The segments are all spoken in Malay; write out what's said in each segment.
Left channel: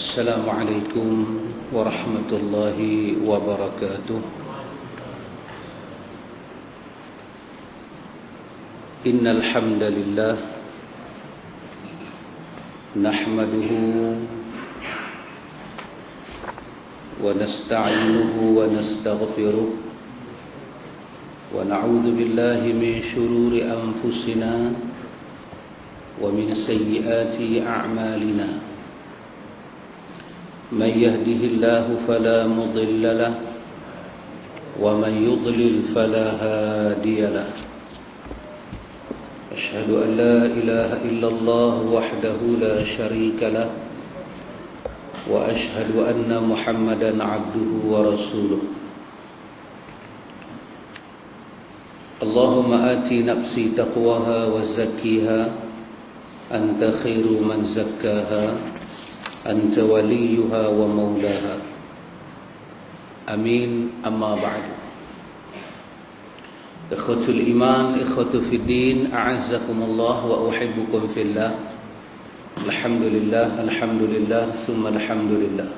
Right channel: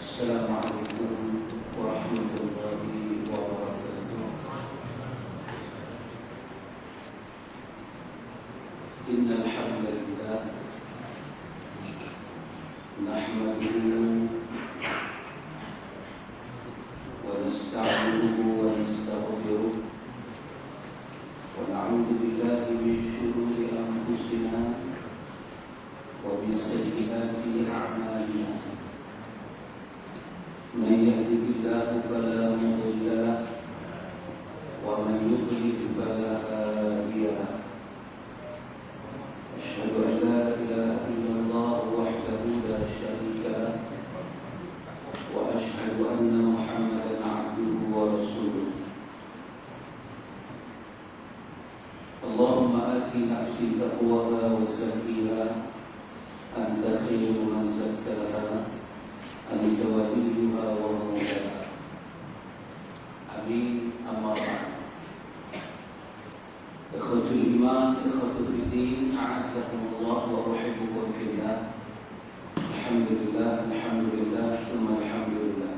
السلام عليكم ورحمة الله وبركاته. إن الحمد لله نحمده ونستعينه ونستغفره ونعوذ بالله من شرور أنفسنا ومن سيئات أعمالنا. من يهده الله فلا مضل له ومن يضلل فلا هادي له. أشهد أن لا إله إلا الله وحده لا شريك له وأشهد أن محمدا عبده ورسوله. اللهم آت نفسي تقواها وزكيها أنت خير من زكاها أنت وليها ومولاها. آمين. أما بعد. إخوة الإيمان، إخوة في الدين، أعزكم الله وأحبكم في الله. الحمد لله، الحمد لله، ثم الحمد لله.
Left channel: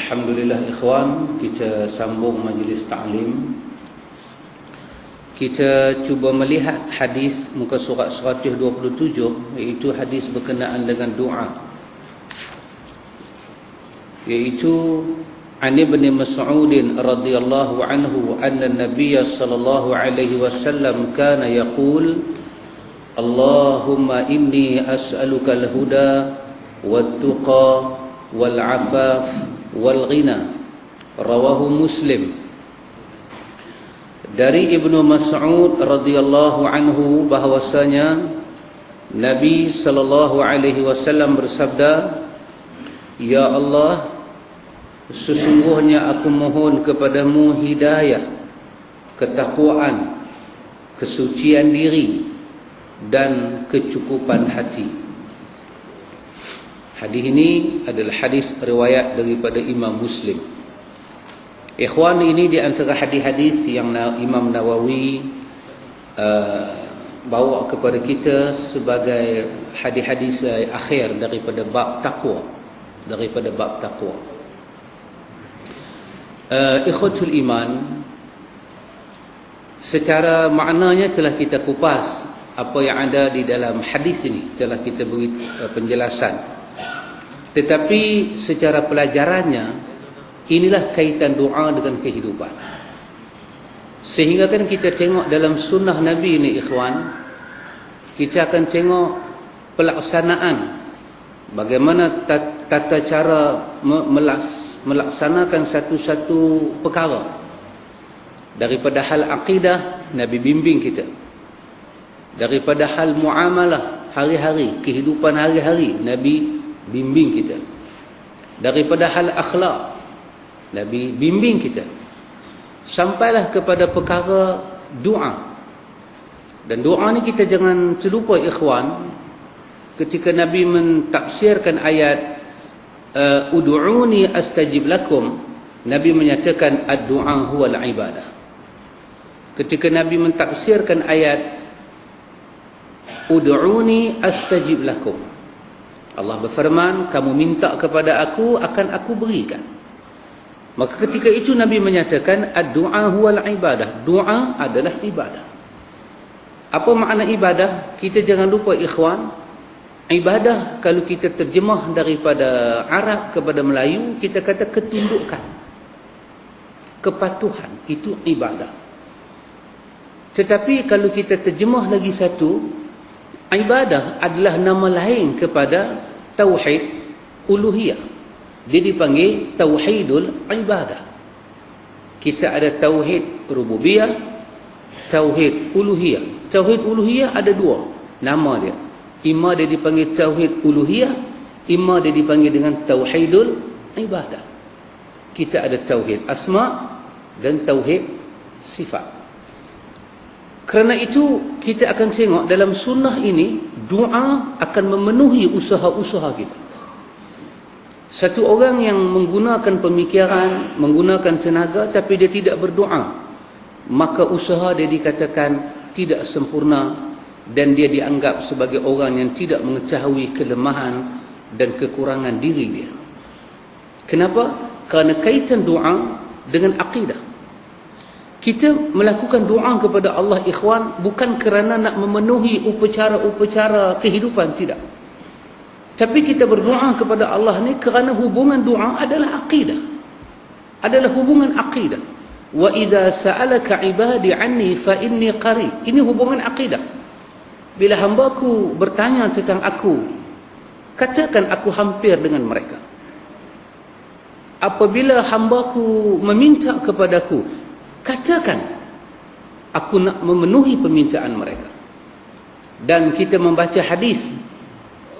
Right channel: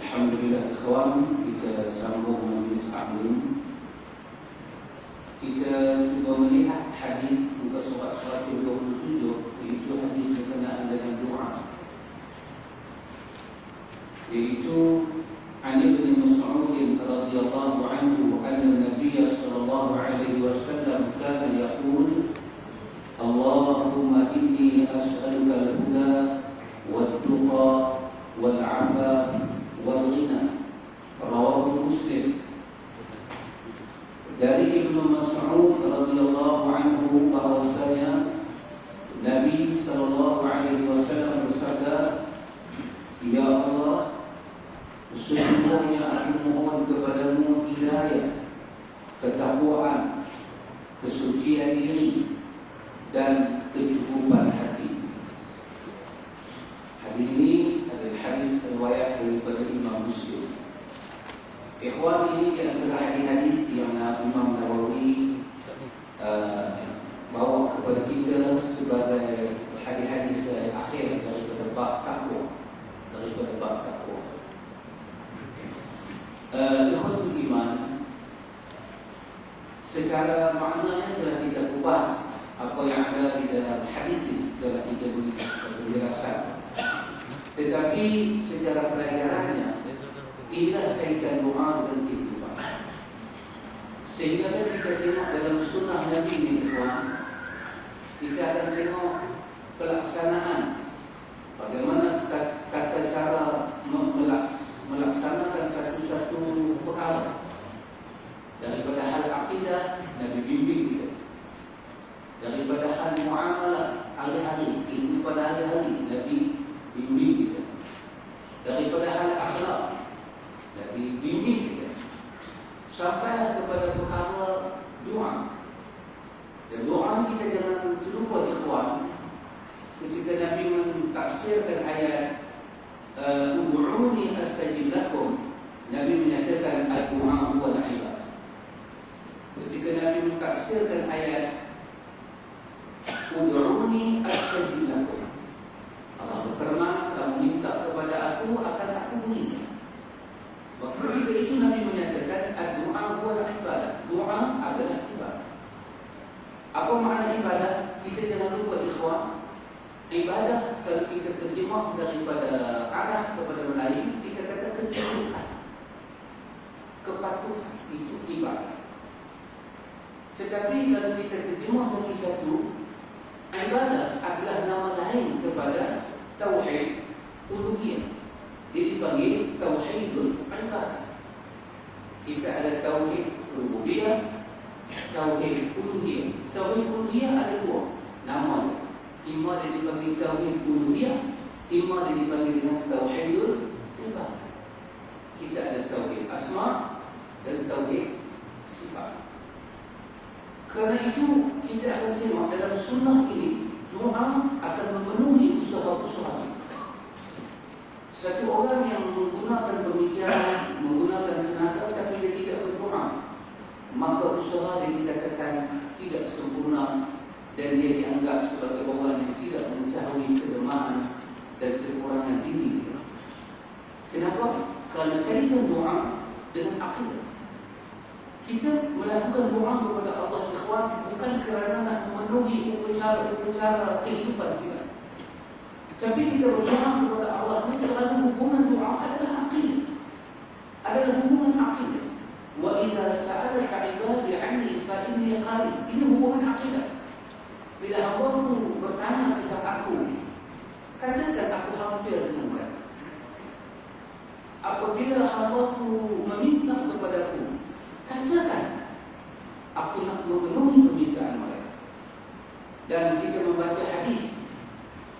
Alhamdulillah ikhwan, kita sambung majlis ta'lim. Kita cuba melihat hadis muka surat 127, iaitu hadis berkenaan dengan doa, iaitu an Ibn Mas'ud radhiyallahu anhu anna Nabiy sallallahu alaihi wasallam kana yaqul Allahumma inni as'aluka al-huda wat-tuqa wal-'afaf wal-ghina. Rawahu Muslim. Dari Ibnu Mas'ud radhiyallahu anhu bahwasanya Nabi sallallahu alaihi wasallam bersabda, "Ya Allah, sesungguhnya aku mohon kepadamu hidayah, ketakwaan, kesucian diri dan kecukupan hati." Hadis ini adalah hadis riwayat daripada Imam Muslim. Ikhwan, ini di antara hadis-hadis yang Imam Nawawi bawa kepada kita sebagai hadis-hadis akhir daripada bab takwa, Ikhwatul iman, secara maknanya telah kita kupas apa yang ada di dalam hadis ini, telah kita beri penjelasan. Tetapi secara pelajarannya, inilah kaitan doa dengan kehidupan. Sehingga kan kita tengok dalam sunnah Nabi ini ikhwan, kita akan tengok pelaksanaan, bagaimana tata cara melaksanakan satu-satu perkara. Daripada hal akidah, Nabi bimbing kita. Daripada hal muamalah hari-hari, kehidupan hari-hari, Nabi bimbing kita. Daripada hal akhlak, Nabi bimbing kita. Sampailah kepada perkara doa. Dan doa ni kita jangan terlupa ikhwan. Ketika Nabi mentafsirkan ayat ud'uni astajib lakum, Nabi menyatakan ad-du'a huwal ibadah. Ketika Nabi mentafsirkan ayat ud'uni astajib lakum, Allah berfirman, kamu minta kepada aku, akan aku berikan. Maka ketika itu Nabi menyatakan ad-du'a huwal ibadah. Doa adalah ibadah. Apa makna ibadah? Kita jangan lupa ikhwan, ibadah kalau kita terjemah daripada Arab kepada Melayu, kita kata ketundukan, kepatuhan, itu ibadah. Tetapi kalau kita terjemah lagi satu, ibadah adalah nama lain kepada tauhid uluhiyah. Dia dipanggil tauhidul ibadah. Kita ada tauhid rububiyah, tauhid uluhiyah. Tauhid uluhiyah ada dua nama dia. Ima dia dipanggil tauhid uluhiyah, ima dia dipanggil dengan tauhidul ibadah. Kita ada tauhid asma dan tauhid sifat. Kerana itu kita akan tengok dalam sunnah ini, doa akan memenuhi usaha-usaha kita. Satu orang yang menggunakan pemikiran, menggunakan tenaga, tapi dia tidak berdoa, maka usaha dia dikatakan tidak sempurna dan dia dianggap sebagai orang yang tidak mengetahui kelemahan dan kekurangan diri dia. Kenapa? Kerana kaitan doa dengan akidah. Kita melakukan doa kepada Allah, ikhwan, bukan kerana nak memenuhi upacara-upacara kehidupan, tidak. Tapi kita berdoa kepada Allah ni kerana hubungan doa adalah akidah. Adalah hubungan akidah. Wa idza sa'alaka 'ibadi 'anni fa inni qarib. Ini hubungan akidah. Bila hamba-Ku bertanya tentang aku, katakan aku hampir dengan mereka. Apabila hamba-Ku meminta kepadaku, katakan aku nak memenuhi permintaan mereka. Dan kita membaca hadis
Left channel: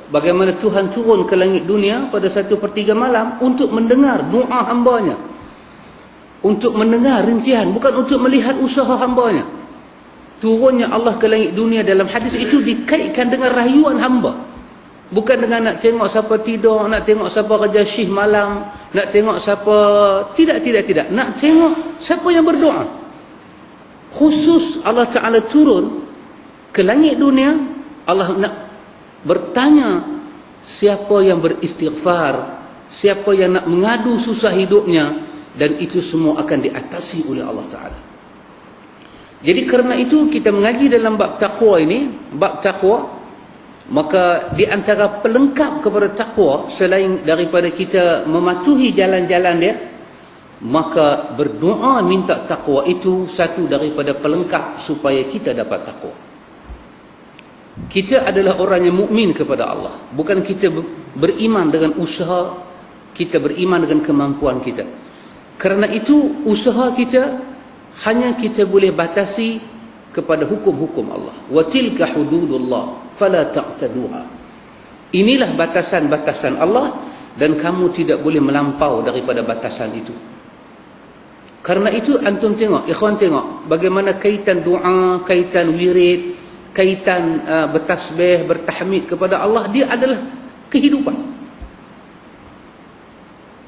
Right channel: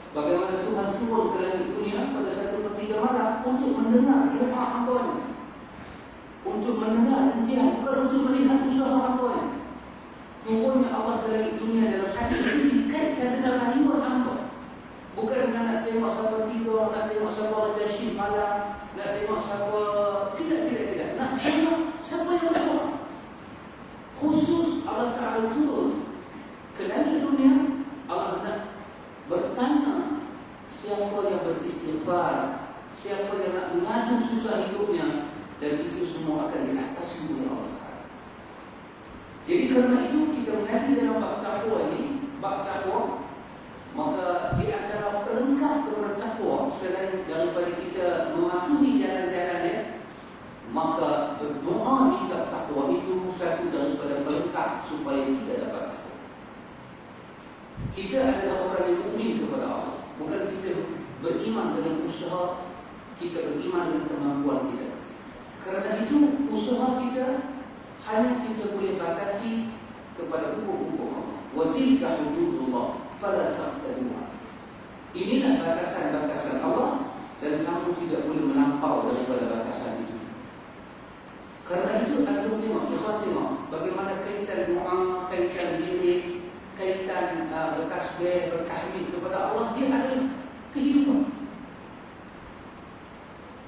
bagaimana Tuhan turun ke langit dunia pada 1/3 malam untuk mendengar doa hambanya, untuk mendengar rincian, bukan untuk melihat usaha hambanya. Turunnya Allah ke langit dunia dalam hadis itu dikaitkan dengan rayuan hamba, bukan dengan nak tengok siapa tidur, nak tengok siapa kerja syih malam, nak tengok siapa, tidak, nak tengok siapa yang berdoa. Khusus Allah Ta'ala turun ke langit dunia, Allah nak bertanya siapa yang beristighfar, siapa yang nak mengadu susah hidupnya, dan itu semua akan diatasi oleh Allah Ta'ala. Jadi kerana itu kita mengaji dalam bab taqwa ini, bab taqwa, maka di antara pelengkap kepada takwa selain daripada kita mematuhi jalan-jalan dia, maka berdoa minta takwa itu satu daripada pelengkap supaya kita dapat takwa. Kita adalah orang yang mukmin kepada Allah, bukan kita beriman dengan usaha, kita beriman dengan kemampuan kita. Kerana itu usaha kita hanya kita boleh batasi kepada hukum-hukum Allah. Wa tilka hududullah fala ta'taduha. Inilah batasan-batasan Allah dan kamu tidak boleh melampau daripada batasan itu. Karena itu antum tengok, ikhwan tengok bagaimana kaitan doa, kaitan wirid, kaitan bertasbih, bertahmid kepada Allah, dia adalah kehidupan.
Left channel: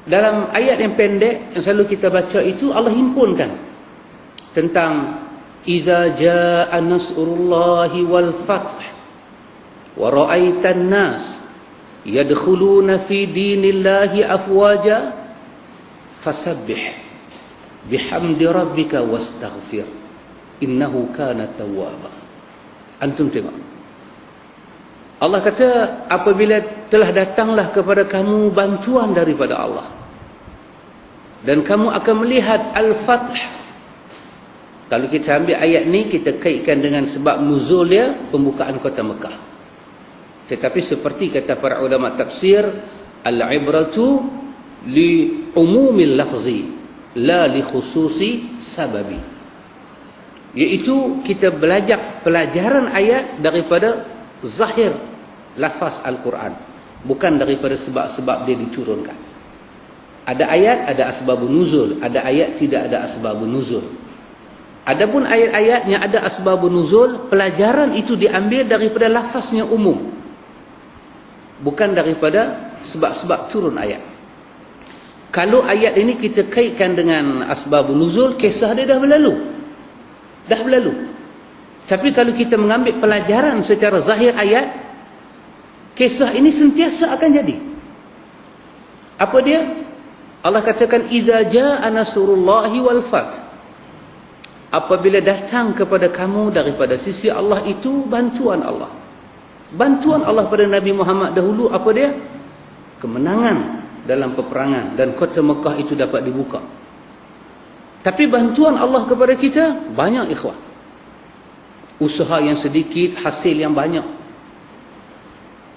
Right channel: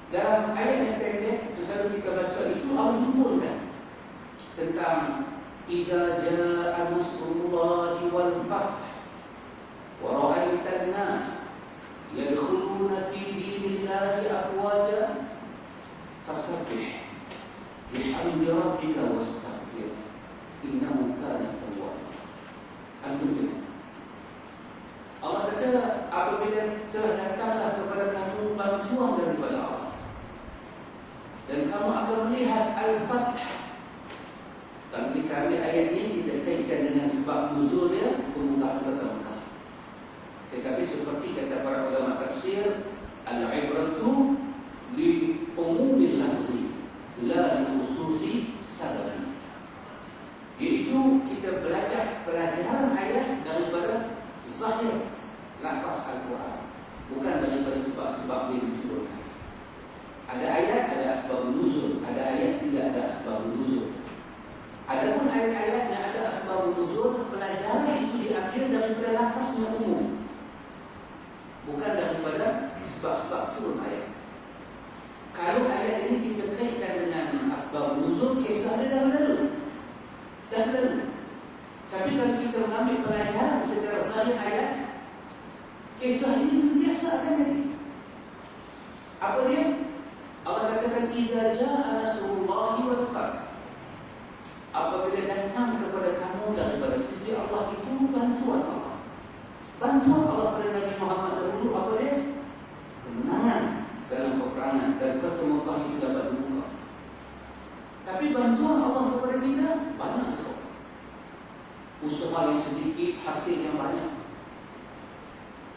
Dalam ayat yang pendek yang selalu kita baca itu, Allah himpunkan tentang idza jaa nasrullahi wal fath wa ra'aitan nas yadkhuluna fi dinillahi afwaja fasabbih bihamdi rabbika wastaghfir innahu kana tawwaba. Antum tengok, Allah kata apabila telah datanglah kepada kamu bantuan daripada Allah dan kamu akan melihat al-fath. Kalau kita ambil ayat ni, kita kaitkan dengan sebab nuzul dia, pembukaan kota Mekah. Tetapi seperti kata para ulama tafsir, al-ibratu li umumil lafzi la li khususi sababi. Iaitu kita belajar pelajaran ayat daripada zahir lafaz Al-Quran, bukan daripada sebab-sebab dia diturunkan. Ada ayat ada asbabun nuzul, ada ayat tidak ada asbabun nuzul. Adapun ayat-ayat yang ada asbabun nuzul, pelajaran itu diambil daripada lafaznya umum, bukan daripada sebab-sebab turun ayat. Kalau ayat ini kita kaitkan dengan asbabun nuzul, kisah dia dah berlalu. Tapi kalau kita mengambil pelajaran secara zahir ayat, kisah ini sentiasa akan jadi. Apa dia? Allah katakan idza jaa nasrullahi wal fath. Apabila datang kepada kamu daripada sisi Allah itu bantuan Allah. Bantuan Allah pada Nabi Muhammad dahulu apa dia? Kemenangan dalam peperangan dan kota Mekah itu dapat dibuka. Tapi bantuan Allah kepada kita banyak, ikhwan. Usaha yang sedikit, hasil yang banyak.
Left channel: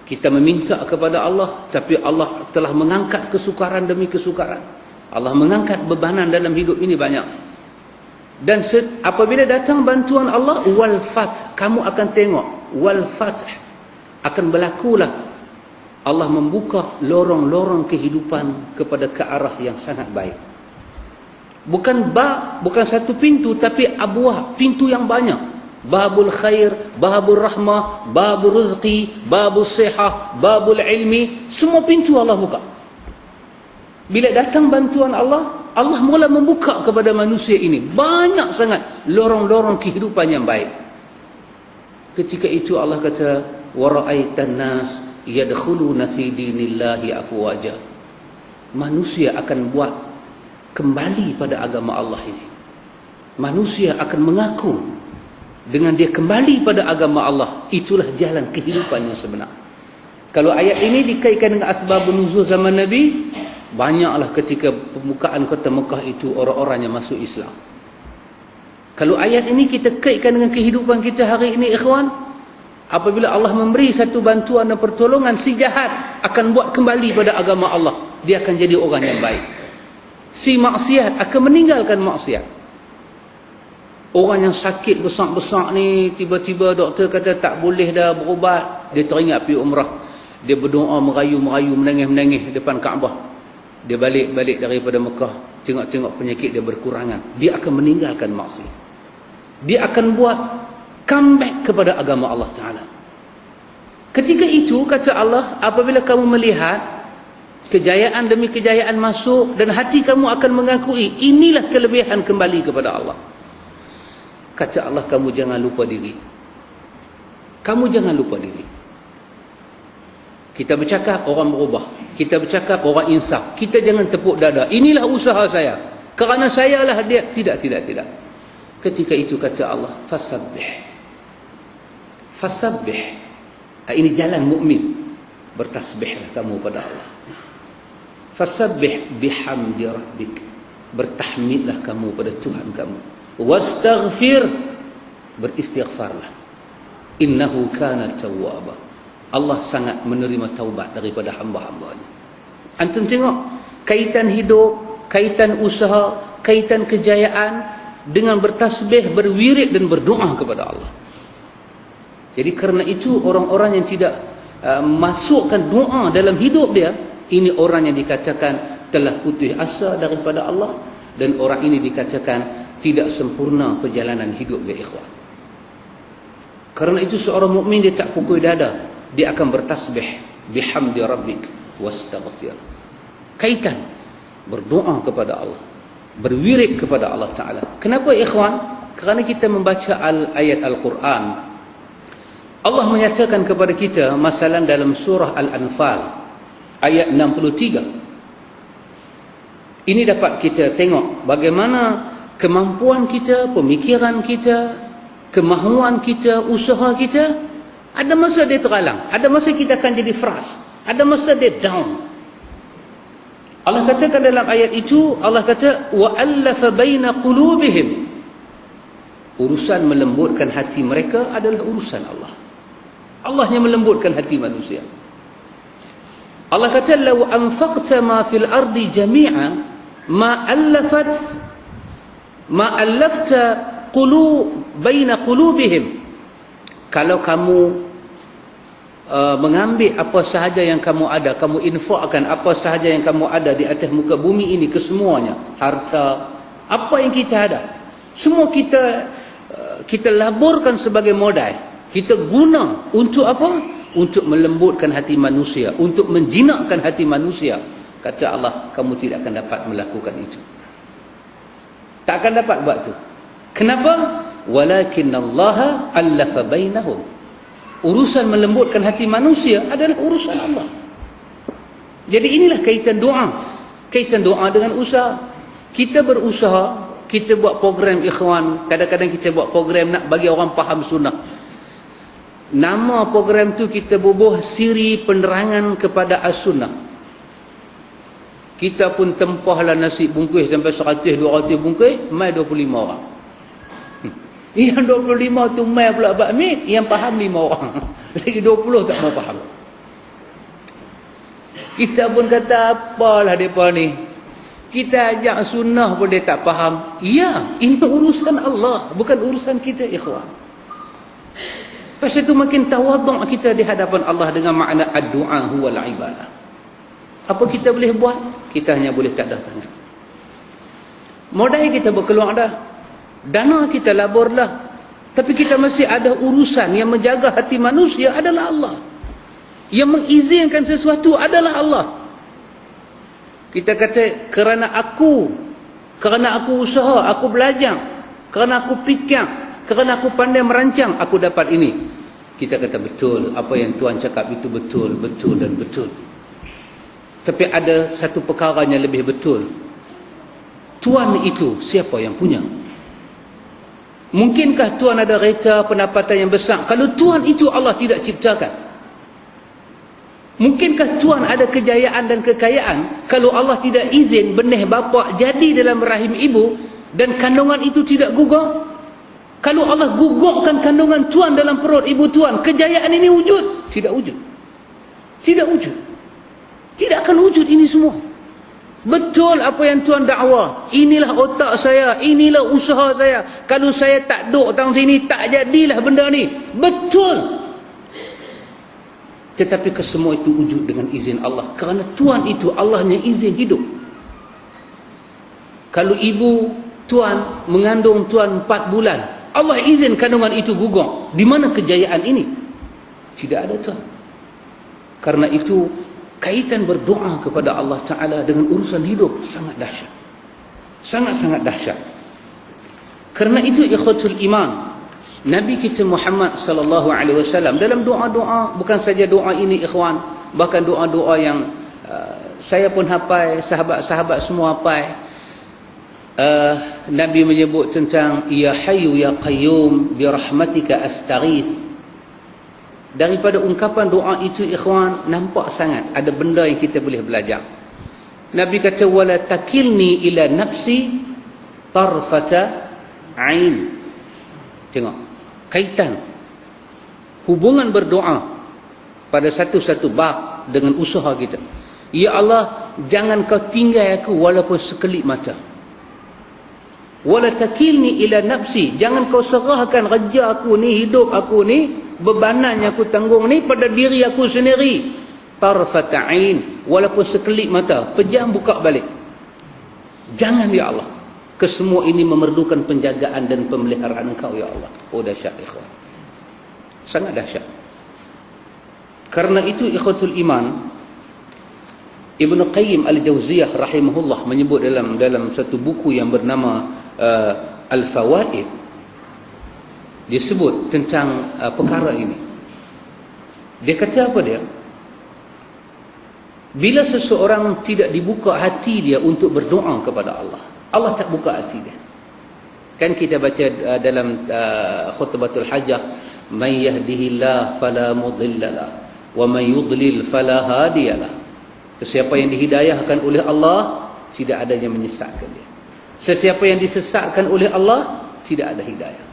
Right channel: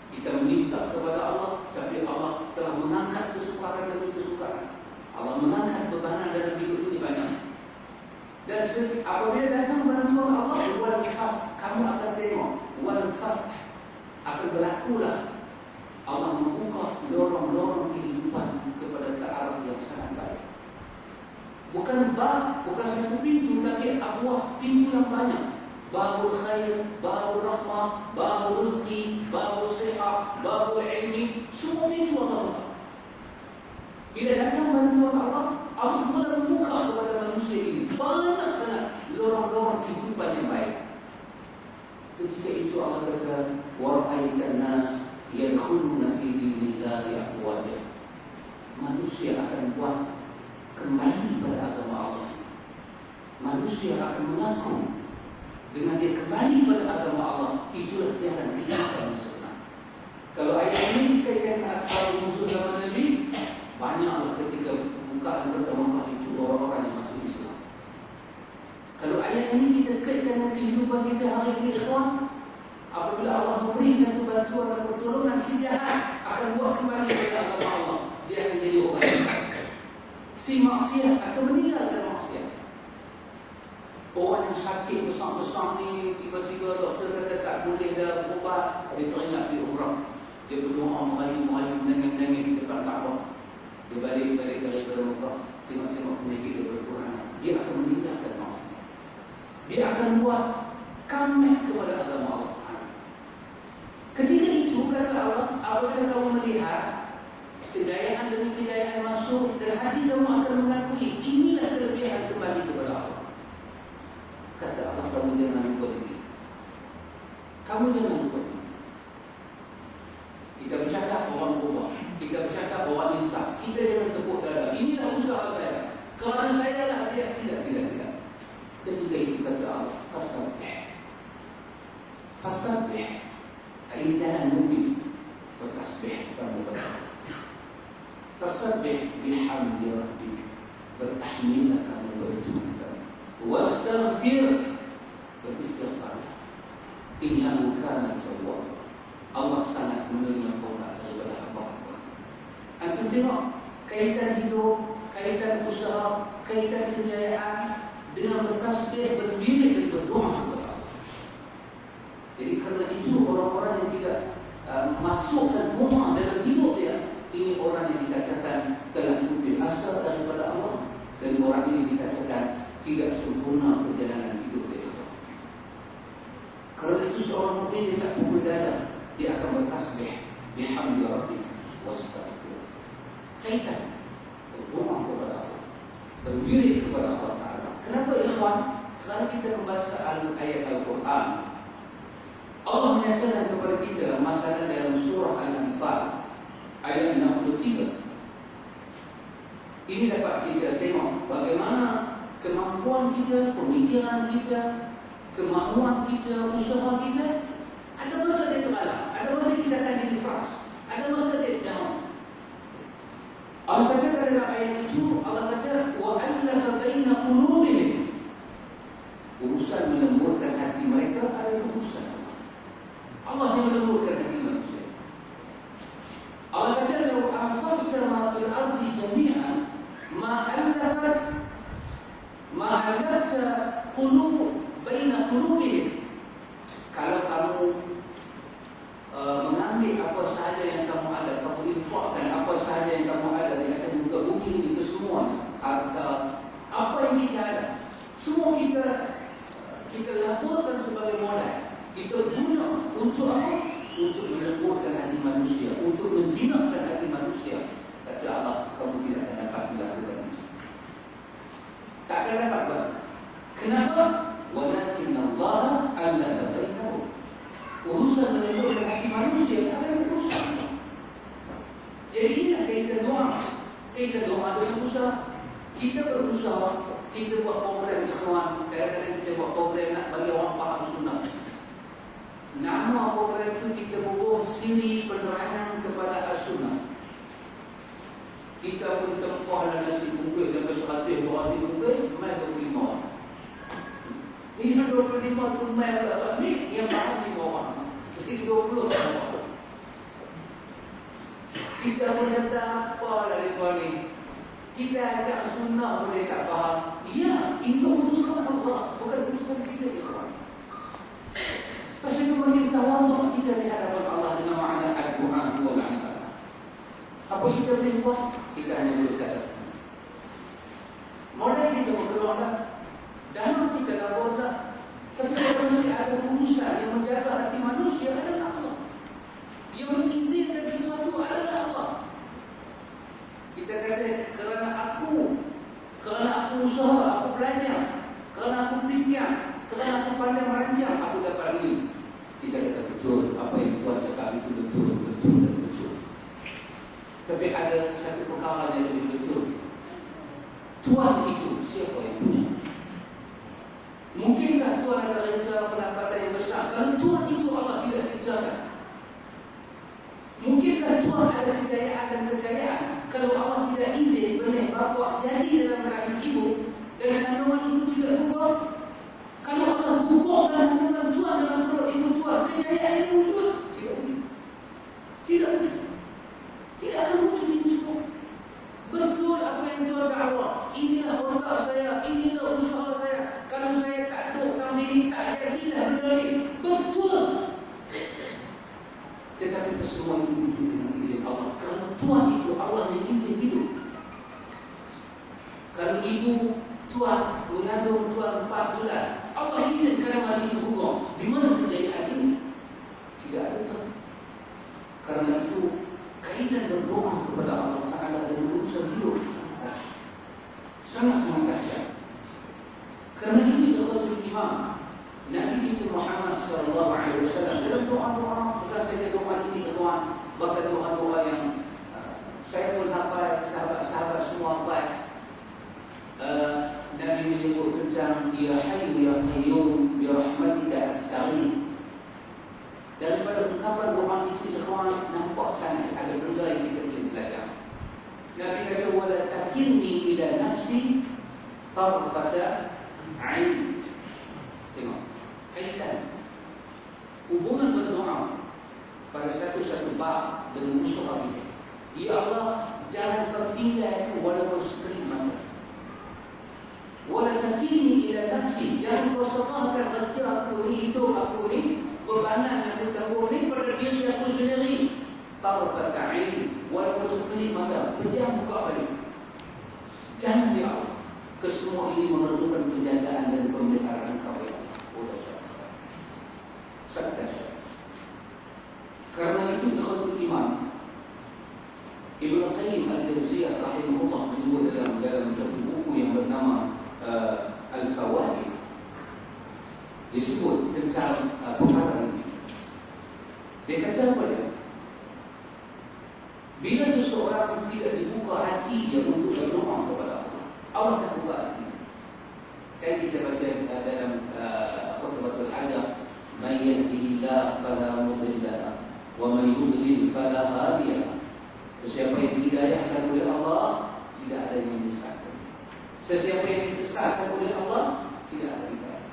Kita meminta kepada Allah, tapi Allah telah mengangkat kesukaran demi kesukaran. Allah mengangkat bebanan dalam hidup ini banyak. Dan apabila datang bantuan Allah, wal fath, kamu akan tengok wal fath akan berlakulah. Allah membuka lorong-lorong kehidupan kepada ke arah yang sangat baik. Bukan bukan satu pintu, tapi abwah, pintu yang banyak. Babul khair, babul rahmah, babul rizqi, babul sihah, babul ilmi, semua pintu Allah buka. Bila datang bantuan Allah, Allah mula membuka kepada manusia ini banyak sangat lorong-lorong kehidupan yang baik. Ketika itu Allah kata wa ra'aitan nas yadkhuluna fi dinillahi afwaja. Manusia akan buat kembali pada agama Allah ini. Manusia akan mengaku dengan dia kembali pada agama Allah, itulah jalan kehidupan yang sebenar. Kalau ayat ini dikaitkan dengan asbabun nuzul zaman Nabi, banyaklah ketika pembukaan kota Mekah itu orang-orang yang masuk Islam. Kalau ayat ini kita kaitkan dengan kehidupan kita hari ini, ikhwan, apabila Allah memberi satu bantuan dan pertolongan, si jahat akan buat kembali pada agama Allah. Dia akan jadi orang yang baik. Si maksiat akan meninggalkan maksiat. Orang yang sakit besar-besar ni, tiba-tiba doktor kata tak boleh dah berubat, dia teringat pergi umrah. Dia berdoa, merayu-merayu, menangis-menangis depan Kaabah. Dia balik daripada Mekah, tengok-tengok penyakit dia berkurangan. Dia akan meninggalkan maksiat. Dia akan buat comeback kepada agama Allah Ta'ala. Ketika itu, kata Allah, apabila kamu melihat kejayaan demi kejayaan masuk dan hati kamu akan mengakui, inilah kelebihan kembali kepada Allah. Kata Allah, kamu jangan lupa diri. Kamu jangan lupa diri. Kita bercakap, orang berubah. Kita bercakap, orang insaf. Kita jangan tepuk dada. Inilah usaha saya. Kerana saya lah dia. Tidak. Ketika itu kata Allah, fasabbih. Fasabbih. Ini jalan mukmin. Bertasbih kamu pada Allah. Fasabbih bihamdi rabbik. Bertahmidlah kamu pada Tuhan kamu. Wastaghfir. Beristighfarlah. Innahu kana tawwaba. Allah sangat menerima taubat daripada hamba-hambanya. Antum tengok, kaitan hidup, kaitan usaha, kaitan kejayaan dengan bertasbih, berwirid dan berdoa kepada Allah. Jadi kerana itu orang-orang yang tidak masukkan doa dalam hidup dia, ini orang yang dikatakan telah putus asa daripada Allah, dan orang ini dikatakan tidak sempurna perjalanan hidup dia, ikhwan. Kerana itu seorang mukmin dia tak pukul dada. Dia akan bertasbih bihamdi rabbik wastaghfir. Kaitan berdoa kepada Allah, berwirid kepada Allah Ta'ala. Kenapa, ikhwan? Kerana kita membaca ayat Al-Quran, Allah menyatakan kepada kita, masalan dalam surah Al-Anfal ayat 63. Ini dapat kita tengok bagaimana kemampuan kita, pemikiran kita, kemahuan kita, usaha kita. Ada masa dia teralang, ada masa kita akan jadi frust, ada masa dia down. Allah katakan dalam ayat itu, Allah kata wa allafa baina qulubihim. Urusan melembutkan hati mereka adalah urusan Allah. Allah yang melembutkan hati manusia. Allah kata law anfaqta ma fil ardi jami'a ma allafta baina qulubihim. Kalau kamu mengambil apa sahaja yang kamu ada, kamu infakkan apa sahaja yang kamu ada di atas muka bumi ini kesemuanya, harta, apa yang kita ada, semua kita laburkan sebagai modal, kita guna untuk apa? Untuk melembutkan hati manusia, untuk menjinakkan hati manusia. Kata Allah, kamu tidak akan dapat melakukan itu. Tak akan dapat buat itu. Kenapa? Walakinallaha allafa bainahum. Urusan melembutkan hati manusia adalah urusan Allah. Jadi inilah kaitan doa. Kaitan doa dengan usaha. Kita berusaha, kita buat program, ikhwan. Kadang-kadang kita buat program nak bagi orang faham sunnah. Nama program tu kita bubuh siri penerangan kepada as-sunnah. Kita pun tempahlah nasi bungkus sampai 100-200 bungkus, mai 25 orang. Yang 25 tu mai pula bakmi, yang faham 5 orang. Lagi 20 tak mau faham. Kita pun kata apalah mereka ni. Kita ajak sunnah pun dia tak faham. Ya, ini urusan Allah, bukan urusan kita, ikhwan. Pasal itu makin tawaduk kita di hadapan Allah dengan makna ad-du'a huwal ibadah. Apa kita boleh buat? Kita hanya boleh tak datang. Modal kita berkeluar dah. Dana kita laburlah. Tapi kita masih ada urusan yang menjaga hati manusia adalah Allah. Yang mengizinkan sesuatu adalah Allah. Kita kata kerana aku usaha, aku belajar, kerana aku fikir, kerana aku pandai merancang, aku dapat ini. kita kata betul, apa yang Tuan cakap itu betul, betul dan betul. Tapi ada satu perkara yang lebih betul. Tuan itu siapa yang punya? Mungkinkah Tuan ada reta pendapatan yang besar kalau Tuan itu Allah tidak ciptakan? Mungkinkah Tuan ada kejayaan dan kekayaan kalau Allah tidak izin benih bapa jadi dalam rahim ibu dan kandungan itu tidak gugur? Kalau Allah gugurkan kandungan Tuan dalam perut ibu Tuan, kejayaan ini wujud? Tidak wujud. Tidak wujud. Tidak akan wujud ini semua. Betul apa yang Tuan dakwa. Inilah otak saya, inilah usaha saya. Kalau saya tak duduk tang sini, tak jadilah benda ni. Betul. Tetapi kesemua itu wujud dengan izin Allah. Kerana Tuan itu Allahnya izin hidup. Kalau ibu Tuan mengandung Tuan 4 bulan, Allah izin kandungan itu gugur. Di mana kejayaan ini? Tidak ada Tuan. Karena itu kaitan berdoa kepada Allah Ta'ala dengan urusan hidup sangat dahsyat. Sangat-sangat dahsyat. Kerana itu ikhwatul iman, Nabi kita Muhammad sallallahu alaihi wasallam dalam doa-doa, bukan saja doa ini ikhwan, bahkan doa-doa yang saya pun hafal, sahabat-sahabat semua hafal. Nabi menyebut tentang ya hayyu ya qayyum bi rahmatika astaghith. Daripada ungkapan doa itu ikhwan, nampak sangat ada benda yang kita boleh belajar. Nabi kata wala takilni ila nafsi tarfata ain. Tengok kaitan hubungan berdoa pada satu-satu bab dengan usaha kita. Ya Allah, jangan kau tinggal aku walaupun sekelip mata. Wala takilni ila nafsi, jangan kau serahkan kerja aku ni, hidup aku ni, bebanan yang aku tanggung ni pada diri aku sendiri. Tarfata ain, walaupun sekelip mata, pejam buka balik. Jangan ya Allah. Kesemua ini memerlukan penjagaan dan pemeliharaan Engkau ya Allah. Oh dahsyat ikhwan. Sangat dahsyat. Karena itu ikhwatul iman, Ibnu Qayyim Al-Jauziyah rahimahullah menyebut dalam satu buku yang bernama Al-Fawaid, dia sebut tentang perkara ini. Dia kata apa dia? Bila seseorang tidak dibuka hati dia untuk berdoa kepada Allah, Allah tak buka hati dia. Kan kita baca dalam khutbatul hajah, man yahdihillah fala mudhillalah wa man yudlil fala hadiyalah. Sesiapa yang dihidayahkan oleh Allah, tidak ada yang menyesatkan dia. Sesiapa yang disesatkan oleh Allah, tidak ada hidayah.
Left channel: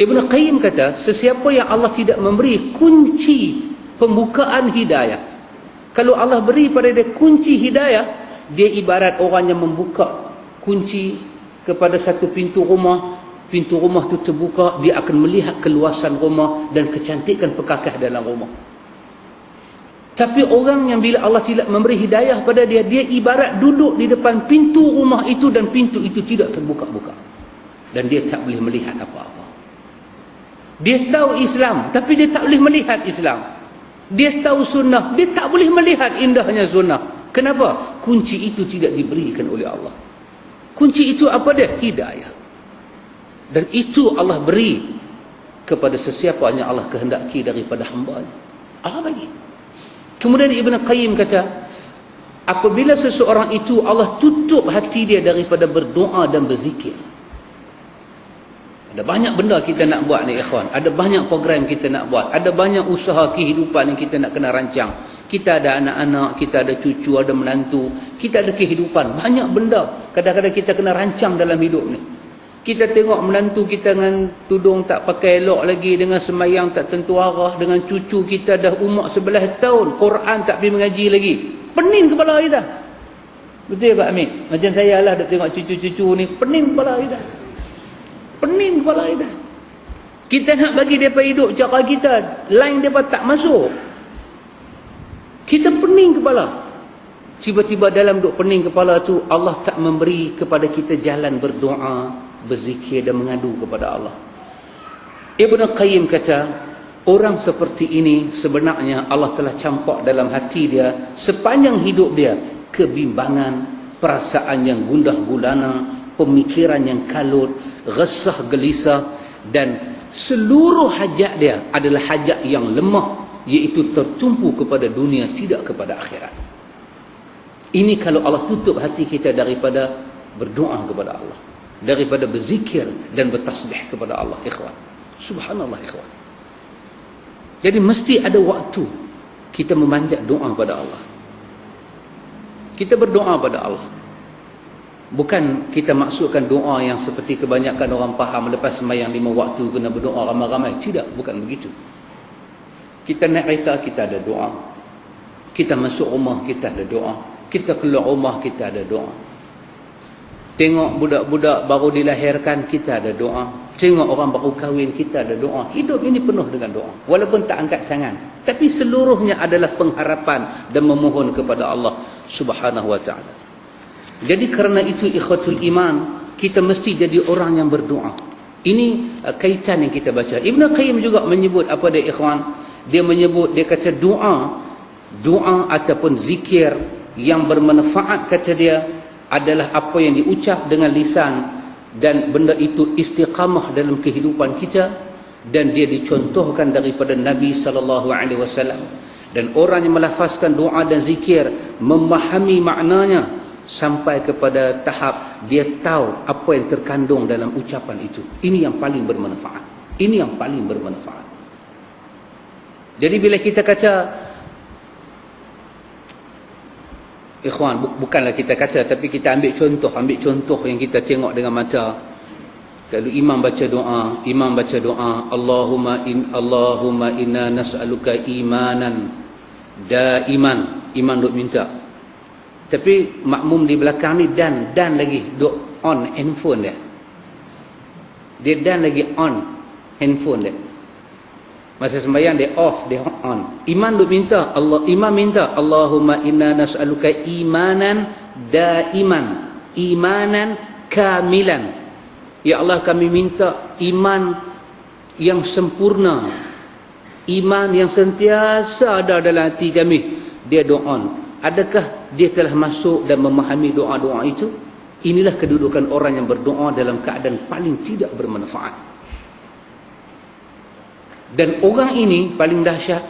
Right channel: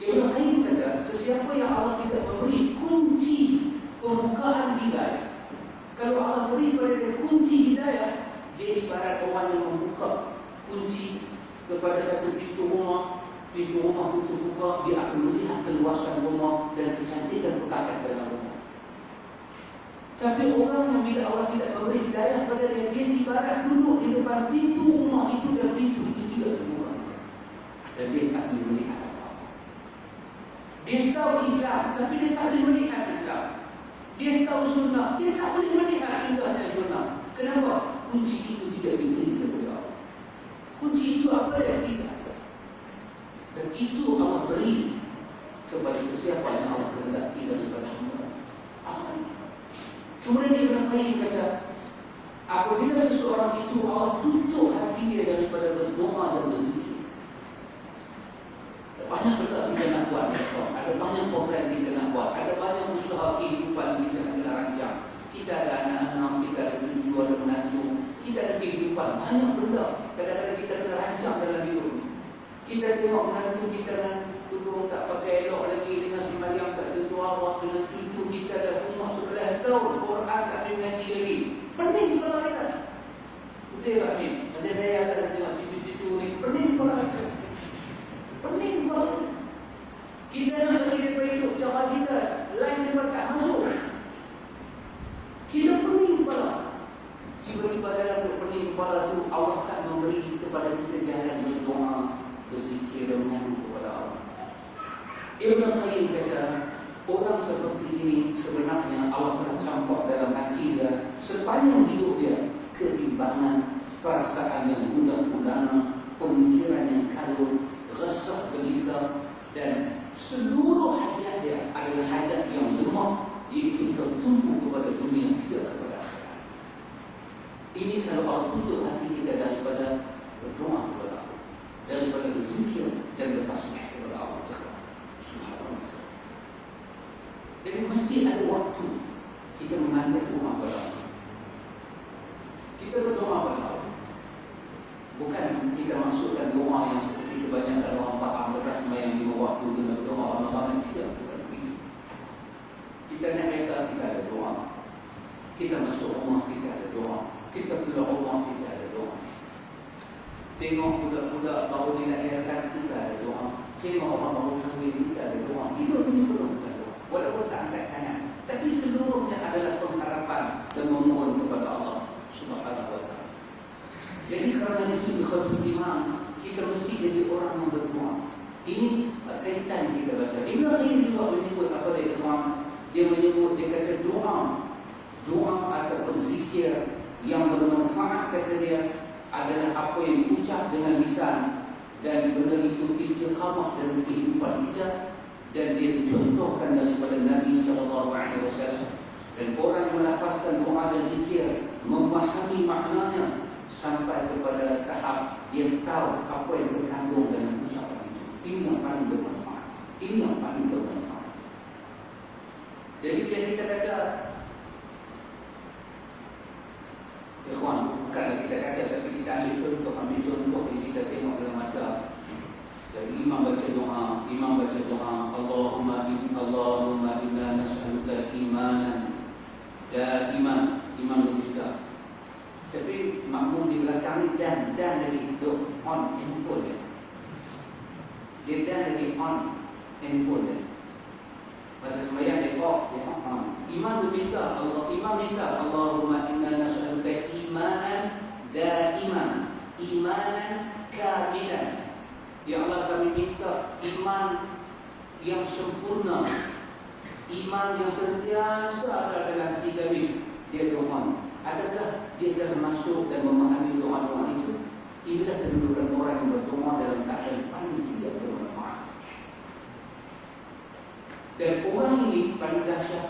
Ibnu Qayyim kata, sesiapa yang Allah tidak memberi kunci pembukaan hidayah, kalau Allah beri pada dia kunci hidayah, dia ibarat orang yang membuka kunci kepada satu pintu rumah. Pintu rumah itu terbuka, dia akan melihat keluasan rumah dan kecantikan perkakas dalam rumah. Tapi orang yang bila Allah tidak memberi hidayah pada dia, dia ibarat duduk di depan pintu rumah itu dan pintu itu tidak terbuka-buka. Dan dia tak boleh melihat apa-apa. Dia tahu Islam, tapi dia tak boleh melihat Islam. Dia tahu sunnah, dia tak boleh melihat indahnya sunnah. Kenapa? Kunci itu tidak diberikan oleh Allah. Kunci itu apa dia? Hidayah. Dan itu Allah beri kepada sesiapa yang Allah kehendaki daripada hamba-Nya. Allah bagi. Kemudian Ibn Qayyim kata, apabila seseorang itu Allah tutup hati dia daripada berdoa dan berzikir. Ada banyak benda kita nak buat ni ikhwan. Ada banyak program kita nak buat. Ada banyak usaha kehidupan yang kita nak kena rancang. Kita ada anak-anak, kita ada cucu, ada menantu. Kita ada kehidupan. Banyak benda kadang-kadang kita kena rancang dalam hidup ni. Kita tengok menantu kita dengan tudung tak pakai elok lagi, dengan sembahyang tak tentu arah, dengan cucu kita dah umur 11 tahun, Quran tak pergi mengaji lagi. Pening kepala kita. Betul Pak Amir? Macam saya lah dah tengok cucu-cucu ni, pening kepala kita. Pening kepala kita. Kita nak bagi mereka hidup cara kita, line mereka tak masuk. Kita pening kepala. Tiba-tiba dalam duk pening kepala tu, Allah tak memberi kepada kita jalan berdoa, berzikir dan mengadu kepada Allah. Ibn Qayyim kata, orang seperti ini sebenarnya Allah telah campak dalam hati dia sepanjang hidup dia kebimbangan, perasaan yang gundah gulana, pemikiran yang kalut, resah gelisah dan seluruh hajat dia adalah hajat yang lemah, iaitu tertumpu kepada dunia, tidak kepada akhirat. Ini kalau Allah tutup hati kita daripada berdoa kepada Allah, daripada berzikir dan bertasbih kepada Allah, ikhwan. Subhanallah, ikhwan. Jadi mesti ada waktu kita memanjat doa pada Allah. Kita berdoa pada Allah. Bukan kita maksudkan doa yang seperti kebanyakan orang faham, lepas sembahyang 5 waktu kena berdoa ramai-ramai. Tidak, bukan begitu. Kita naik kereta, kita ada doa. Kita masuk rumah, kita ada doa. Kita keluar rumah, kita ada doa. Tengok budak-budak baru dilahirkan, kita ada doa. Tengok orang baru kahwin, kita ada doa. Hidup ini penuh dengan doa, walaupun tak angkat tangan, tapi seluruhnya adalah pengharapan dan memohon kepada Allah Subhanahu wa ta'ala. Jadi kerana itu, ikhwatul iman, kita mesti jadi orang yang berdoa. Ini kaitan yang kita baca. Ibn Qayyim juga menyebut apa dia, ikhwan? Dia menyebut, dia kata doa ataupun zikir yang bermanfaat, kata dia, adalah apa yang diucap dengan lisan dan benda itu istiqamah dalam kehidupan kita, dan dia dicontohkan daripada Nabi SAW. Dan orang yang melafazkan doa dan zikir memahami maknanya sampai kepada tahap dia tahu apa yang terkandung dalam ucapan itu. Ini yang paling bermanfaat. Ini yang paling bermanfaat. Jadi bila kita kata, ikhwan, bukanlah kita kata, tapi kita ambil contoh yang kita tengok dengan mata. Kalau imam baca doa, Allahumma inna nas'aluka imanan daiman. Iman duk minta. Tapi makmum di belakang ni dan lagi duk on handphone dia. Dia dan lagi on handphone dia. Masa sembahyang dia off, dia on. Imam minta Allahumma inna nas'aluka imanan daiman, imanan kamilan. Ya Allah, kami minta iman yang sempurna, iman yang sentiasa ada dalam hati kami. Dia doa. Adakah dia telah masuk dan memahami doa-doa itu? Inilah kedudukan orang yang berdoa dalam keadaan paling tidak bermanfaat. Dan orang ini paling dahsyat.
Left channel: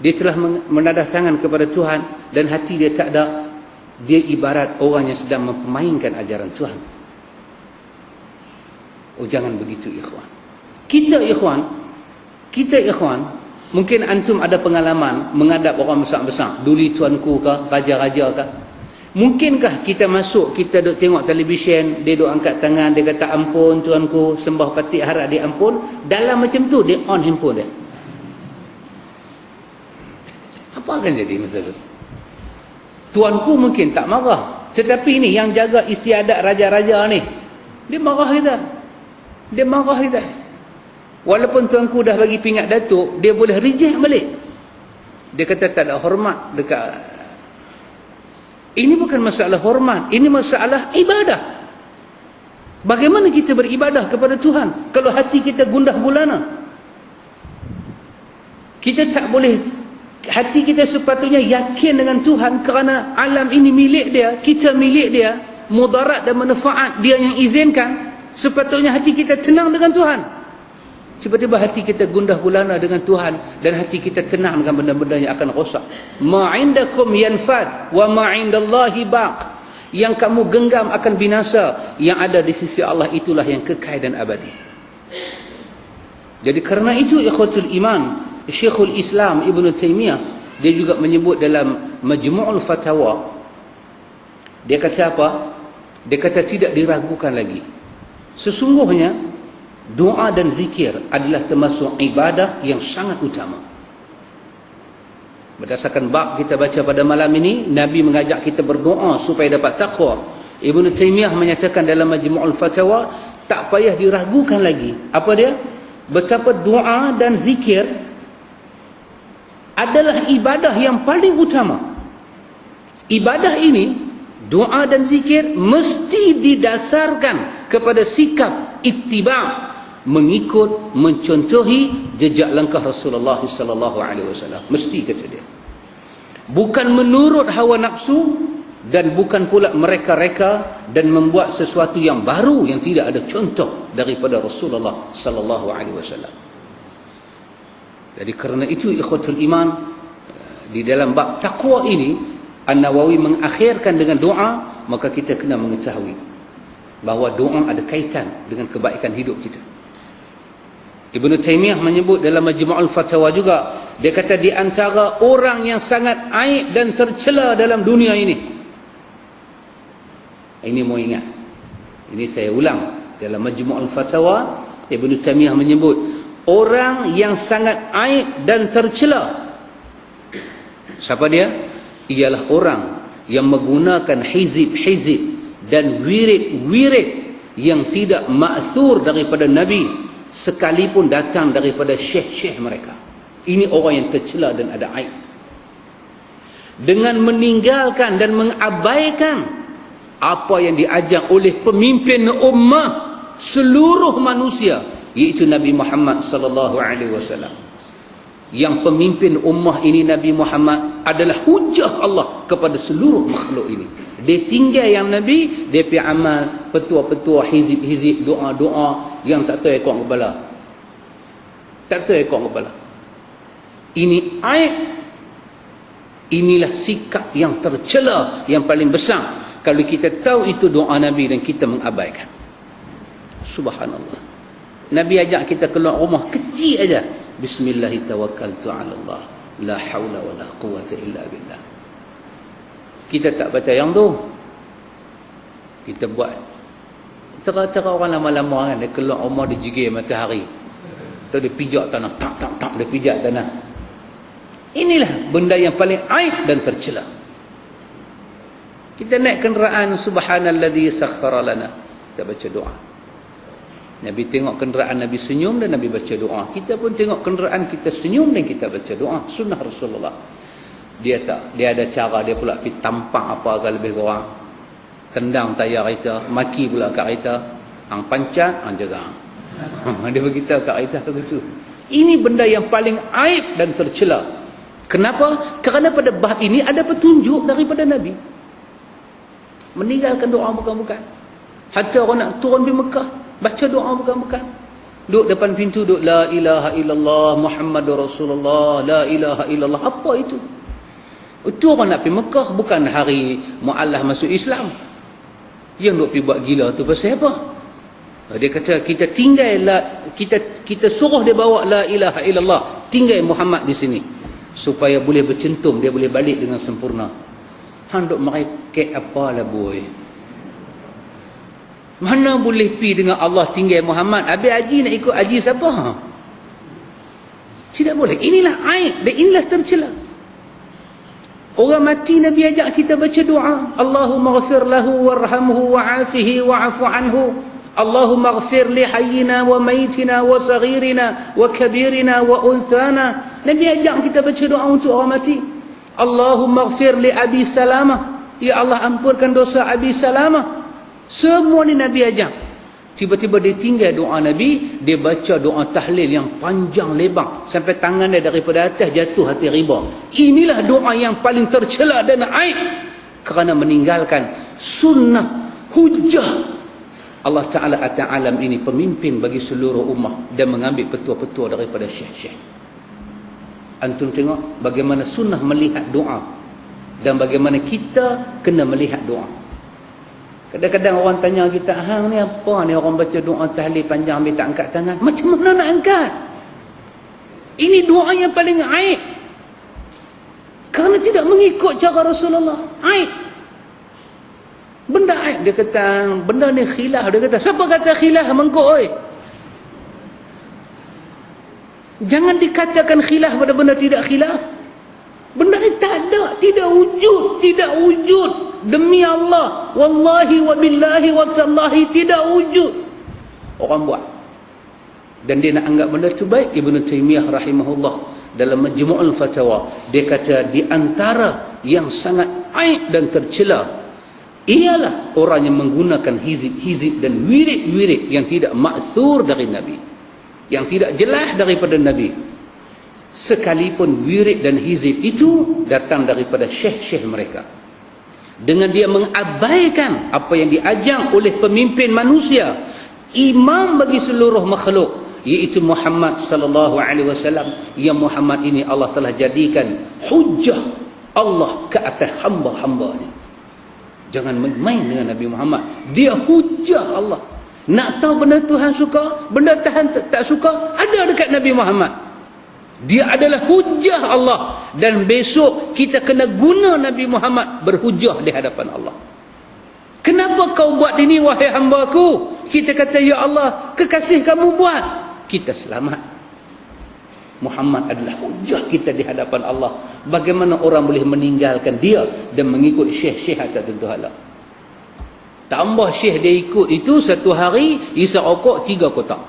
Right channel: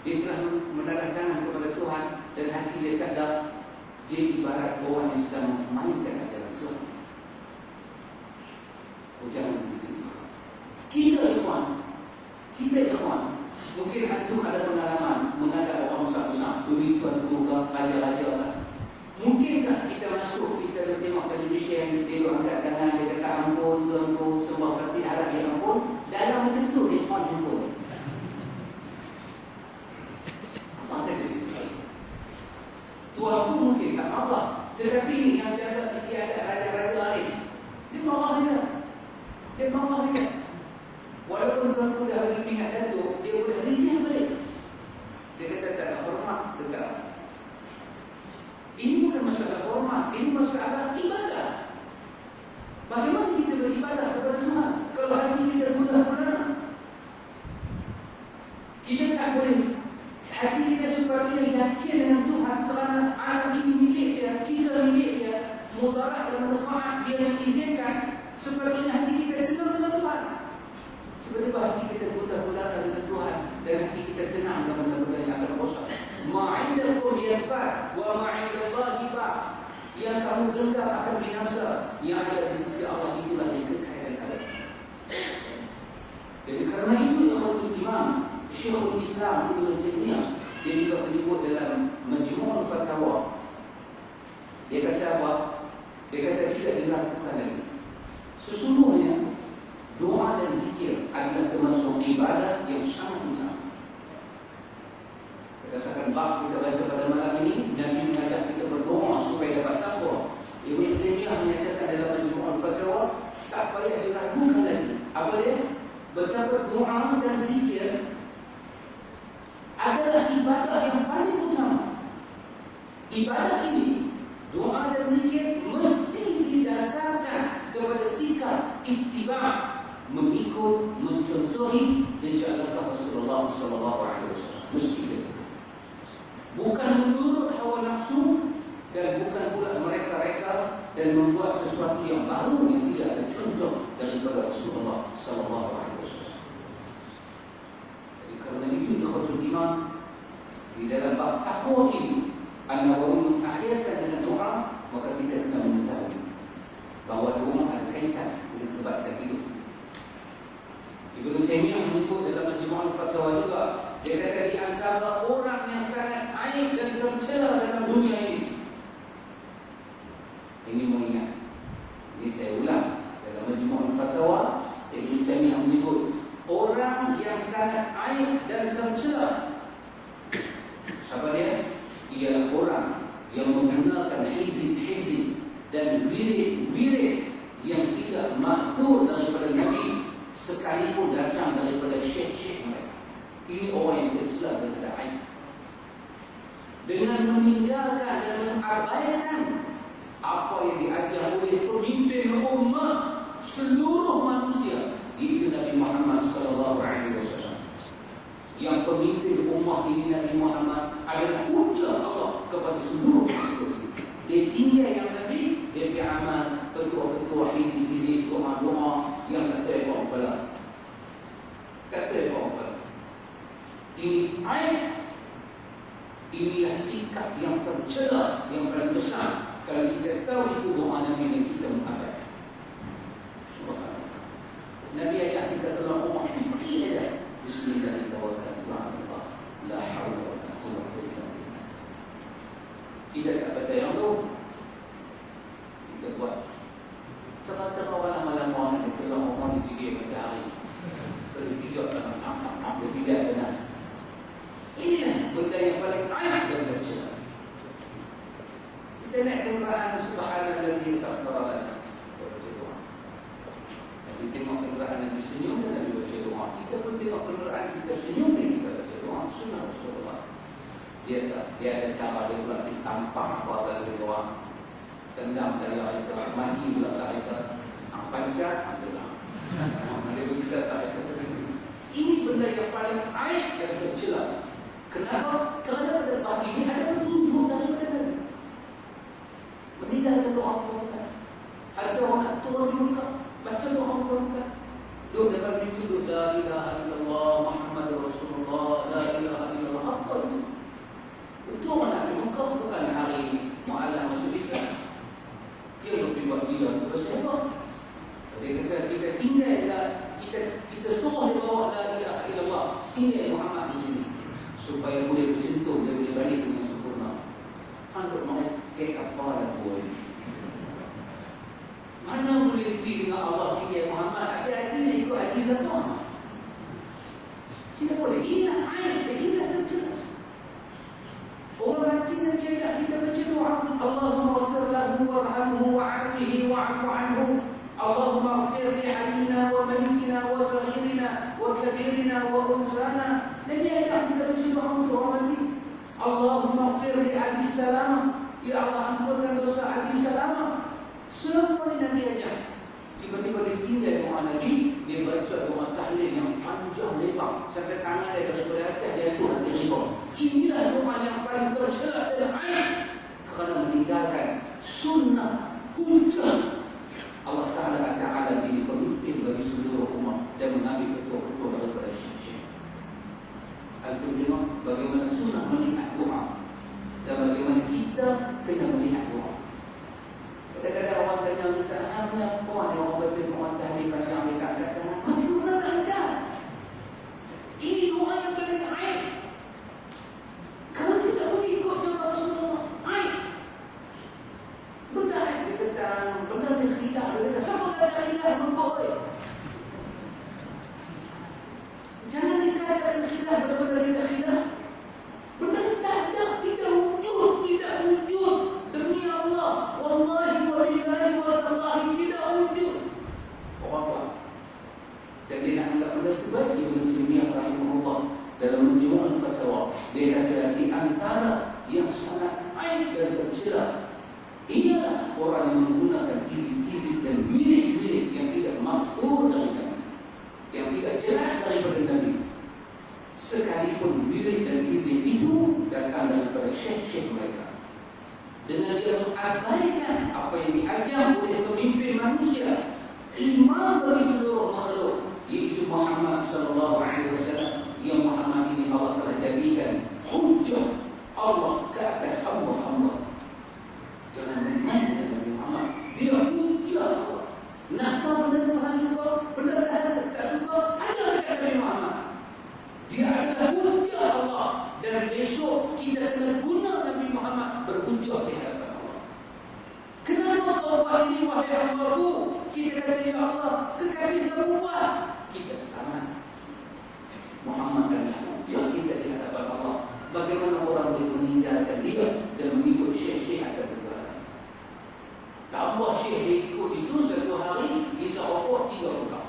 Dia telah menadah tangan kepada Tuhan dan hati dia tak ada. Dia ibarat orang yang sedang memainkan ajaran Tuhan. Oh, jangan begitu, ikhwan. Kita ikhwan, mungkin antum ada pengalaman menghadap orang besar-besar, duli tuanku kah, raja-raja kah. Mungkinkah kita masuk, kita duk tengok televisyen, dia duk angkat tangan, dia kata ampun tuanku, sembah patik harap dia ampun. Dalam macam tu dia on handphone dia. Apa akan jadi masa tu? Tuanku mungkin tak marah, tetapi ni yang jaga istiadat raja-raja ni, dia marah kita. Walaupun tuanku dah bagi pingat datuk, dia boleh reject balik. Dia kata tak ada hormat dekat. Ini bukan masalah hormat, ini masalah ibadah. Bagaimana kita beribadah kepada Tuhan kalau hati kita gundah gulana? Kita tak boleh, hati kita sepatutnya yakin dengan Tuhan kerana alam ini milik dia, kita milik dia, mudarat dan manfaat dia yang izinkan. Sepatutnya hati kita tenang dengan Tuhan. Tiba-tiba hati kita gundah gulana dengan Tuhan dan hati kita tenang dengan benda-benda yang akan rosak. Ma indakum yanfad wa ma indallahi baq. Yang kamu genggam akan binasa, yang ada di sisi Allah itulah yang kekal dan abadi. Jadi kerana itu, ikhwatul iman, Syekhul Islam Ibn Taymiyah, dia juga menyebut dalam Majmu'ul Fatawa, dia kata apa? Dia kata tidak diragukan lagi, sesungguhnya doa dan zikir adalah termasuk ibadah yang sangat utama. Berdasarkan bab kita baca pada malam ini, Nabi mengajak kita berdoa supaya dapat taqwa. Ibn Taymiyah menyatakan dalam Majmu'ul Fatawa, tak payah diragukan lagi. Apa dia? Betapa doa dan zikir adalah ibadah yang paling utama. Ibadah ini, doa dan zikir, mesti didasarkan kepada sikap ittiba', mengikut, mencontohi jejak langkah Rasulullah sallallahu alaihi wasallam. Mesti, kata dia. Bukan menurut hawa nafsu, dan bukan pula mereka-reka dan membuat sesuatu yang baru yang tidak ada contoh daripada Rasulullah sallallahu alaihi wasallam. Jadi kerana itu ikhwatul iman, di dalam bab takwa ini An-Nawawi mengakhirkan dengan doa, maka kita kena mengetahui bahawa doa ada kaitan dengan kebaikan hidup kita. Ibnu Taimiyah menyebut dalam Majmu'ul Fatawa juga, dia kata di antara orang yang sangat aib dan tercela dalam dunia ini mau ingat, ini saya ulang, dalam Majmu'ul Fatawa Ibnu Taimiyah menyebut orang yang sangat aib dan tercela. Siapa dia? Ialah orang yang menggunakan hizib-hizib dan wirid-wirid yang tidak ma'thur daripada Nabi, sekalipun datang daripada syekh-syekh mereka. Ini orang yang tercela dan ada aib. Dengan meninggalkan dan mengabaikan apa yang diajar oleh pemimpin ummah seluruh manusia, iaitu Nabi Muhammad sallallahu alaihi wasallam. Yang pemimpin ummah ini, Nabi Muhammad, adalah hujah Allah kepada seluruh makhluk ini. Dia tinggal yang Nabi, dia pergi amal petua-petua, hizib-hizib, doa-doa yang tak tahu ekor kepala. Tak tahu ekor kepala. Ini aib. Inilah sikap yang tercela yang paling besar kalau kita tahu itu doa Nabi dan kita mengabaikan. Subhanallah. Nabi ajak kita keluar rumah kecil aja, Bismillahirrahmanirrahim, la haula wala quwwata illa billah. Kita tak baca yang tu, kita buat cara-cara orang lama-lama kan, dia keluar rumah, dia jigil matahari, atau dia pijak tanah, tak, dia pijak tanah. Inilah benda yang paling aib dan tercela. Kita naik kenderaan, subhanalladzi sakhkhara lana, kita baca doa. Nabi tengok kenderaan Nabi senyum dan Nabi baca doa. Kita pun tengok kenderaan kita senyum dan kita baca doa. Sunnah Rasulullah. Dia ada cara dia pula pergi tampang apa agak lebih kurang, tendang tayar kereta, maki pula kat kereta, hang pancat, hang jaga. Dia beritahu kat kereta begitu. Ini benda yang paling aib dan tercela. Kenapa? Kerana pada bab ini ada petunjuk daripada Nabi. Meninggalkan doa bukan-bukan. Hatta orang nak turun di Mekah, baca doa bukan-bukan. Duduk depan pintu, duduk la ilaha illallah Muhammadur Rasulullah, la ilaha illallah. Apa itu? Itu orang nak pergi Mekah, bukan hari Mu'allah masuk Islam. Yang nak pergi buat gila tu pasal apa? Dia kata kita tinggal kita suruh dia bawa la ilaha illallah, tinggal Muhammad di sini supaya boleh bercentum, dia boleh balik dengan sempurna. Hang duk merekek apalah boy. Mana boleh pi dengan Allah tinggal Muhammad, habis haji nak ikut haji siapa? Tidak boleh. Inilah aib dan inilah tercela. Orang mati Nabi ajak kita baca doa, Allahumma ghfir lahu warhamhu wa'afihi wa'afu anhu. Allahumma ghfir li hayyina wa maytina wa saghirina wa kabirina wa unthana. Nabi ajak kita baca doa untuk orang mati. Allahumma ghfir li Abi Salamah. Ya Allah, ampunkan dosa Abi Salamah. Semua ni Nabi ajak. Tiba-tiba dia tinggal doa Nabi, dia baca doa tahlil yang panjang lebar sampai tangan dia daripada atas jatuh hati riba. Inilah doa yang paling tercela dan aib kerana meninggalkan sunnah hujah Allah Ta'ala atas alam ini, pemimpin bagi seluruh ummah, dan mengambil petua-petua daripada syekh-syekh. Antum tengok bagaimana sunnah melihat doa dan bagaimana kita kena melihat doa. Kadang-kadang orang tanya kita, hang ni apa ni orang baca doa tahlil panjang ambil tak angkat tangan. Macam mana nak angkat? Ini doa yang paling aib. Kerana tidak mengikut cara Rasulullah. Aib. Benda aib. Dia kata, benda ni khilaf. Dia kata, siapa kata khilaf? Mengkok oi. Jangan dikatakan khilaf pada benda tidak khilaf. Benda ni tak ada, tidak wujud, tidak wujud. Demi Allah, wallahi wa billahi wa tallahi, tidak wujud. Orang buat. Dan dia nak anggap benda tu baik. Ibnu Taimiyah rahimahullah dalam Majmu'ul Fatawa, dia kata di antara yang sangat aib dan tercela ialah orang yang menggunakan hizib dan wirid-wirid yang tidak ma'thur dari Nabi, yang tidak jelas daripada Nabi. Sekalipun wirid dan hizib itu datang daripada syekh-syekh mereka. dengan dia mengabaikan apa yang diajar oleh pemimpin manusia, imam bagi seluruh makhluk, iaitu Muhammad sallallahu alaihi wasallam. Yang Muhammad ini Allah telah jadikan hujjah Allah ke atas hamba-hambanya. Jangan main dengan Nabi Muhammad. Dia hujjah Allah. Nak tahu benda Tuhan suka, benda Tuhan tak suka, ada dekat Nabi Muhammad. Dia adalah hujjah Allah. Dan besok kita kena guna Nabi Muhammad berhujjah di hadapan Allah. Kenapa kau buat ini wahai hamba-Ku? Kita kata, ya Allah, kekasih kamu buat, kita selamat. Muhammad adalah hujjah kita di hadapan Allah. Bagaimana orang boleh meninggalkan dia dan mengikut syekh-syekh tertentu halal? Tambah syekh dia ikut itu, satu hari isap rokok 3 kotak.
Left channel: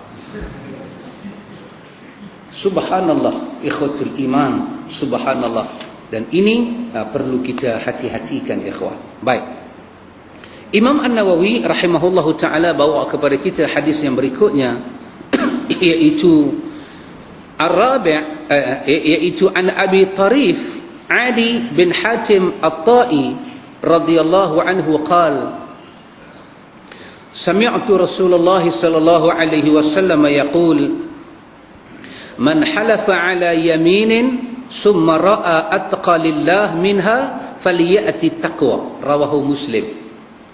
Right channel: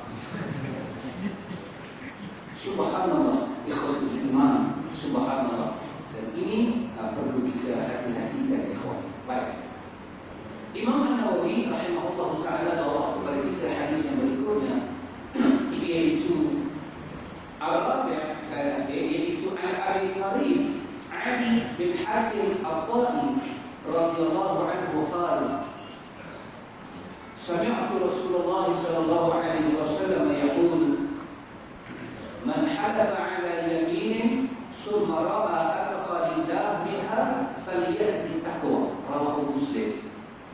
Subhanallah, ikhwatul iman, subhanallah. Dan ini perlu kita hati-hatikan, ikhwan. Baik. Imam An-Nawawi rahimahullahu ta'ala bawa kepada kita hadis yang berikutnya, iaitu Ar-Rabi', iaitu an Abi Tarif Adi bin Hatim At-Ta'i radhiyallahu anhu qala sami'tu Rasulullah sallallahu alaihi wasallam yaqul man halafa ala yaminin summa ra'a atqa lillah minha falyati taqwa, rawahu Muslim.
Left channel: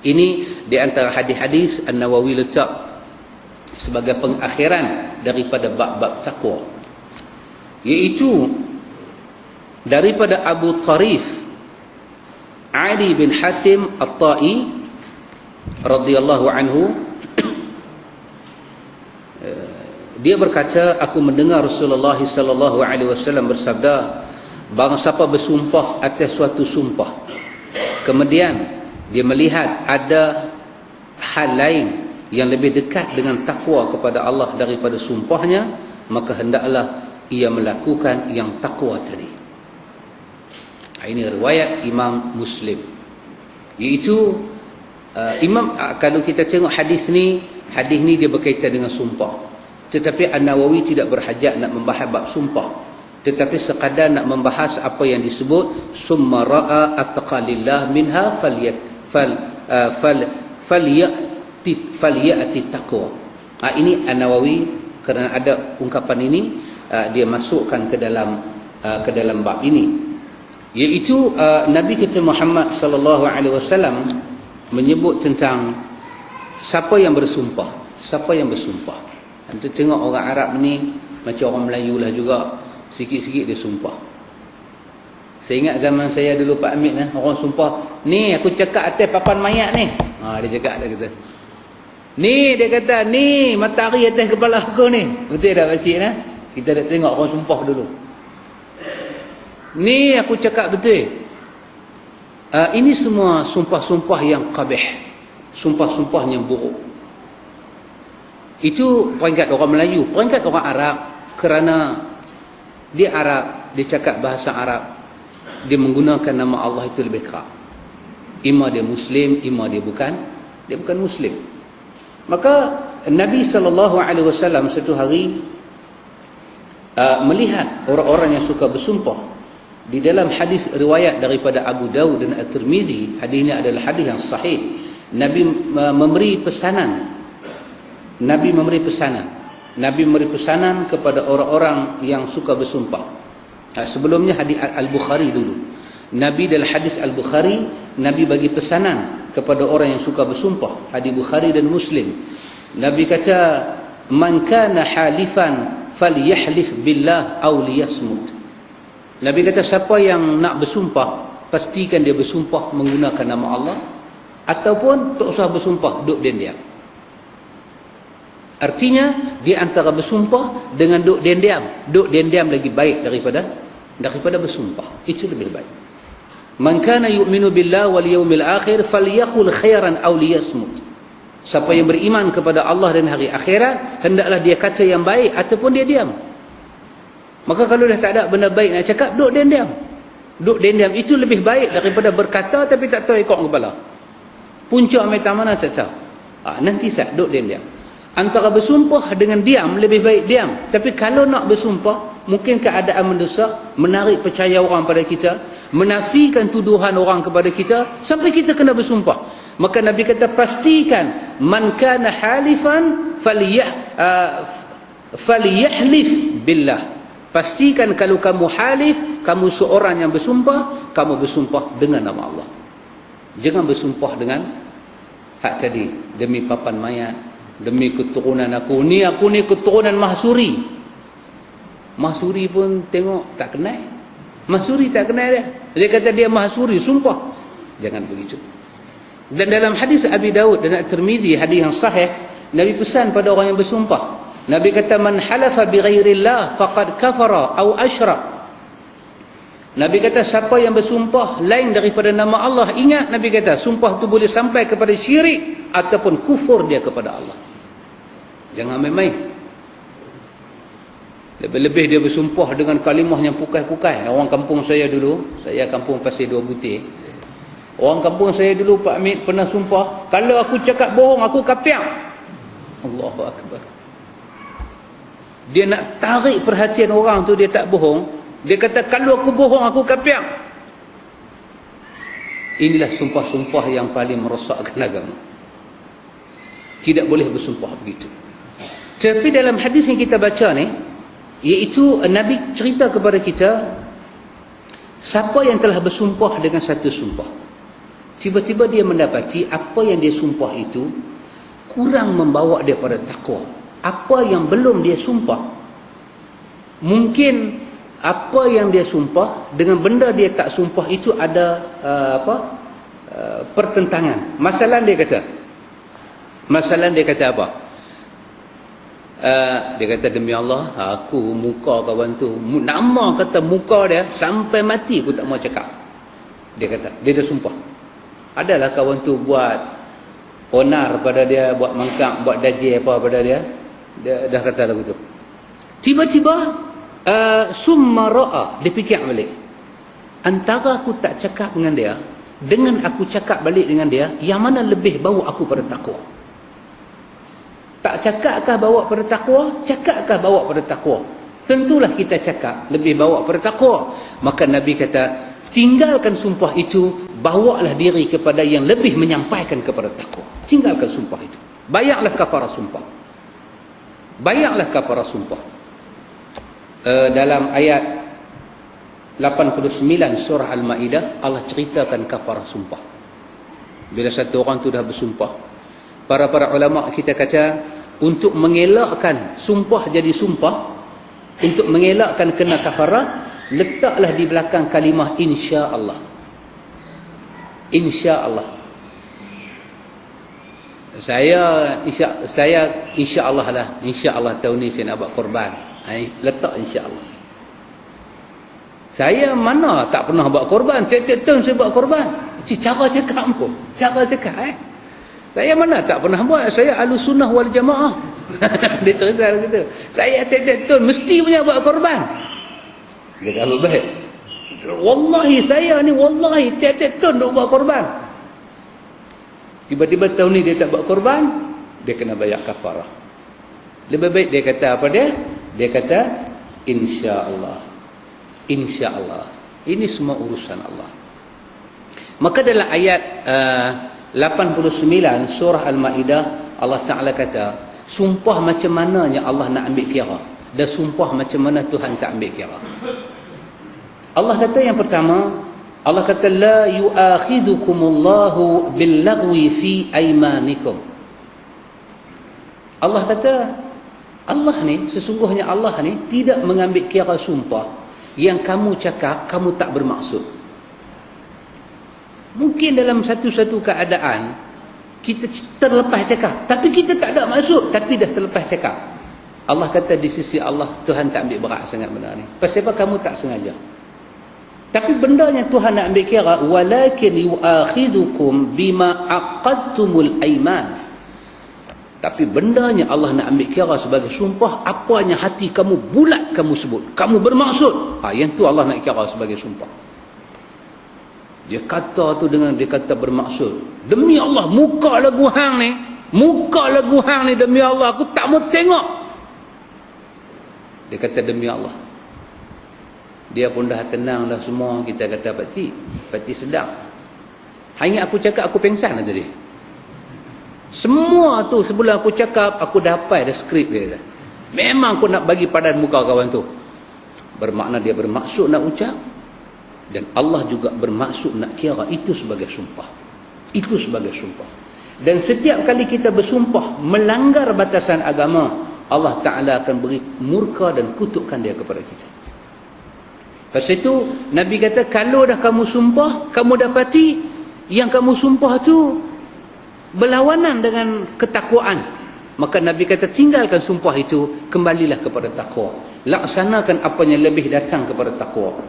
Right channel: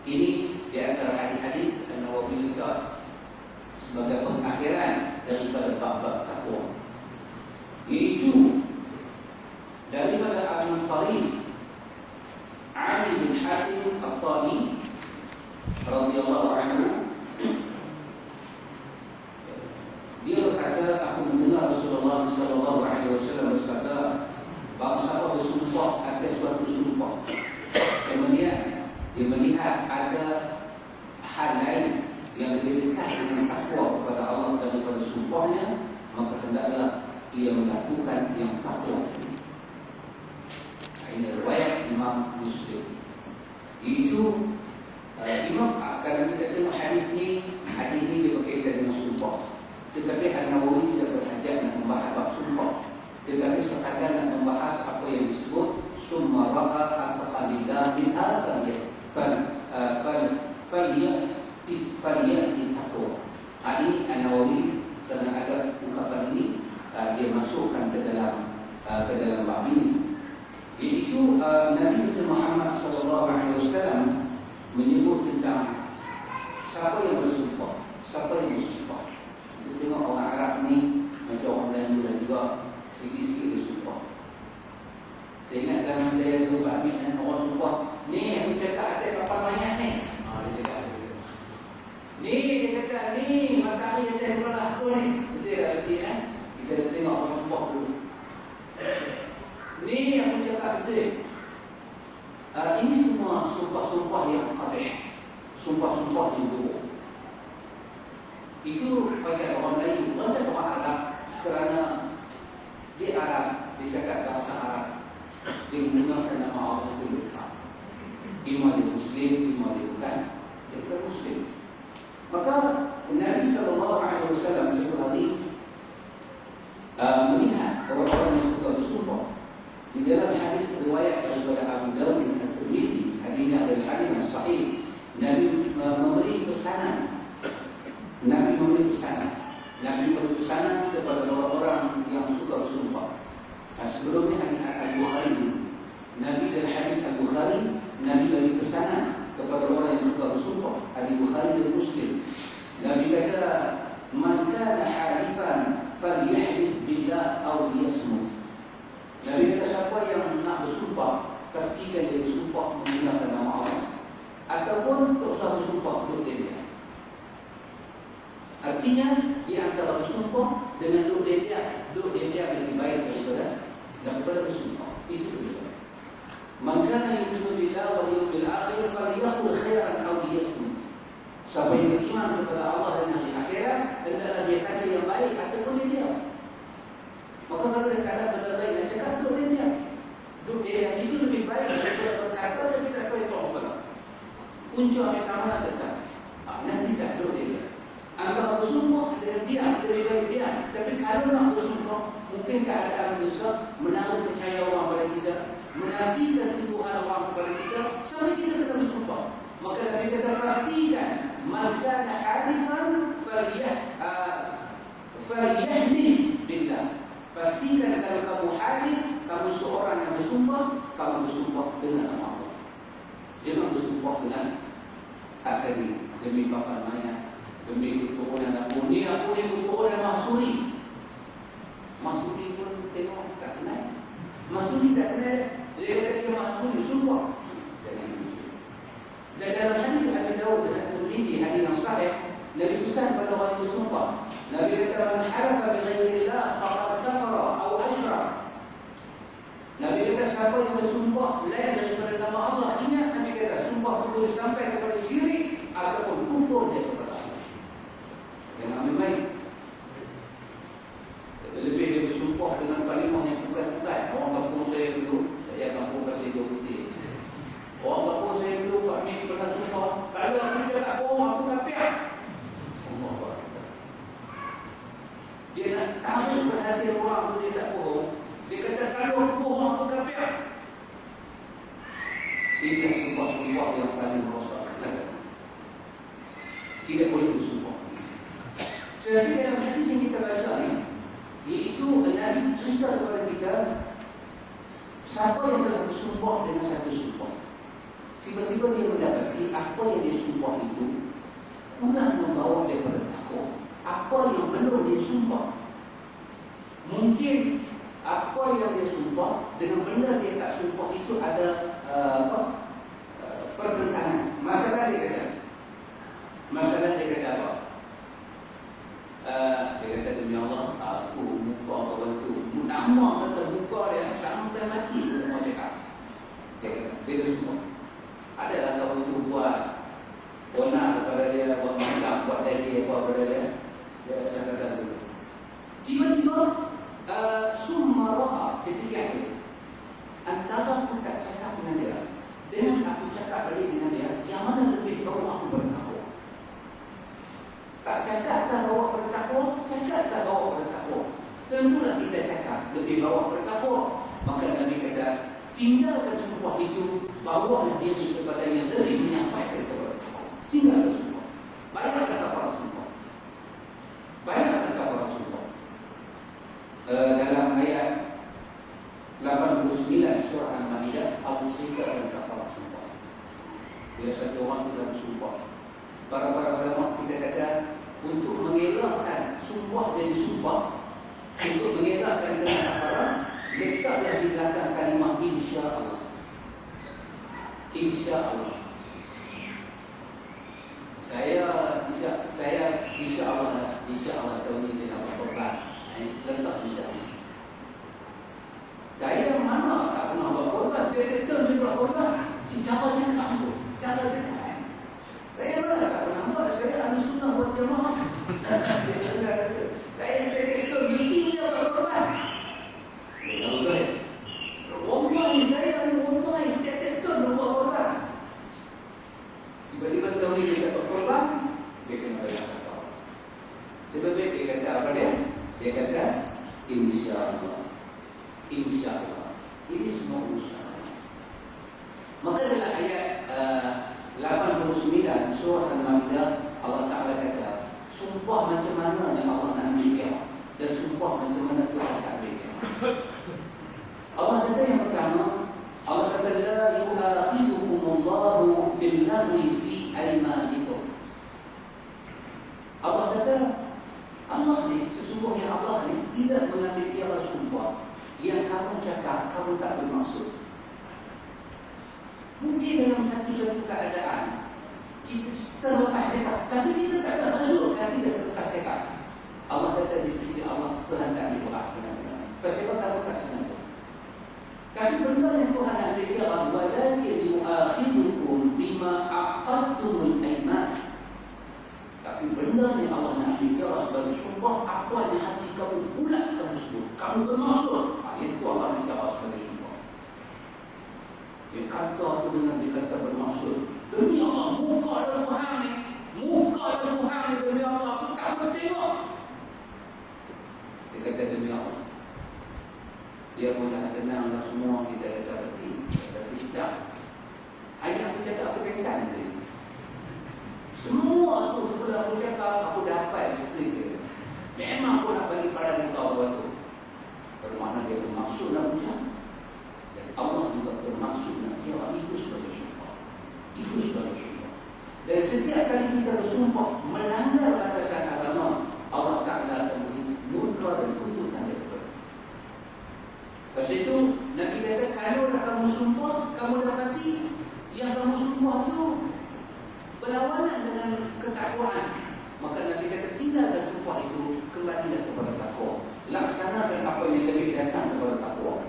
Ini di antara hadis-hadis An-Nawawi letak sebagai pengakhiran daripada bab-bab taqwa, iaitu daripada Abu Tarif Ali bin Hatim At-Ta'i radhiyallahu anhu. Dia berkata, aku mendengar Rasulullah sallallahu alaihi wasallam bersabda, barang siapa bersumpah atas suatu sumpah, kemudian dia melihat ada hal lain yang lebih dekat dengan takwa kepada Allah daripada sumpahnya, maka hendaklah ia melakukan yang takwa tadi. Ini riwayat Imam Muslim. Iaitu kalau kita tengok hadis ni dia berkaitan dengan sumpah. Tetapi An-Nawawi tidak berhajat nak membahas bab sumpah, tetapi sekadar nak membahas apa yang disebut summa ra'a atqalillah minha falyati taqwa. Ini An-Nawawi kerana ada ungkapan ini, dia masukkan ke dalam bab ini, iaitu Nabi kita Muhammad sallallahu alaihi wasallam menyebut tentang siapa yang bersumpah. Kita tengok orang Arab ni macam orang Melayu lah juga, sikit-sikit dia sumpah. Saya ingat zaman saya dulu Pak Amit, orang sumpah, ni aku cakap atas papan mayat ni. Dia cakap, dia kata, ni dia kata, ni matahari atas kepala aku ni. Betul tak pakcik? Kita dah tengok orang sumpah dulu. Ni aku cakap betul. Ini semua sumpah-sumpah yang qabih, sumpah-sumpah yang buruk. Itu peringkat orang Melayu. Peringkat orang Arab, kerana dia Arab, dia cakap bahasa Arab, dia menggunakan nama Allah itu lebih kerap. Ima dia Muslim, ima dia bukan Muslim. Maka Nabi SAW satu hari melihat orang-orang yang suka bersumpah. Di dalam hadis riwayat daripada Abu Dawud dan At-Tirmidzi, hadis ini adalah hadis yang sahih. Nabi memberi pesanan kepada orang-orang yang suka bersumpah. Sebelumnya hadis Al-Bukhari dulu. Nabi dalam hadis Al-Bukhari, Nabi bagi pesanan kepada orang yang suka bersumpah. Hadis Bukhari dan Muslim. Nabi kata, man kana halifan falyahlif billah aw liyasmut. Nabi kata, siapa yang nak bersumpah, pastikan dia bersumpah menggunakan nama Allah, ataupun tak usah bersumpah, duduk diam. Artinya, di antara bersumpah dengan duduk diam. Duduk diam lagi baik daripada bersumpah. Itu lebih baik. Man kana yu'minu billah wal yawmil akhir falyaqul khairan aw liyasmut. Siapa yang beriman kepada Allah dan hari akhirat, hendaklah dia kata yang baik ataupun dia diam. Maka kalau dah tak ada benda baik nak cakap, duduk diam. Duduk diam itu lebih baik daripada berkata tapi tak tahu ikut kepala. Puncak mata mana tak tahu. Nanti duduk diam. Antara bersumpah dengan diam, lebih baik diam. Tapi kalau nak bersumpah, mungkin keadaan mendesak, menarik percaya orang pada kita, menafikan tuduhan orang kepada kita sampai kita kena bersumpah. Maka Nabi kata, pastikan man kana halifan falyahlif billah. Pastikan kalau kamu halif, kamu seorang yang bersumpah, kamu bersumpah dengan nama Allah. Jangan bersumpah dengan hak tadi, demi papan mayat, demi keturunan aku ni keturunan Mahsuri. Mahsuri pun tengok tak kenal. Mahsuri tak kenal dia. Dia kata dia Mahsuri, sumpah. Jangan begitu. Dan dalam hadis Abi Daud dan At-Tirmidzi, hadis yang sahih, Nabi pesan pada orang yang bersumpah. Nabi kata, man halafa bi ghairillah faqad kafara au asyrak. Nabi kata, siapa yang bersumpah lain daripada nama Allah, ingat Nabi kata, sumpah tu boleh sampai kepada syirik ataupun kufur dia kepada Allah. Jangan main-main. Lebih-lebih dia bersumpah dengan kalimah yang pukai-pukai. Orang kampung saya dulu, saya kampung Pasir Dua Butir. Orang kampung saya dulu, Pak Hamid pernah sumpah, kalau aku cakap bohong, aku kapiak. Allahu Akbar. Dia nak tarik perhatian orang tu, dia tak bohong. Dia kata, kalau aku bohong, aku kapiak. Inilah sumpah-sumpah yang paling merosakkan agama. Tidak boleh bersumpah begitu. Tapi dalam hadis yang kita baca ni, iaitu Nabi cerita kepada kita, siapa yang telah bersumpah dengan satu sumpah, tiba-tiba dia mendapati apa yang dia sumpah itu kurang membawa dia pada takwa. Apa yang belum dia sumpah, mungkin apa yang dia sumpah dengan benda dia tak sumpah itu ada pertentangan. Masalah dia kata apa? Dia kata, demi Allah, aku muka kawan tu, nama kata muka dia sampai mati aku tak mau cakap. Dia kata, dia dah sumpah. Adalah kawan tu buat onar pada dia, buat mangkak, buat dajil apa pada dia. Dia dah kata lagu tu. Tiba-tiba summa ra'a, dia fikir balik. Antara aku tak cakap dengan dia dengan aku cakap balik dengan dia, yang mana lebih bawa aku pada takwa? Tak cakakkah bawa pada takwa? Cakakkah bawa pada takwa? Tentulah kita cakap lebih bawa pada takwa. Maka Nabi kata, tinggalkan sumpah itu, bawalah diri kepada yang lebih menyampaikan kepada takwa. Tinggalkan sumpah itu. Bayarlah kafarah sumpah. Bayarlah kafarah sumpah. Dalam ayat 89 surah Al-Ma'idah, Allah ceritakan kafarah sumpah. Bila satu orang tu dah bersumpah, para ulama kita kata, untuk mengelakkan sumpah jadi sumpah, untuk mengelakkan kena kafarah, letaklah di belakang kalimah insya-Allah. Insya-Allah. Saya insya-Allah lah. Insya-Allah tahun ni saya nak buat korban. Letak insya-Allah. Saya mana tak pernah buat korban. Tiap-tiap tahun saya buat korban. Cara cakap pun. Cara cakap saya mana tak pernah buat. Saya Ahlus Sunnah wal Jamaah. Dia cerita begitu. Saya tiap-tiap tahun mesti punya buat korban. Dia kata, baik. Wallahi saya ni, wallahi tiap-tiap tahun nak buat korban. Tiba-tiba tahun ni dia tak buat korban, dia kena bayar kafarah. Lebih baik dia kata apa dia? Dia kata, insya-Allah. Insya-Allah. Ini semua urusan Allah. Maka dalam ayat 89 surah Al-Ma'idah, Allah Ta'ala kata, sumpah macam mananya Allah nak ambil kira, dan sumpah macam mana Tuhan tak ambil kira. Allah kata yang pertama, Allah kata, la yu'akhidhukumullahu billaghwi fi aymanikum. Allah kata, Allah ni, sesungguhnya Allah ni tidak mengambil kira sumpah yang kamu cakap kamu tak bermaksud. Mungkin dalam satu-satu keadaan kita terlepas cakap, tapi kita tak ada maksud, tapi dah terlepas cakap. Allah kata di sisi Allah, Tuhan tak ambil berat sangat benda ni. Pasal apa? Kamu tak sengaja. Tapi bendanya Tuhan nak ambil kira, walakin yu'akhidukum bima aqadtumul aiman. Tapi bendanya Allah nak ambil kira sebagai sumpah, apanya hati kamu bulat kamu sebut, kamu bermaksud. Yang tu Allah nak kira sebagai sumpah. Dia kata tu dengan dia kata bermaksud. Demi Allah, muka lagu hang ni demi Allah aku tak mau tengok. Dia kata demi Allah. Dia pun dah tenang dah semua. Kita kata Pakcik sedap. Hanya aku cakap aku pengsan tadi. Semua tu sebelum aku cakap aku dah hafal dah skrip dia. Memang aku nak bagi padan muka kawan tu. Bermakna dia bermaksud nak ucap, dan Allah juga bermaksud nak kira itu sebagai sumpah. Itu sebagai sumpah. Dan setiap kali kita bersumpah melanggar batasan agama, Allah Ta'ala akan beri murka dan kutukan dia kepada kita. Lepas itu Nabi kata, kalau dah kamu sumpah, kamu dapati yang kamu sumpah tu berlawanan dengan ketakwaan, maka Nabi kata tinggalkan sumpah itu, kembalilah kepada takwa. Laksanakan apa yang lebih datang kepada takwa.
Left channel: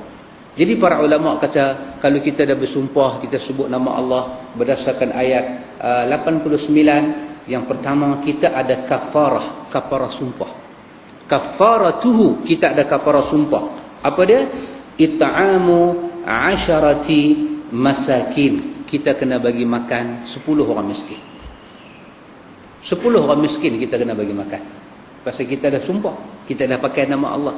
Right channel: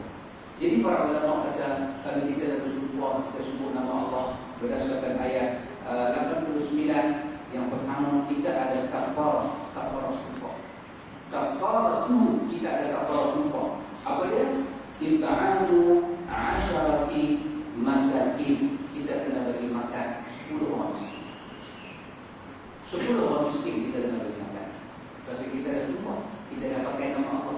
Jadi para ulama kata, kalau kita dah bersumpah, kita sebut nama Allah berdasarkan ayat 89, yang pertama kita ada kafarah sumpah. Kafaratuhu, kita ada kafarah sumpah. Apa dia? It'amu 'asharati masakin. Kita kena bagi makan 10 orang miskin. 10 orang miskin kita kena bagi makan. Pasal kita dah sumpah, kita dah pakai nama Allah.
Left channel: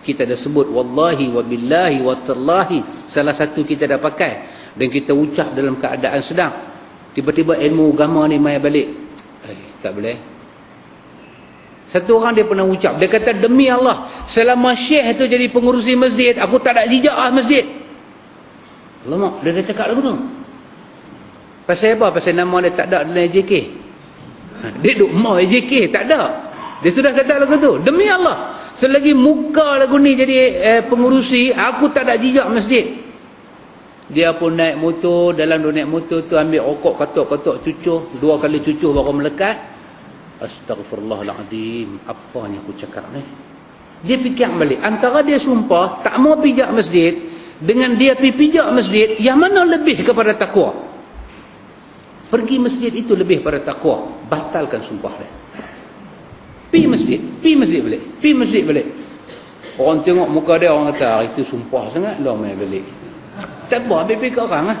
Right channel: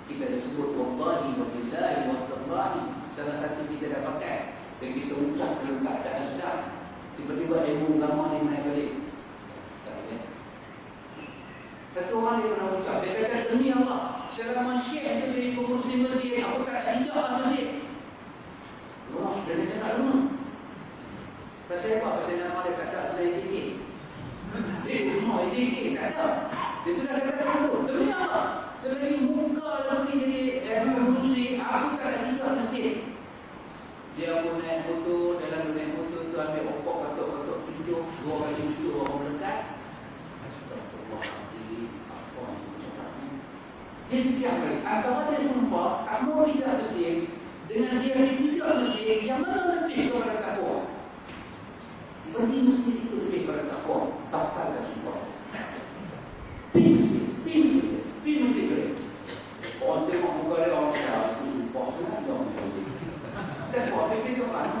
Kita dah sebut wallahi wa billahi wa tallahi, salah satu kita dah pakai, dan kita ucap dalam keadaan sedang. Tiba-tiba ilmu agama ni mai balik. Tak boleh. Satu orang dia pernah ucap, dia kata demi Allah, selama syekh tu jadi pengurusi masjid, aku tak ada jejak masjid. Alamak, dia dah cakap lagu tu. Pasal apa? Pasal nama dia tak ada dalam AJK. Dia duk mau AJK, tak ada. Dia sudah kata lagu tu, demi Allah, selagi muka lagu ni jadi pengurusi, aku tak ada jejak masjid. Dia pun naik motor, dalam dia naik motor tu ambil rokok, katok-katok cucuh, 2 kali cucuh baru melekat. Astaghfirullahaladzim, apa yang aku cakap ni? Dia fikir balik, antara dia sumpah tak mau pijak masjid dengan dia pergi pijak masjid, yang mana lebih kepada takwa? Pergi masjid itu lebih pada takwa. Batalkan sumpah dia. Pergi masjid balik. Orang tengok muka dia, orang kata itu sumpah sangat, dah main balik. Tak apa, habis fikir orang lah.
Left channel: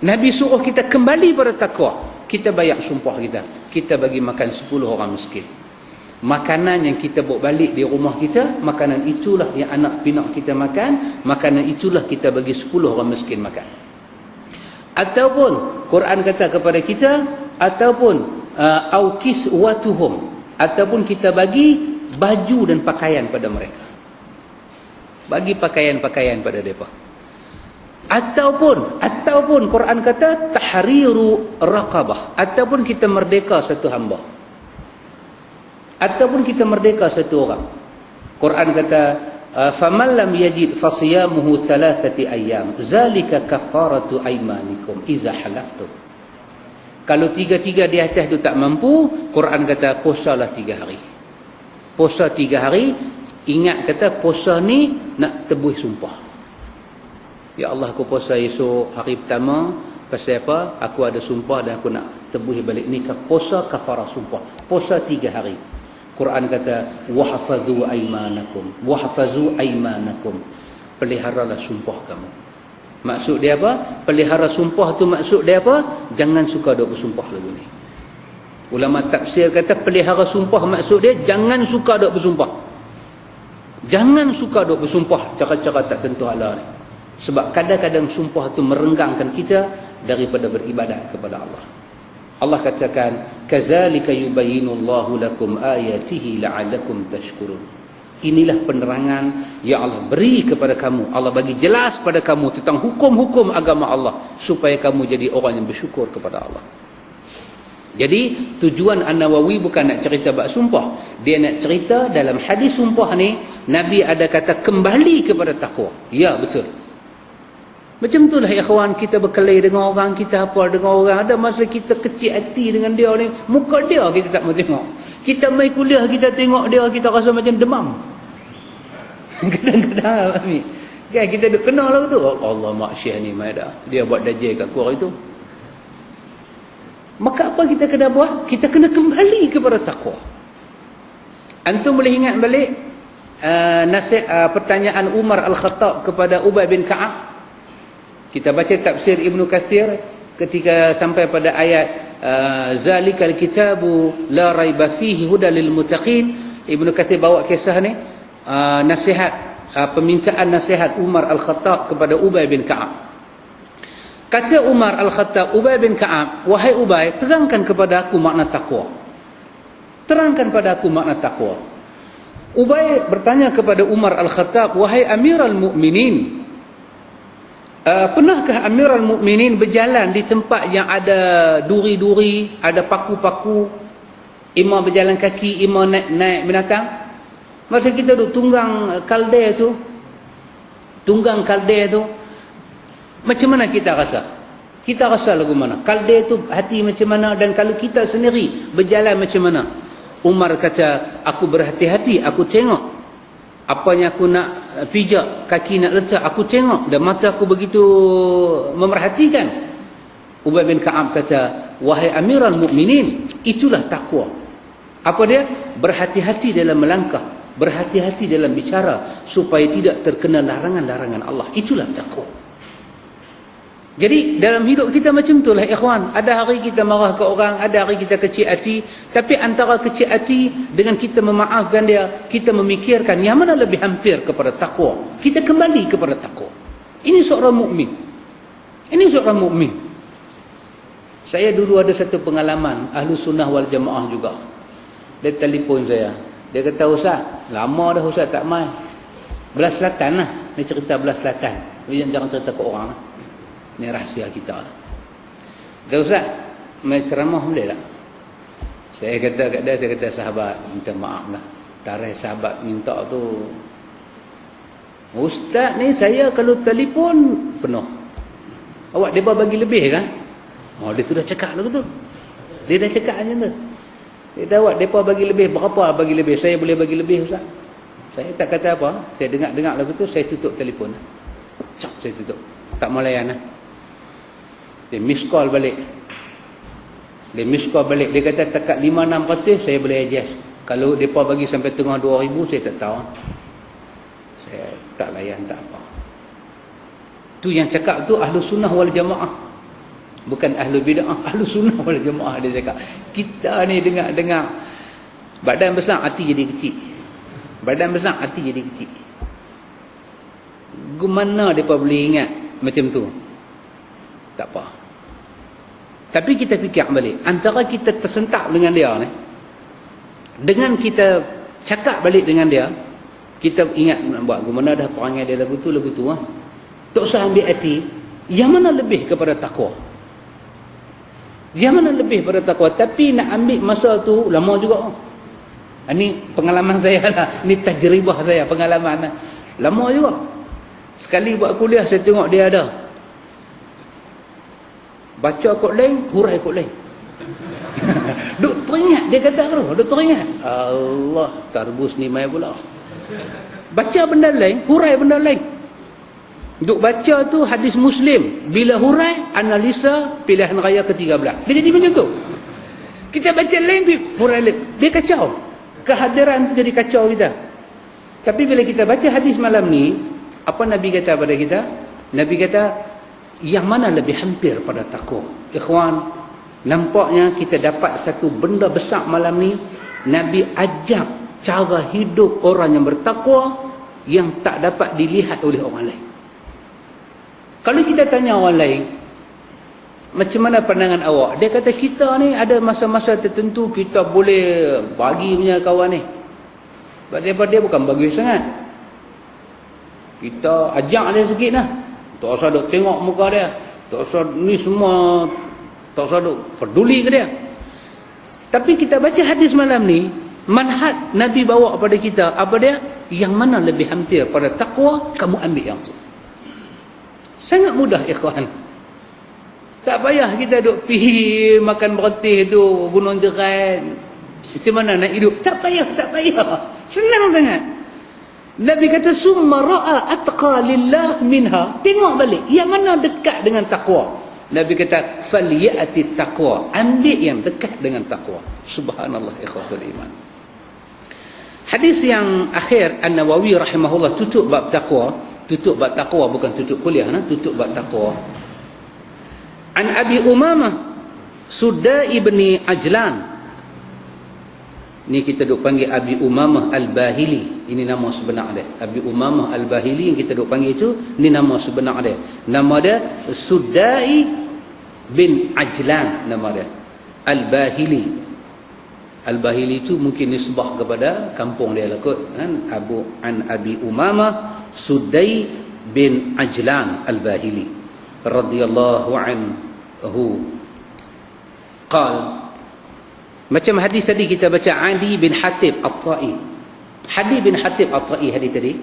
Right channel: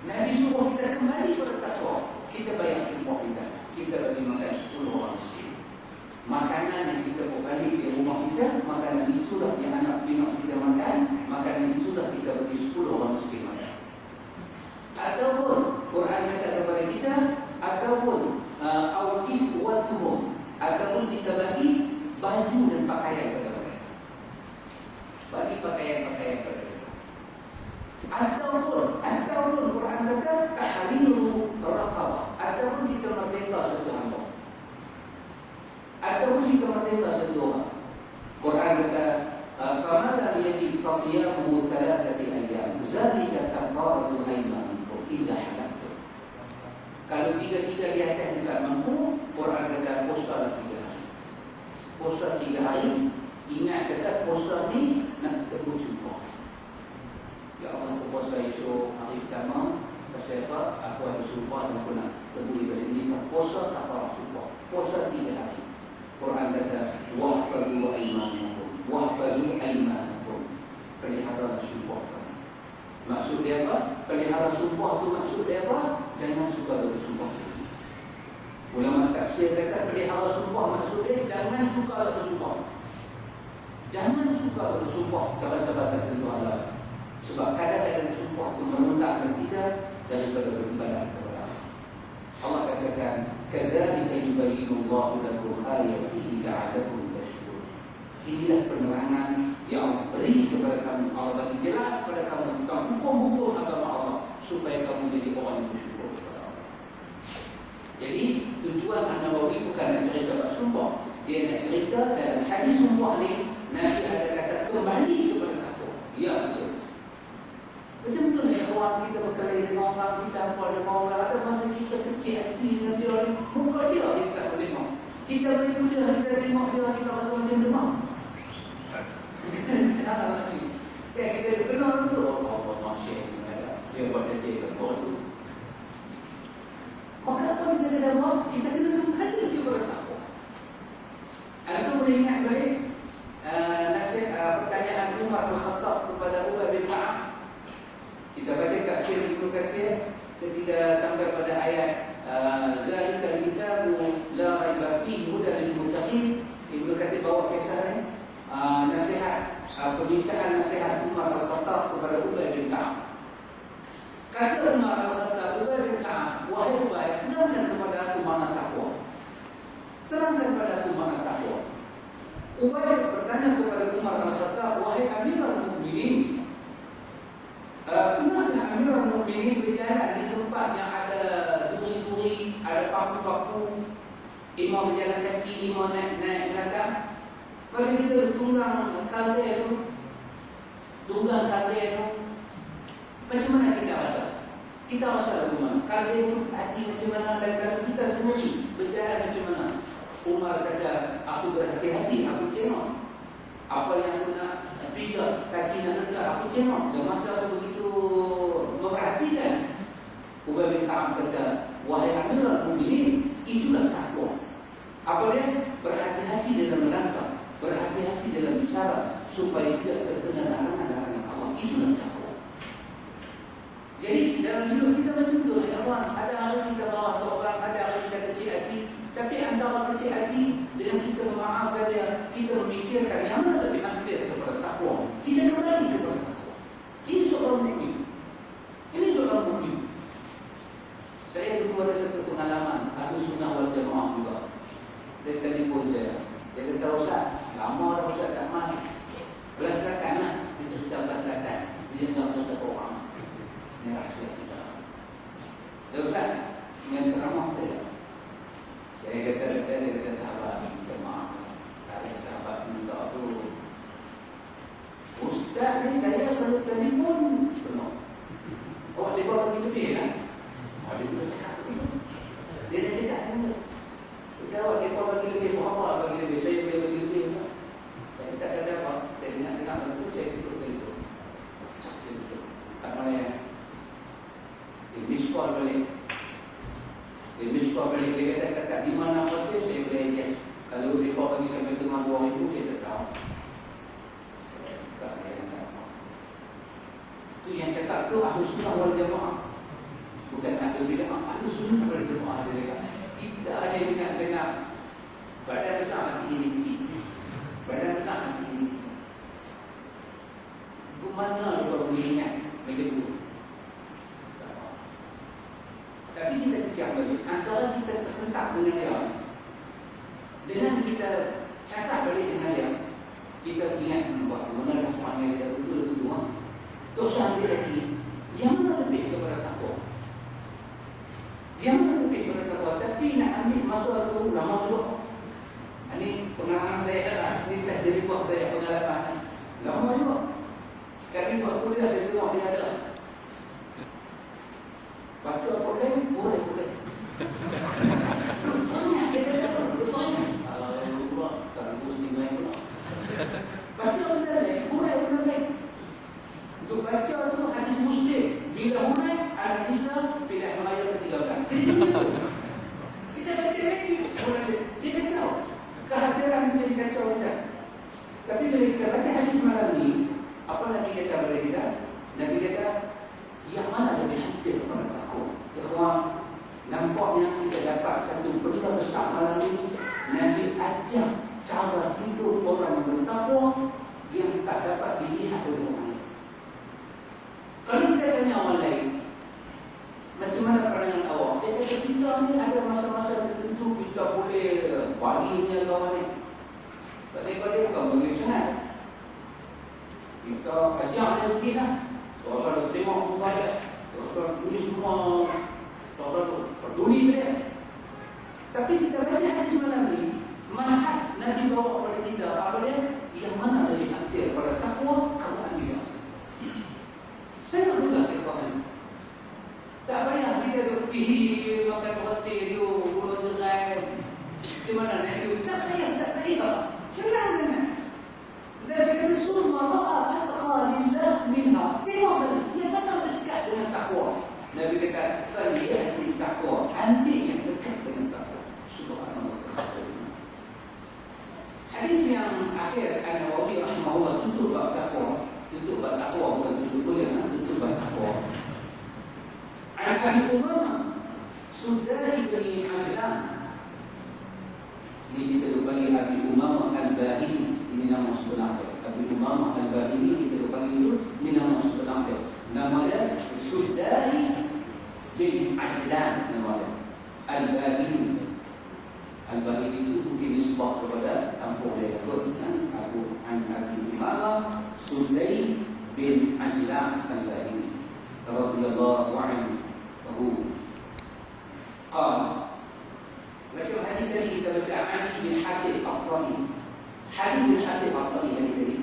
Nabi suruh kita kembali pada takwa. Kita bayar sumpah kita. Kita bagi makan 10 orang miskin. Makanan yang kita bawa balik di rumah kita, makanan itulah yang anak pinak kita makan, makanan itulah kita bagi 10 orang miskin makan. Ataupun Quran kata kepada kita, ataupun au kiswatuhum, ataupun kita bagi baju dan pakaian pada mereka. Bagi pakaian-pakaian pada mereka. Ataupun Quran kata tahriru raqabah, ataupun kita merdeka satu hamba. Ataupun kita merdeka satu orang. Quran kata faman lam yajid fasiyamuhu 3 ayyam zalika kafaratu aymanikum iza halaftum. Kalau 3 di atas tu tak mampu, Quran kata puasalah 3 hari. Puasa 3 hari, ingat kata puasa ni nak tebus sumpah. Ya Allah, aku puasa esok hari pertama, pasal apa? Aku ada sumpah dan aku nak tebus balik ni. Puasa kafarah sumpah. Puasa 3 hari. Quran kata wahfazu aymanakum, peliharalah sumpah kamu. Maksud dia apa? Pelihara sumpah tu maksud dia apa? Jangan suka duk bersumpah lagu ni. Ulama tafsir kata pelihara sumpah maksud dia jangan suka duk bersumpah. Jangan suka duk bersumpah cara-cara tak tentu Allah ni. Sebab kadang-kadang sumpah tu merenggangkan kita daripada beribadah kepada Allah. Allah katakan kazalika yubayyinullahu lakum ayatihi la'allakum tashkurun. Inilah penerangan yang Allah beri kepada kamu. Allah bagi jelas pada kamu tentang hukum-hukum agama Allah supaya kamu jadi orang yang bersyukur kepada Allah. Jadi tujuan An-Nawawi bukan nak cerita bab sumpah. Dia nak cerita dalam hadis sumpah ni Nabi ada kata kembali kepada takwa. Ya, betul. Macam itulah ikhwan, kita berkelahi dengan orang, kita apa dengan orang, ada masa kita kecil hati dengan dia ni, muka dia kita tak mau tengok. Kita main kuliah, kita tengok dia, kita rasa macam demam. Kadang-kadang ni kan kita dah kenal lah tu. Oh, Allah maksyiah ni Maida, dia buat dajjal kat aku hari tu. Maka apa kita kena buat? Kita kena kembali kepada takwa. Antum boleh ingat balik pertanyaan Umar Al-Khattab kepada Ubay bin Ka'ab. Kita baca tafsir Ibn Katsir ketika sampai pada ayat zalikal kitabu la raiba fihi hudal lil muttaqin. Ibn Katsir bawa kisah ni, nasihat permintaan nasihat Umar Al-Khattab kepada Ubay bin Ka'ab. Kata Umar Al-Khattab, Ubay bin Ka'ab, wahai Ubay, terangkan kepada aku makna takwa. Terangkan pada aku makna takwa. Ubay bertanya kepada Umar Al-Khattab, wahai Amirul Mukminin, pernahkah Amirul Mukminin berjalan di tempat yang ada duri-duri, ada paku-paku, imam berjalan kaki, imam naik binatang? Masa kita duduk tunggang kaldea tu, macam mana kita rasa? Kita rasa lagu mana? Kaldea tu hati macam mana? Dan kalau kita sendiri berjalan macam mana? Umar kata, aku berhati-hati, aku tengok apa yang aku nak pijak, kaki nak letak, aku tengok, dan mata aku begitu memerhatikan. Ubay bin Ka'ab kata, wahai Amirul Mukminin, itulah takwa. Apa dia? Berhati-hati dalam melangkah, berhati-hati dalam bicara, supaya tidak terkena larangan-larangan Allah. Itulah takwa. Jadi dalam hidup kita macam itulah ikhwan. Ada hari kita marah ke orang, ada hari kita kecil hati. Tapi antara kecil hati dengan kita memaafkan dia, kita memikirkan yang mana lebih hampir kepada takwa. Kita kembali kepada takwa. Ini seorang mukmin. Ini seorang mukmin. Saya dulu ada satu pengalaman, Ahlu Sunnah wal Jamaah juga. Dia telefon saya. Dia kata, Ustaz, lama dah Ustaz tak main. Belah Selatan lah. Ni cerita Belah Selatan. Jangan cerita ke orang. Ini rahsia kita. Kata, Ustaz, main ceramah boleh tak? Saya kata kat dia, saya kata, sahabat, minta maaf lah. Tarikh sahabat minta tu, Ustaz ni saya kalau telefon penuh. Awak mereka bagi lebih kan? Oh, dia sudah cakap lagu tu. Dia dah cakap macam tu. Dia tahu mereka bagi lebih. Berapa bagi lebih? Saya boleh bagi lebih, Ustaz. Saya tak kata apa. Saya dengar lagu tu, saya tutup telefon. Cak, saya tutup. Tak mau layan lah. Dia miss call balik. Dia kata dekat 5-6%, saya boleh adjust. Kalau mereka bagi sampai tengah 2,000, saya tak tahu. Saya tak layan, tak apa. Tu yang cakap tu Ahlu Sunnah wal Jamaah. Bukan Ahlu Bid'ah, Ahlu Sunnah wal Jamaah dia cakap. Kita ni dengar-dengar, badan besar, hati jadi kecil. Badan besar, hati jadi kecil. Gimana mereka boleh ingat macam tu? Tak apa. Tapi kita fikir balik, antara kita tersentak dengan dia ni, dengan kita cakap balik dengan dia, kita ingat nak buat gimana dah perangai dia lagu tu lah. Tak usah ambil hati, yang mana lebih kepada takwa. Yang mana lebih kepada takwa. Tapi nak ambil masa tu lama juga. Ini pengalaman saya lah, ini tajribah saya, pengalaman lama juga. Sekali buat kuliah saya tengok dia ada baca kod lain, hurai kod lain. Duk teringat, dia kata tu, duk teringat. Allah, tarbus ni mai pula. Baca benda lain, hurai benda lain. Duk baca tu hadis Muslim, bila hurai, analisa pilihan raya ke-13. Dia jadi macam tu. Kita baca lain, hurai lain. Dia kacau. Kehadiran tu jadi kacau kita. Tapi bila kita baca hadis malam ni, apa Nabi kata pada kita? Nabi kata, yang mana lebih hampir pada takwa? Ikhwan, nampaknya kita dapat satu benda besar malam ni. Nabi ajak cara hidup orang yang bertakwa yang tak dapat dilihat oleh orang lain. Kalau kita tanya orang lain, macam mana pandangan awak? Dia kata, kita ni ada masa-masa tertentu kita boleh bagi punya kawan ni. Sebab dia bukan bagi sangat. Kita ajak dia sikit lah. Tak usah duk tengok muka dia. Tak usah ni semua. Tak usah duk peduli ke dia. Tapi kita baca hadis malam ni, manhaj Nabi bawa kepada kita, apa dia? Yang mana lebih hampir pada takwa, kamu ambil yang tu. Sangat mudah ikhwan. Tak payah kita duk pergi makan bertih tu, gunung jeran. Macam mana nak hidup? Tak payah. Senang sangat. Nabi kata, summa ra'a atqa lillah minha. Tengok balik, yang mana dekat dengan takwa. Nabi kata, falyati taqwa. Ambil yang dekat dengan takwa. Subhanallah, ikhwatul iman. Hadis yang akhir, An-Nawawi rahimahullah tutup bab takwa. Tutup bab takwa, bukan tutup kuliah, tutup bab takwa. An Abi Umamah Sudai ibni Ajlan. Ni kita duk panggil Abi Umamah Al-Bahili. Ini nama sebenar dia. Abi Umamah Al-Bahili yang kita duk panggil itu, ini nama sebenar dia. Nama dia Sudai bin Ajlan, nama dia. Al-Bahili. Al-Bahili itu mungkin disebut kepada kampung dia lah kot. Kan? Abi Umamah Sudai bin Ajlan Al-Bahili radhiyallahu anhu. Qal, macam hadis tadi kita baca Ali bin Hatib At-Tai. Ali bin Hatib At-Tai hadis tadi,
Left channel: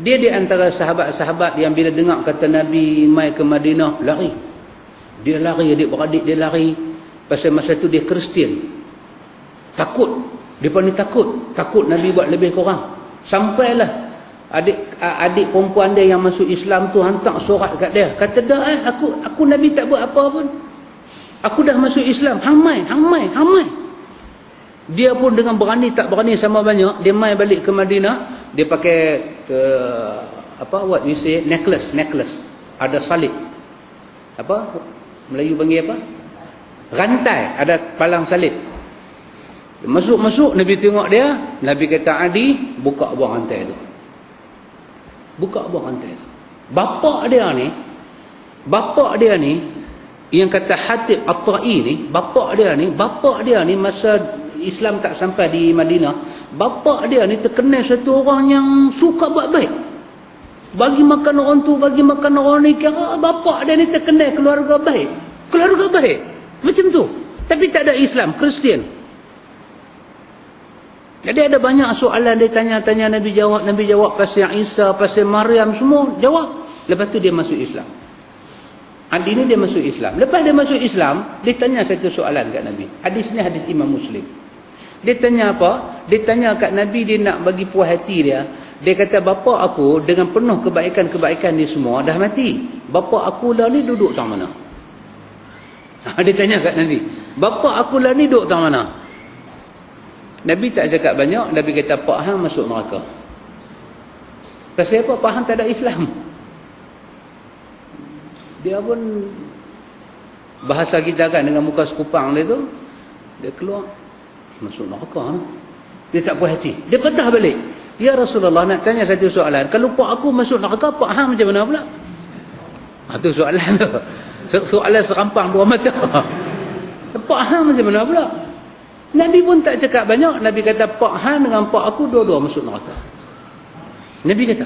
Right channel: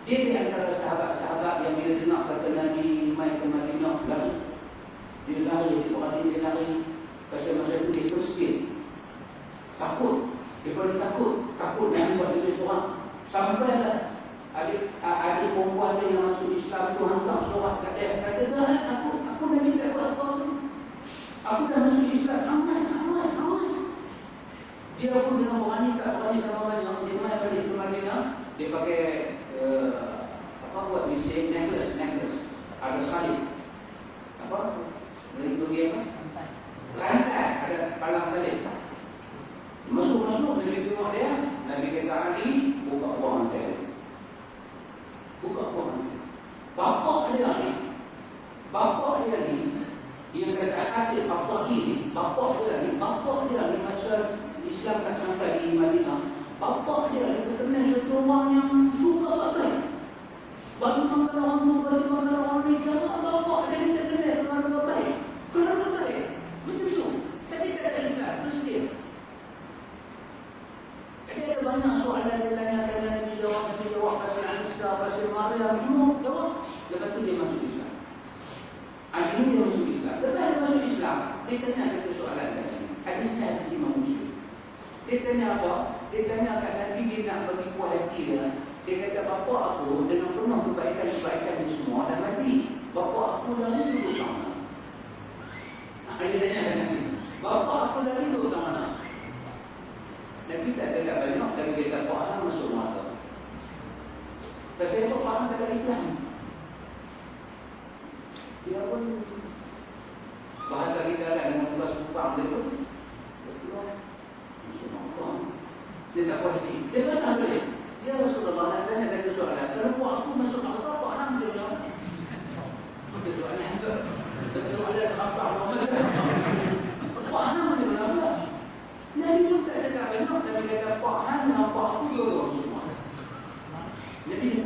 dia di antara sahabat-sahabat yang bila dengar kata Nabi mai ke Madinah, lari. Dia lari, adik-beradik dia lari. Pasal masa tu dia Kristian. Takut. Depa ni takut Nabi buat lebih kurang. Sampailah adik perempuan dia yang masuk Islam tu hantar surat kat dia. Kata dah aku Nabi tak buat apa pun. Aku dah masuk Islam. Hang mai. Dia pun dengan berani tak berani sama banyak, dia mai balik ke Madinah, dia pakai what we say, necklace. Ada salib. Apa? Melayu panggil apa? Rantai, ada palang salib. Masuk, Nabi tengok dia, Nabi kata Adi, buka buang rantai tu. Bapa dia ni yang kata Hatib At-Tai ni, bapa dia ni masa Islam tak sampai di Madinah, bapa dia ni terkenal satu orang yang suka buat baik. Bagi makan orang tu, bagi makan orang ni, kira bapa dia ni terkenal keluarga baik. Macam tu. Tapi tak ada Islam, Kristian. Jadi ada banyak soalan dia tanya Nabi jawab pasal Isa, pasal Maryam, semua jawab. Lepas tu dia masuk Islam. Adi ni dia masuk Islam. Lepas dia masuk Islam, dia tanya satu soalan kat Nabi. Hadis ni hadis Imam Muslim. Dia tanya apa? Dia tanya kat Nabi, dia nak bagi puas hati dia. Dia kata, bapa aku dengan penuh kebaikan-kebaikan ni semua dah mati. Bapa aku lah ni duduk tang mana? Dia tanya kat Nabi, bapa aku lah ni duduk tang mana? Nabi tak cakap banyak. Nabi kata, Pak Hang masuk neraka. Pasal apa? Pak Hang tak ada Islam. Dia pun bahasa kita kan dengan muka sekupang dia tu, dia keluar masuk neraka. Dia tak puas hati, dia patah balik. Ya Rasulullah, nak tanya satu soalan. Kalau pak aku masuk neraka, Pak Hang macam mana pula? Itu soalan tu. Soalan serampang dua mata. Pak Hang macam mana pula? Nabi pun tak cakap banyak. Nabi kata, Pak Hang dengan pak aku dua-dua masuk neraka. Nabi kata,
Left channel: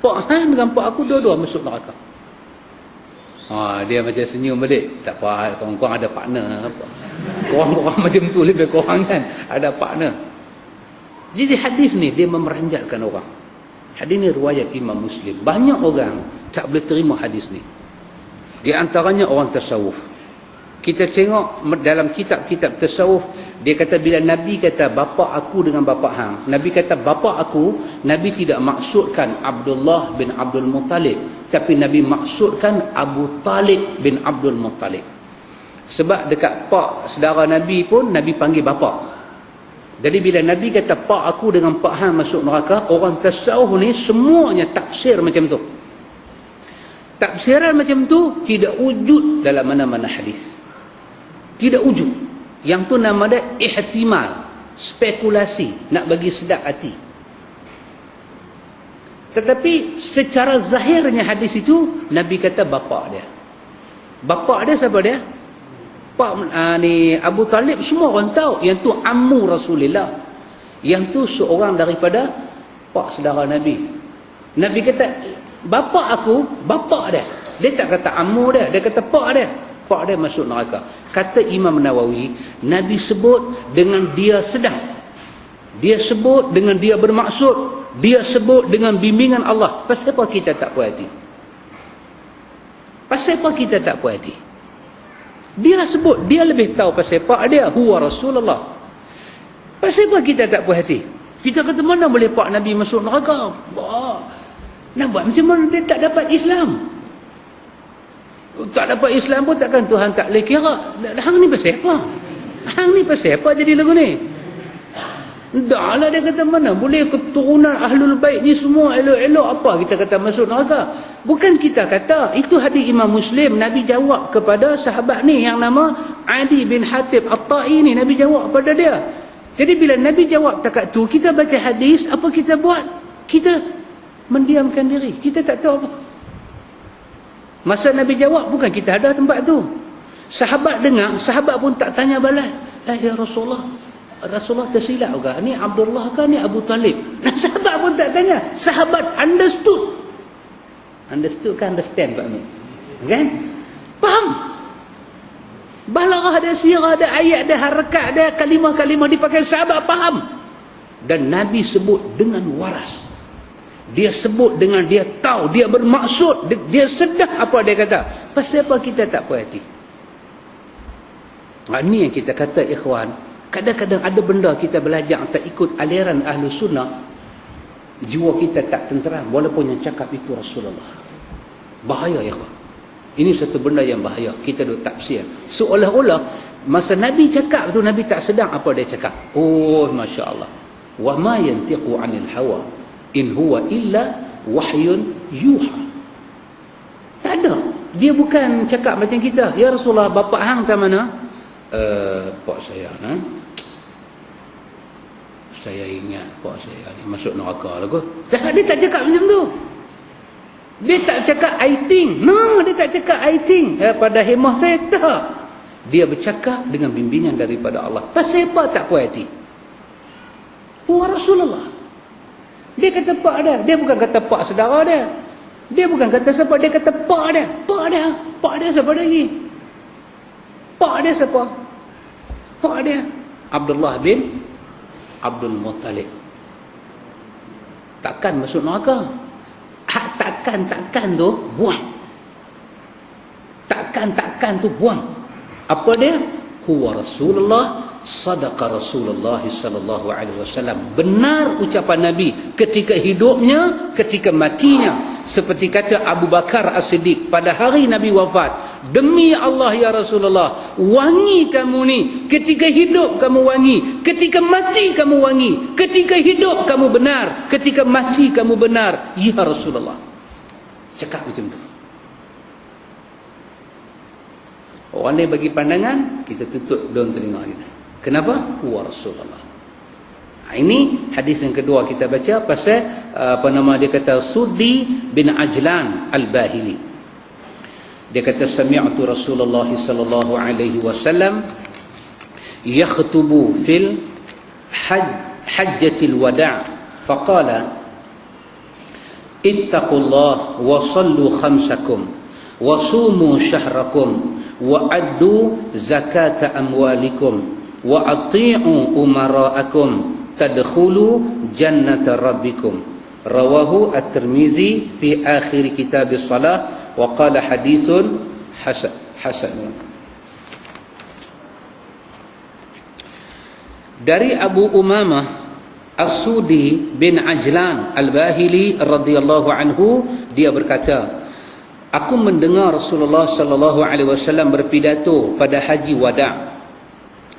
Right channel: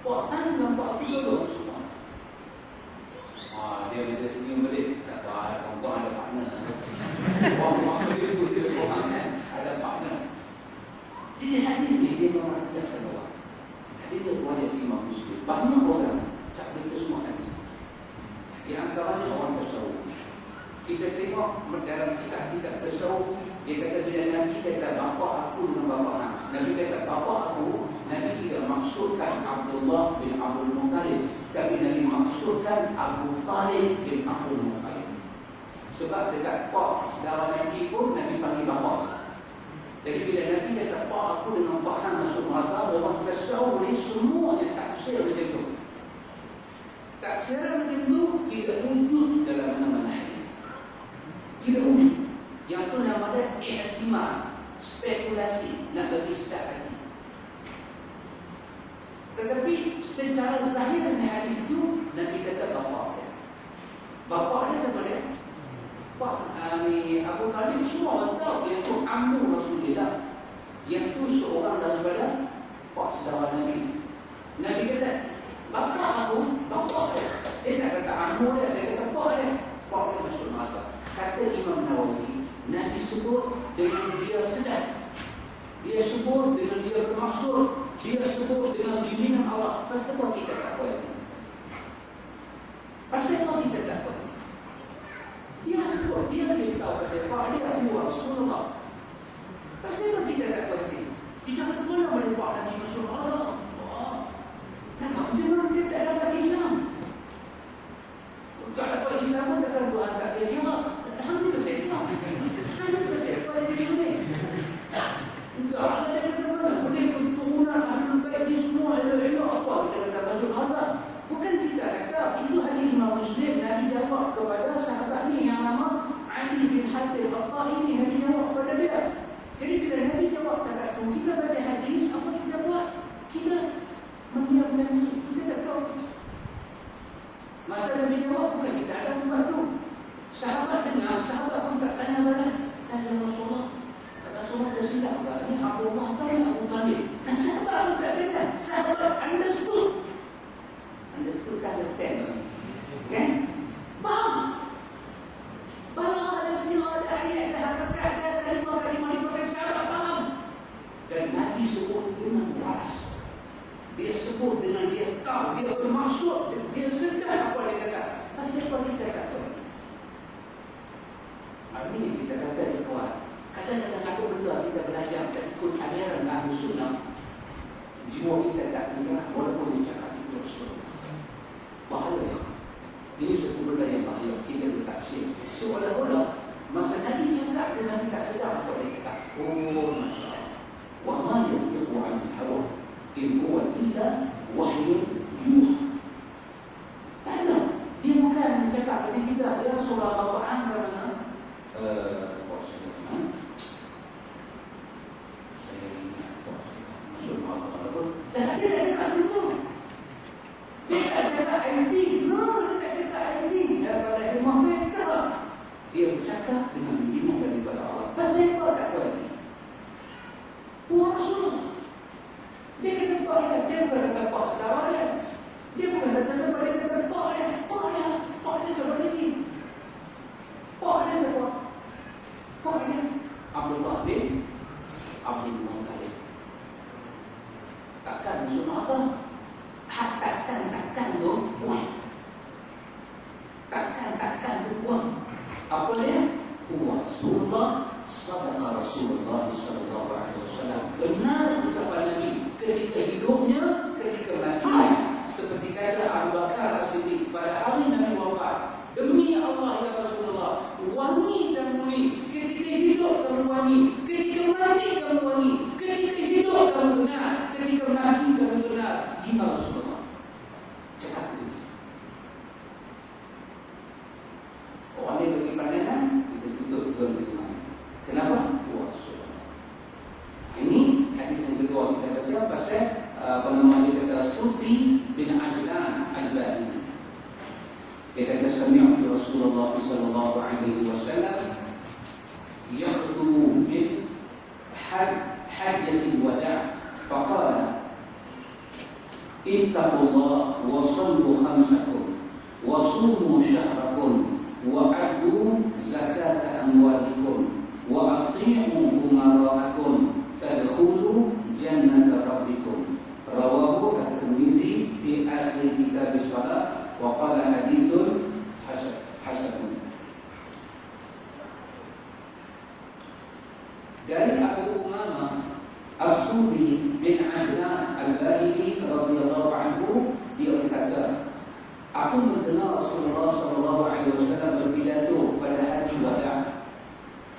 Pak Hang dengan pak aku dua-dua masuk neraka. Dia macam senyum balik. Tak apa, korang ada partner. Korang macam tu lebih kurang kan, ada partner. Jadi hadis ni dia memeranjatkan orang. Hadis ni riwayat Imam Muslim. Banyak orang tak boleh terima hadis ni. Di antaranya orang tasawuf. Kita tengok dalam kitab-kitab tasawuf, dia kata bila Nabi kata bapa aku dengan bapa hang, Nabi kata bapa aku, Nabi tidak maksudkan Abdullah bin Abdul Muttalib, tapi Nabi maksudkan Abu Talib bin Abdul Muttalib. Sebab dekat pak saudara Nabi pun Nabi panggil bapa. Jadi bila Nabi kata pak aku dengan pak hang masuk neraka, orang tasawuf ni semuanya tafsir macam tu. Tafsiran macam tu tidak wujud dalam mana-mana hadis. Tidak wujud. Yang tu nama dia ihtimal, spekulasi, nak bagi sedap hati. Tetapi secara zahirnya hadis itu Nabi kata bapa dia. Bapa dia siapa dia? Pak ni Abu Talib, semua orang tahu yang tu ammu Rasulullah. Yang tu seorang daripada pak saudara Nabi. Nabi kata bapa aku, bapa dia. Dia tak kata ammu dia, dia kata pak dia. Pak dia masuk neraka. Kata Imam Nawawi, Nabi sebut dengan dia sedang. Dia sebut dengan dia bermaksud. Dia sebut dengan bimbingan Allah. Pasal apa kita tak puas hati? Pasal apa kita tak puas hati? Dia sebut, dia lebih tahu pasal pak dia, huwa Rasulullah. Pasal apa kita tak puas hati? Kita kata mana boleh pak Nabi masuk neraka? Nak buat macam mana dia tak dapat Islam? Tak dapat Islam pun takkan Tuhan tak boleh kira. Hang ni pasal apa? Hang ni pasal apa jadi lagu ni? Dah lah, dia kata mana boleh keturunan Ahlul Bait ni semua elok-elok apa kita kata masuk neraka? Bukan kita kata. Itu hadis Imam Muslim. Nabi jawab kepada sahabat ni yang nama Adi bin Hatib At-Tai ni. Nabi jawab kepada dia. Jadi bila Nabi jawab takat tu, kita baca hadis, apa kita buat? Kita mendiamkan diri. Kita tak tahu apa. Masa Nabi jawab, bukan kita ada tempat tu. Sahabat dengar, sahabat pun tak tanya balik. Ya Rasulullah, Rasulullah tersilap ke? Ni Abdullah ke? Ni Abu Talib? Sahabat pun tak tanya. Sahabat understood. Understood kan understand Pak Min? Kan? Faham? Balaghah ada sirah, ada ayat, ada harakat, ada kalimah-kalimah dipakai, sahabat faham. Dan Nabi sebut dengan waras. Dia sebut dengan dia tahu, dia bermaksud, dia sedar apa dia kata. Pasal apa kita tak perhati? Ini yang kita kata ikhwan, kadang-kadang ada benda kita belajar tak ikut aliran ahli sunnah, jiwa kita tak tenteram walaupun yang cakap itu Rasulullah. Bahaya ya. Ini satu benda yang bahaya. Kita duk tafsir seolah-olah masa Nabi cakap tu Nabi tak sedang apa dia cakap. Oh masya-Allah. Wa ma yantiqu 'anil hawa in huwa illa wahyun yuha. Tak ada. Dia bukan cakap macam kita. Ya Rasulullah, bapa hang tak mana? Pak saya saya ingat pak saya ni masuk neraka lah kot. Dia tak cakap macam tu. Dia tak cakap I think. No, dia tak cakap I think. Pada hemah saya tak. Dia bercakap dengan bimbingan daripada Allah. Pasal apa tak puas hati? Puas Rasulullah. Dia kata pak dia. Dia bukan kata pak saudara dia. Dia bukan kata siapa. Dia kata pak dia. Pak dia. Pak dia siapa lagi? Pak dia siapa? Pak dia Abdullah bin Abdul Muttalib. Takkan masuk neraka. Takkan tu buang. Takkan tu buang. Apa dia? Huwa Rasulullah, sadaqa Rasulullah sallallahu alaihi wasallam. Benar ucapan Nabi ketika hidupnya, ketika matinya. Seperti kata Abu Bakar As-Siddiq pada hari Nabi wafat, demi Allah ya Rasulullah, wangi kamu ni, ketika hidup kamu wangi, ketika mati kamu wangi, ketika hidup kamu benar, ketika mati kamu benar ya Rasulullah. Cakap macam tu. Orang lain bagi pandangan, kita tutup daun telinga kita. Kenapa? Wa Rasulullah. Ini hadis yang kedua kita baca pasal dia kata Sudi bin Ajlan Al-Bahili. Dia kata sami'tu Rasulullah sallallahu alaihi wasallam yakhtubu fil hajjatil wada' faqala ittaqullah wa sallu khamsakum wa sumu syahrakum wa addu zakata amwalikum wa ati'u umara'akum tadkhulu jannata rabbikum. Rawahu At-Tirmizi fi akhir kitab as-salah wa qala hadithun hasan. Dari Abu Umamah As-Sudi bin Ajlan Al-Bahili radhiyallahu anhu, dia berkata, aku mendengar Rasulullah sallallahu alaihi wasallam berpidato pada haji wada'.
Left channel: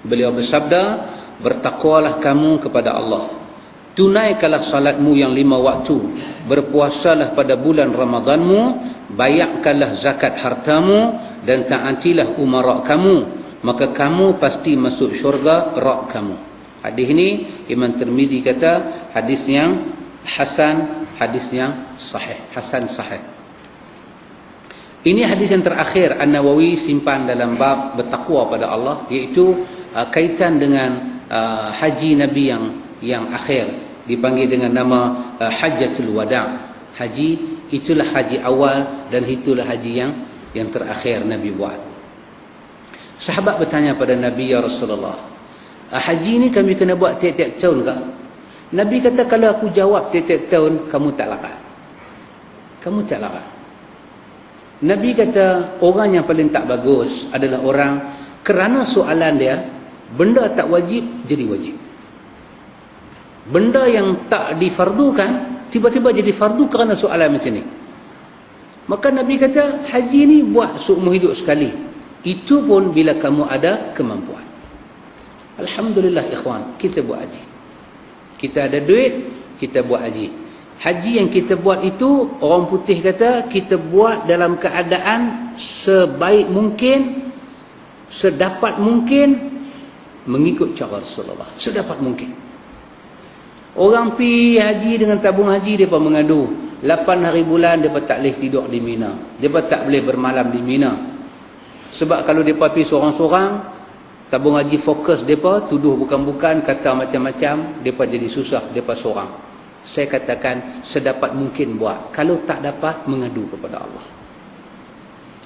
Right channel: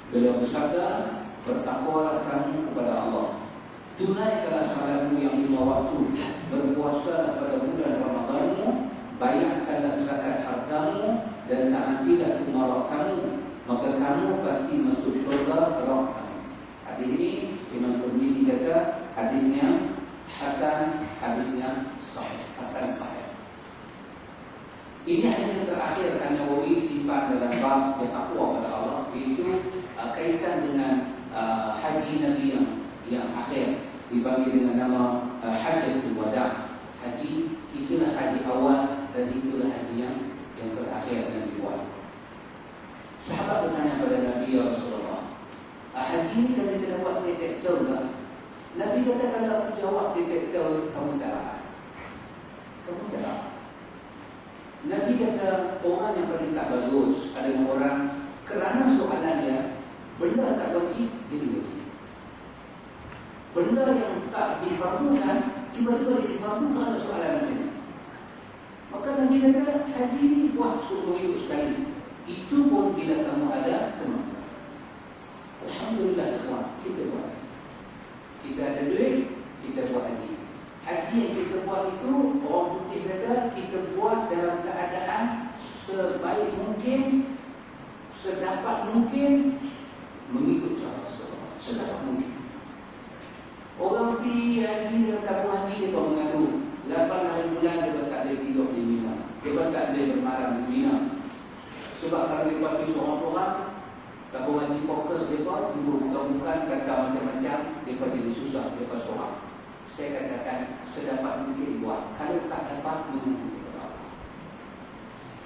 Beliau bersabda, bertakwalah kamu kepada Allah, tunaikanlah salatmu yang 5 waktu, berpuasalah pada bulan Ramadanmu, bayarkanlah zakat hartamu, dan taatilah umara kamu, maka kamu pasti masuk syurga Rabb kamu. Hadis ini Imam Tirmizi kata hadis yang hasan, hadis yang sahih, hasan sahih. Ini hadis yang terakhir An-Nawawi simpan dalam bab bertakwa pada Allah, iaitu kaitan dengan haji Nabi yang akhir, dipanggil dengan nama Hajjatul Wada'. Haji itulah haji awal dan itulah haji yang terakhir Nabi buat. Sahabat bertanya pada Nabi, ya Rasulullah, haji ni kami kena buat tiap-tiap tahun ke? Nabi kata, kalau aku jawab tiap-tiap tahun, kamu tak larat. Kamu tak larat. Nabi kata, orang yang paling tak bagus adalah orang kerana soalan dia, benda tak wajib jadi wajib. Benda yang tak difardukan tiba-tiba jadi fardu kerana soalan macam ni. Maka Nabi kata, haji ni buat seumur hidup sekali. Itu pun bila kamu ada kemampuan. Alhamdulillah ikhwan, kita buat haji. Kita ada duit, kita buat haji. Haji yang kita buat itu, orang putih kata, kita buat dalam keadaan sebaik mungkin, sedapat mungkin, mengikut cara Rasulullah sedapat mungkin. Orang pi haji dengan tabung haji, mereka mengadu 8 hari bulan mereka tak boleh tidur di Mina, mereka tak boleh bermalam di Mina. Sebab kalau mereka pi seorang-seorang, tabung haji fokus mereka, tuduh bukan-bukan, kata macam-macam, mereka jadi susah, mereka seorang. Saya katakan sedapat mungkin buat. Kalau tak dapat, mengadu kepada Allah.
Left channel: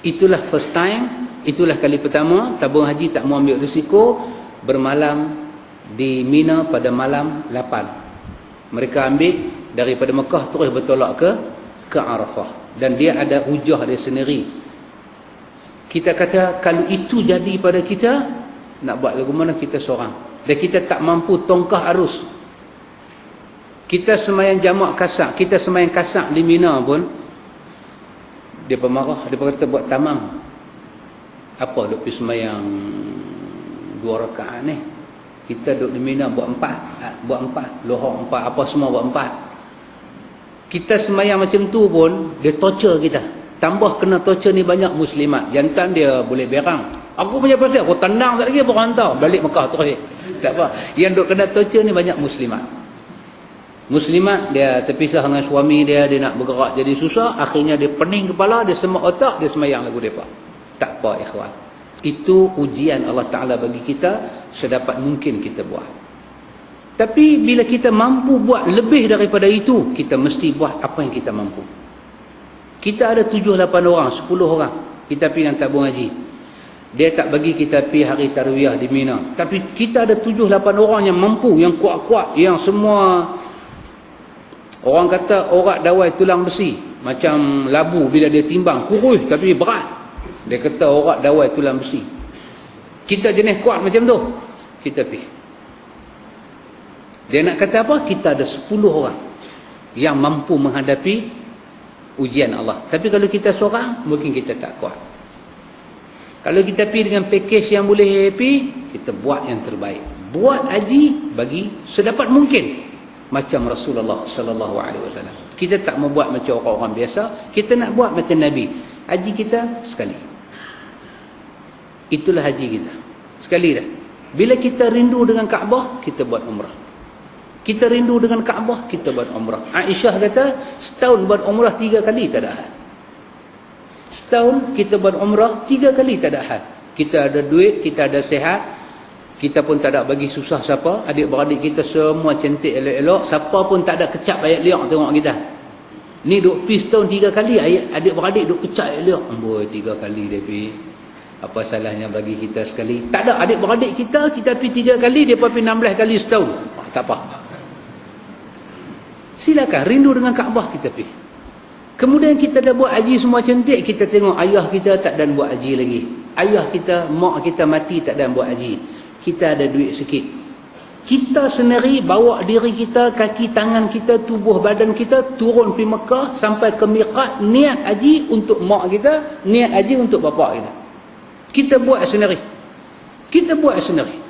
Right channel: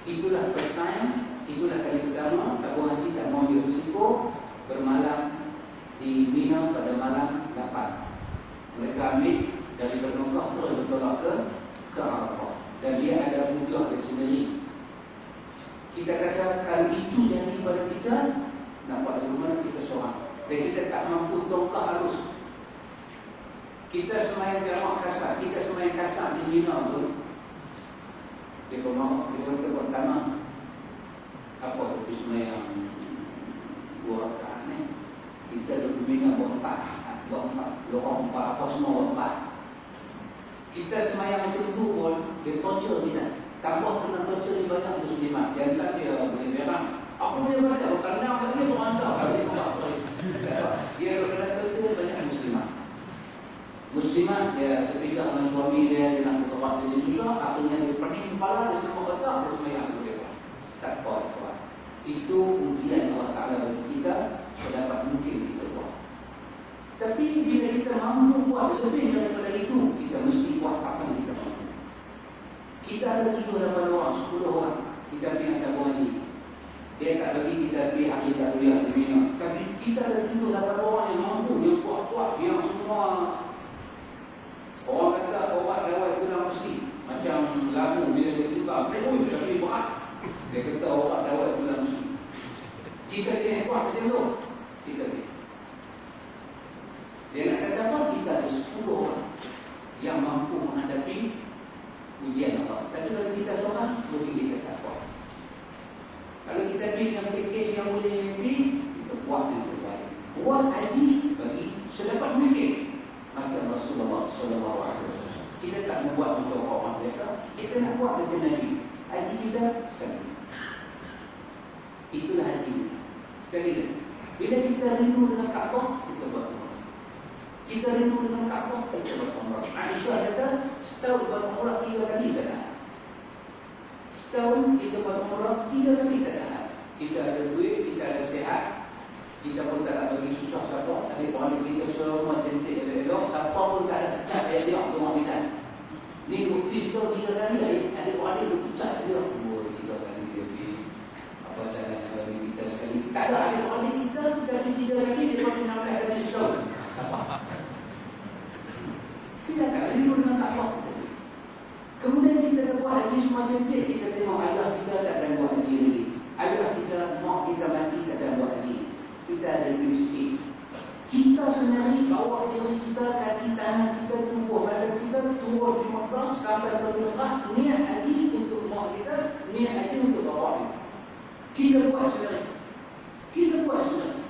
Itulah first time, itulah kali pertama tabung haji tak mau ambil risiko bermalam di Mina pada malam 8. Mereka ambil daripada Mekah terus bertolak ke Arafah, dan dia ada hujah dia sendiri. Kita kata kalau itu jadi pada kita, nak buat lagu mana kita seorang, dan kita tak mampu tongkah arus. Kita semayang jamak kasak, kita semayang kasak di Mina pun dia pemarah, dia kata buat tamam. Apa dia pergi semayang 2 rakaat ni, kita duduk di Mina buat 4, lohor 4, apa semua buat 4. Kita semayang macam tu pun dia torture kita. Tambah kena torture ni banyak muslimat. Jantan dia boleh berang, aku punya pasal aku tendang tak lagi, aku hantar balik Mekah terus. Tak apa. Yang duk kena torture ni banyak muslimat. Muslimat dia terpisah dengan suami dia, dia nak bergerak jadi susah, akhirnya dia pening kepala, dia semak otak, dia semayang lagu depa. Tak apa ikhwan. Itu ujian Allah Ta'ala bagi kita, sedapat mungkin kita buat. Tapi bila kita mampu buat lebih daripada itu, kita mesti buat apa yang kita mampu. Kita ada 7-8 orang, 10 orang, kita pergi dengan tabung haji. Dia tak bagi kita pergi hari tarwiyah di Mina, tapi kita ada 7-8 orang yang mampu, yang kuat-kuat, yang semua orang kata orat dawai tulang besi, macam labu bila dia timbang kurus tapi berat. Dia kata orat dawai tulang besi. Kita jenis kuat macam tu, kita pergi. Dia nak kata apa? Kita ada 10 orang yang mampu menghadapi ujian Allah. Tapi kalau kita seorang, mungkin kita tak kuat. Kalau kita pergi dengan package yang boleh happy, kita buat yang terbaik. Buat haji bagi sedapat mungkin macam Rasulullah sallallahu alaihi wasallam. Kita tak mau buat macam orang-orang biasa, kita nak buat macam Nabi. Haji kita sekali. Itulah haji kita. Sekali dah. Bila kita rindu dengan Kaabah, kita buat umrah. Kita rindu dengan Kaabah, kita buat umrah. Aisyah kata, setahun buat umrah 3 kali tak ada had. Setahun kita buat umrah 3 kali tak ada had. Kita ada duit, kita ada sihat, kita pun tak ada bagi susah siapa. Adik-beradik kita semua cantik elok-elok, siapa pun tak ada kecap ayat liang tengok kita. Ni duk pergi setahun 3 kali, adik-beradik duk kecap ayat liang. Amboi 3 kali dia pergi. Apa salahnya bagi kita sekali? Tak ada, adik-beradik kita pergi 3 kali, dia pergi 16 kali setahun. Tak apa. Silakan, rindu dengan Kaabah kita pergi. Kemudian kita dah buat haji semua cantik, kita tengok ayah kita tak dan buat haji lagi. Ayah kita, mak kita mati tak dan buat haji. Kita ada duit sikit. Kita sendiri bawa diri kita, kaki tangan kita, tubuh badan kita turun pergi Mekah sampai ke miqat, niat haji untuk mak kita, niat haji untuk bapa kita. Kita buat sendiri. Kita buat sendiri.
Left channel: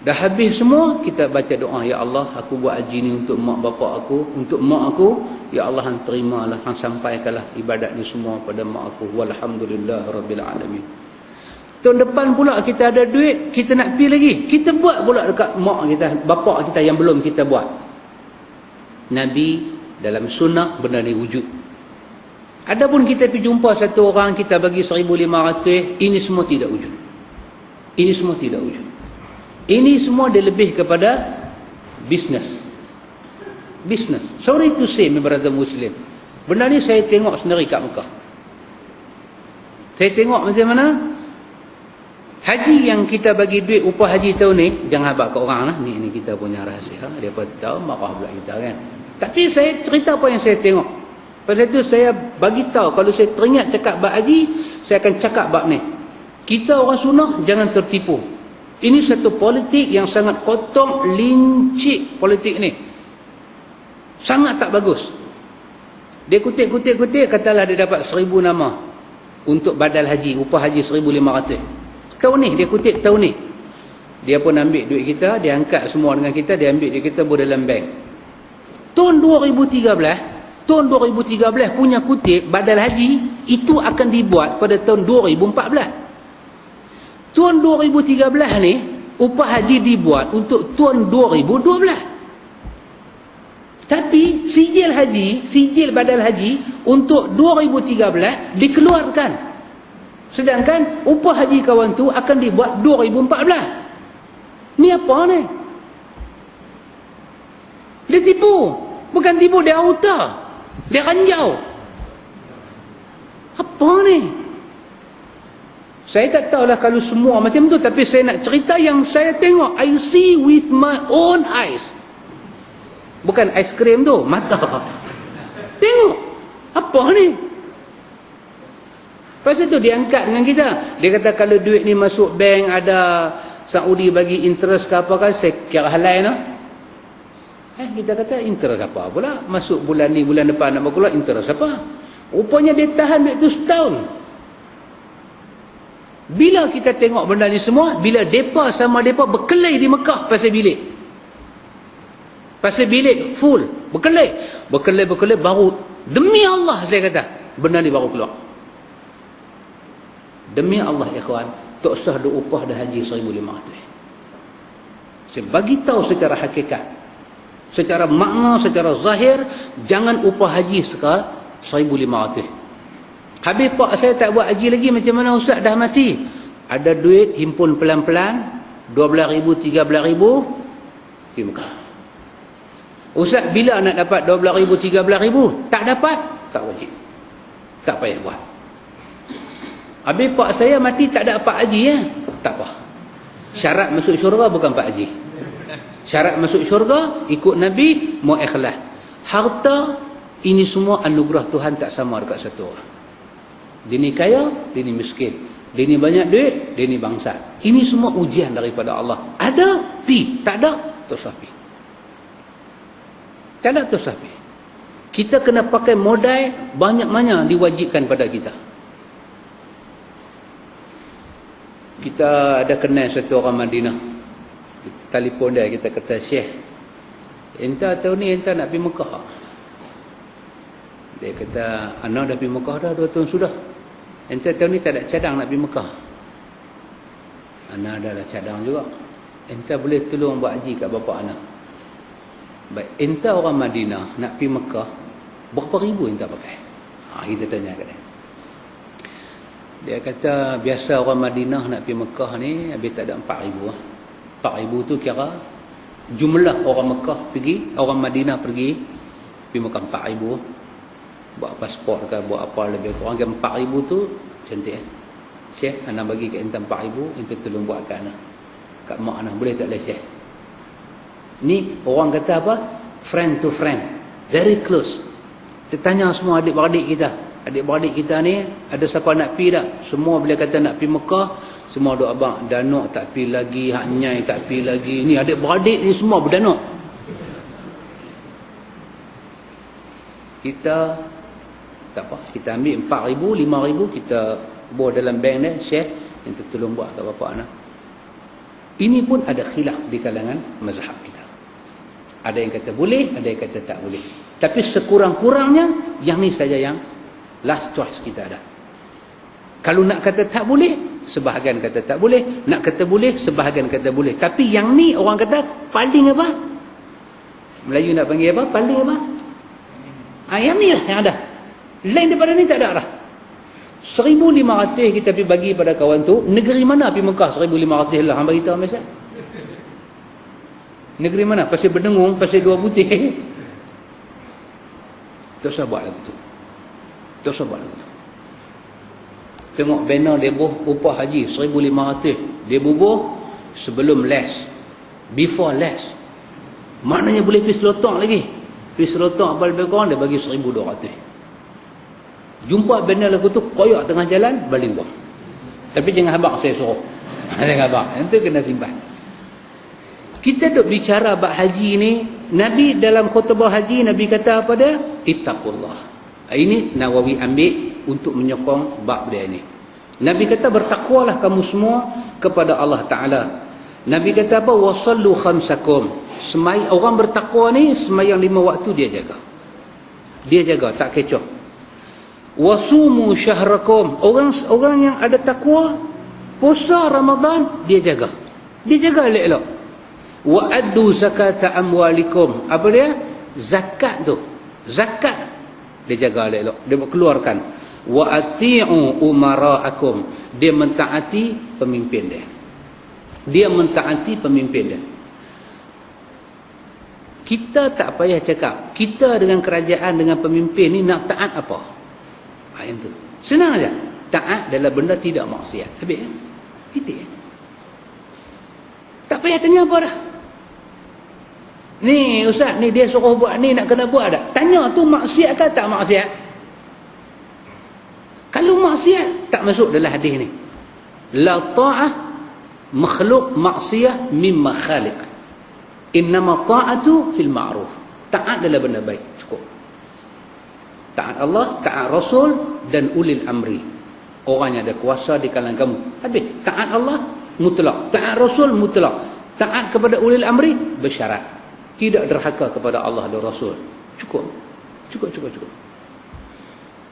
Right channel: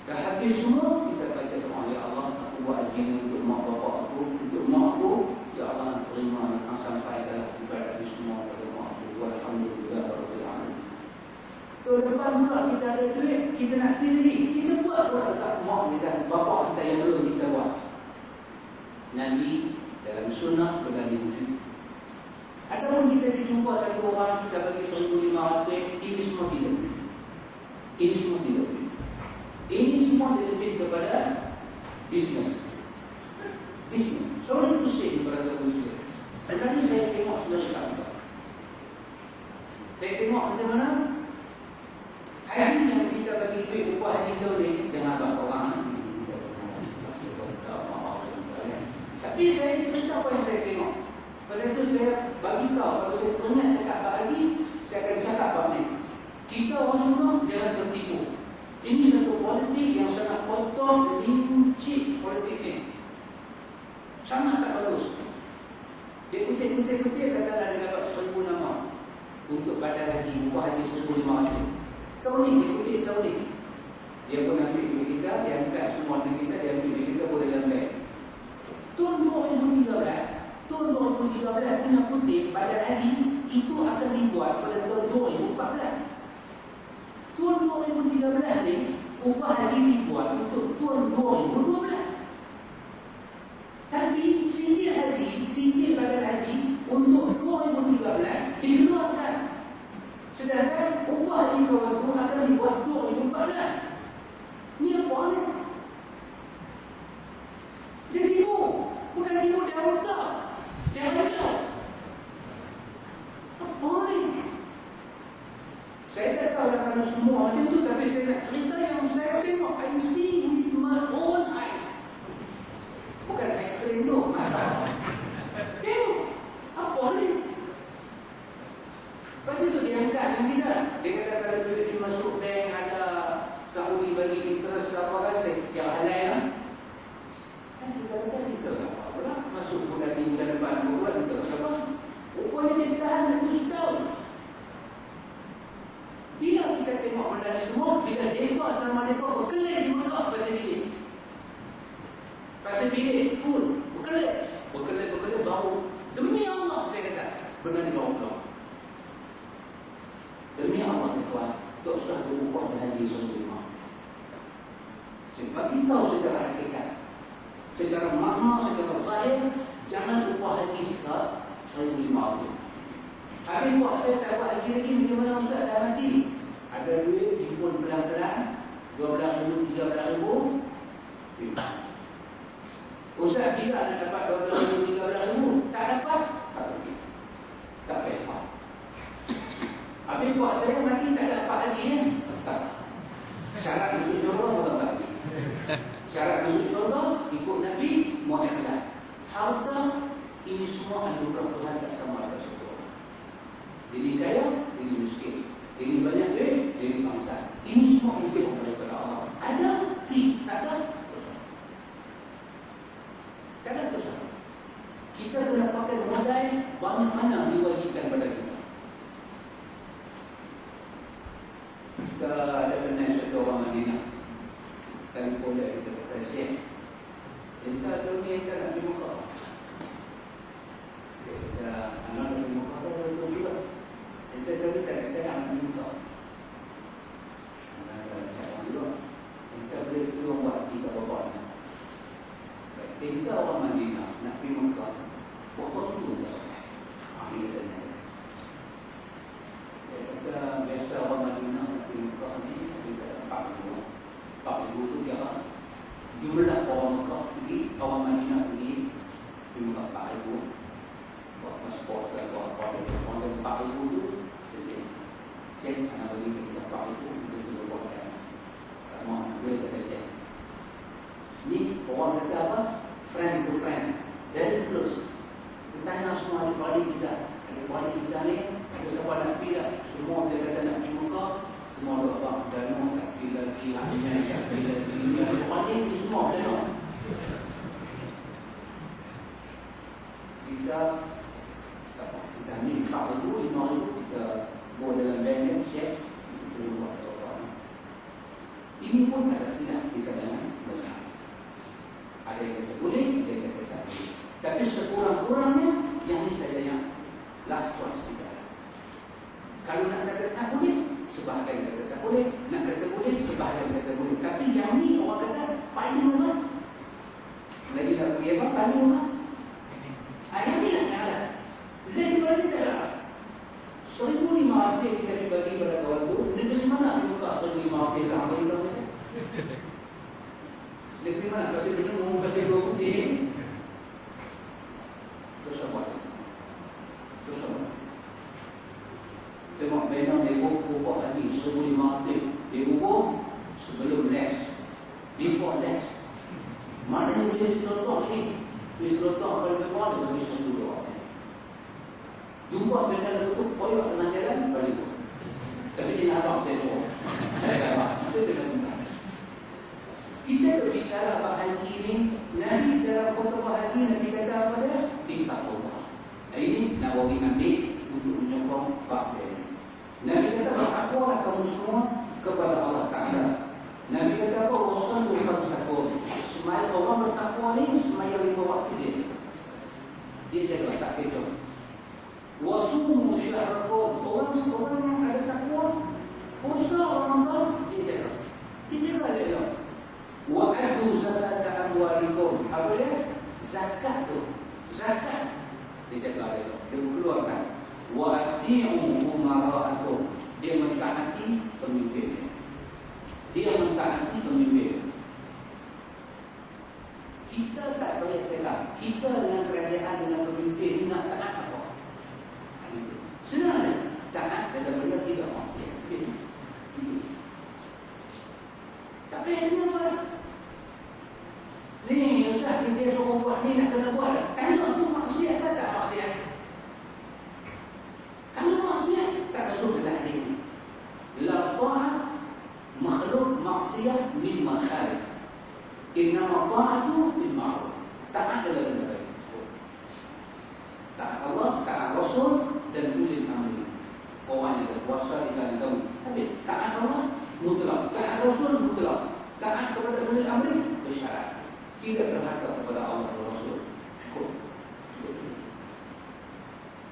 Dah habis semua, kita baca doa, ya Allah, aku buat haji ni untuk mak bapak aku, untuk mak aku, ya Allah, hang terimalah, hang sampaikanlah ibadat ni semua pada mak aku. Walhamdulillah rabbil alamin. Tahun depan pula kita ada duit, kita nak pergi lagi, kita buat pula dekat mak kita, bapak kita yang belum kita buat. Nabi dalam sunnah benda ni wujud. Adapun kita pergi jumpa satu orang, kita bagi 1,500, ini semua tidak wujud. Ini semua tidak wujud. Ini semua dia lebih kepada bisnes. Bisnes. Sorry to say, my brother Muslim. Benda ni saya tengok sendiri kat Mekah. Saya tengok macam mana haji yang kita bagi duit upah haji tahun ni, jangan habaq kat orang lah. Ni kita punya rahsia. Dia pun tahu, marah pula kita kan. Tapi saya cerita apa yang saya tengok. Pada itu saya bagi tahu, kalau saya teringat cakap bab haji, saya akan cakap bab ni. Kita orang sunnah jangan tertipu. Ini satu politik yang sangat kotor, lincik politik ni. Sangat tak bagus. Dia kutip, katalah dia dapat 1,000 nama untuk badal haji, upah haji 1,500. Tahun ni, dia kutip tahun ni. Dia pun ambil duit kita, dia angkat semua dengan kita, dia ambil duit kita buat dalam bank. Tahun 2013 punya kutip badal haji, itu akan dibuat pada tahun 2014. Tahun 2013 ni upah haji dibuat untuk tahun 2012. Tapi sijil badal haji untuk 2013 dikeluarkan. Sedangkan upah haji kawan tu akan dibuat 2014. Ni apa ni? Dia tipu. Bukan tipu, dia auta. Dia ranjau. Apa ni? Saya tak tahulah kalau semua macam tu, tapi saya nak cerita yang saya tengok. I see with my own eyes. Bukan aiskrim tu, mata. Tengok. Apa ni? Lepas tu dia angkat dengan kita. Dia kata kalau duit ni masuk bank, ada Saudi bagi interest ke apa kan, saya kira halal no? Kita kata interest apa pula? Masuk bulan ni, bulan depan nak berkeluar, interest apa? Rupanya dia tahan duit tu setahun. Bila kita tengok benda ni semua, bila depa sama depa berkelai di Mekah pasal bilik. Pasal bilik full, berkelai baru, demi Allah saya kata, benda ni baru keluar. Demi Allah ikhwan, tak sah ada upah dah haji 1,500. Saya bagi tahu secara hakikat, secara makna, secara zahir, jangan upah haji sekarang 1,500. Habis pak saya tak buat haji lagi, macam mana ustaz dah mati? Ada duit himpun pelan-pelan, 12,000, 13,000 pergi Mekah. Ustaz bila nak dapat 12,000, 13,000? Tak dapat, tak wajib, tak payah buat. Habis pak saya mati tak ada apa haji tak apa. Syarat masuk syurga bukan pak haji. Syarat masuk syurga ikut Nabi, mau ikhlas. Harta ini semua anugerah Tuhan, tak sama dekat satu orang. Dia ni kaya, dia ni miskin. Dia ni banyak duit, dia ni bangsa. Ini semua ujian daripada Allah. Ada, pi. Tak ada, tersapi. Tak ada, tersapi. Kita kena pakai modal banyak-banyak diwajibkan pada kita. Kita ada kenal satu orang Madinah. Kita telefon dia, kita kata, Syekh, entah tahun ni entah nak pergi Mekah. Dia kata, anak dah pergi Mekah dah 2 tahun sudah. Entah tahun ni tak ada cadang nak pergi Mekah. Anak dah ada cadang juga. Entah boleh tolong buat haji kat bapa anak. Baik, entah orang Madinah nak pergi Mekah, berapa ribu entah pakai? Kita tanya kat dia. Dia kata, biasa orang Madinah nak pergi Mekah ni, habis tak ada 4,000. 4,000 tu kira jumlah orang Mekah pergi, orang Madinah pergi Mekah 4,000. Buat pasport ke, buat apa lebih kurang kan 4,000 tu cantik. Syekh, anak bagi kat entah 4,000, entah tolong buat kat anak, kat mak anak, boleh tak boleh Syekh? Ni orang kata apa? Friend to friend, very close. Kita tanya semua adik-beradik kita. Adik-beradik kita ni, ada siapa nak pergi tak? Semua bila kata nak pergi Mekah, semua duk abang, Danok tak pergi lagi, Hak Nyai tak pergi lagi. Ni adik-beradik ni semua berdanok. Kita tak apa, kita ambil 4,000, 5,000, kita bawa dalam bank ni, Syekh, kita tolong buat kat bapa anak. Ini pun ada khilaf di kalangan mazhab kita. Ada yang kata boleh, ada yang kata tak boleh. Tapi sekurang-kurangnya, yang ni saja yang last choice kita ada. Kalau nak kata tak boleh, sebahagian kata tak boleh. Nak kata boleh, sebahagian kata boleh. Tapi yang ni orang kata paling apa? Melayu nak panggil apa? Paling apa? Yang ni lah yang ada. Lain daripada ni tak ada lah. 1,500 kita pergi bagi pada kawan tu. Negeri mana pergi Mekah 1,500 lah? Hang bagi tahu Malaysia. Negeri mana? Pasal Benengung, pasal Dua Putih. Tak usah buat lagu tu. Tak usah buat lagu tu. Tengok banner dia upah haji 1,500. Dia bubuh sebelum les, before les. Maknanya boleh pergi selotong lagi. Pergi selotong apa lebih kurang, dia bagi 1,200. Jumpa banner lagu tu, koyak tengah jalan, balik buang. Tapi jangan habaq saya suruh. Jangan habaq. Nanti kena simpan. Kita duk bicara bab haji ni, Nabi dalam khutbah haji, Nabi kata apa dia? Ittaqullah. Ini Nawawi ambil untuk menyokong bab dia ni. Nabi kata bertakwalah kamu semua kepada Allah Ta'ala. Nabi kata apa? Wasallu khamsakum. Orang bertakwa ni, semayang 5 waktu dia jaga. Dia jaga, tak kecoh. Wasumu syahrakum. Orang yang ada takwa, Puasa Ramadan dia jaga. Dia jaga elok-elok. Wa addu zakata amwalikum. Apa dia? Zakat tu. Zakat dia jaga elok-elok. Dia keluarkan. Wa ati'u umara'akum. Dia mentaati pemimpin dia. Dia mentaati pemimpin dia. Kita tak payah cakap. Kita dengan kerajaan, dengan pemimpin ni nak taat apa? Itu. Senang aja. Taat adalah benda tidak maksiat. Habis. Titik. Tak payah tanya apa dah. Ni ustaz, ni dia suruh buat ni, nak kena buat tak? Tanya tu maksiat ke tak maksiat? Kalau maksiat, tak masuk dalam hadis ni. La ta'ah makhluk maksiat mimma khaliq. Innama ta'atu fil ma'ruf. Taat adalah benda baik. Cukup. Taat Allah, taat Rasul dan ulil amri. Orang yang ada kuasa di kalangan kamu. Habis. Taat Allah mutlak. Taat Rasul mutlak. Taat kepada ulil amri bersyarat. Tidak derhaka kepada Allah dan Rasul. Cukup. Cukup.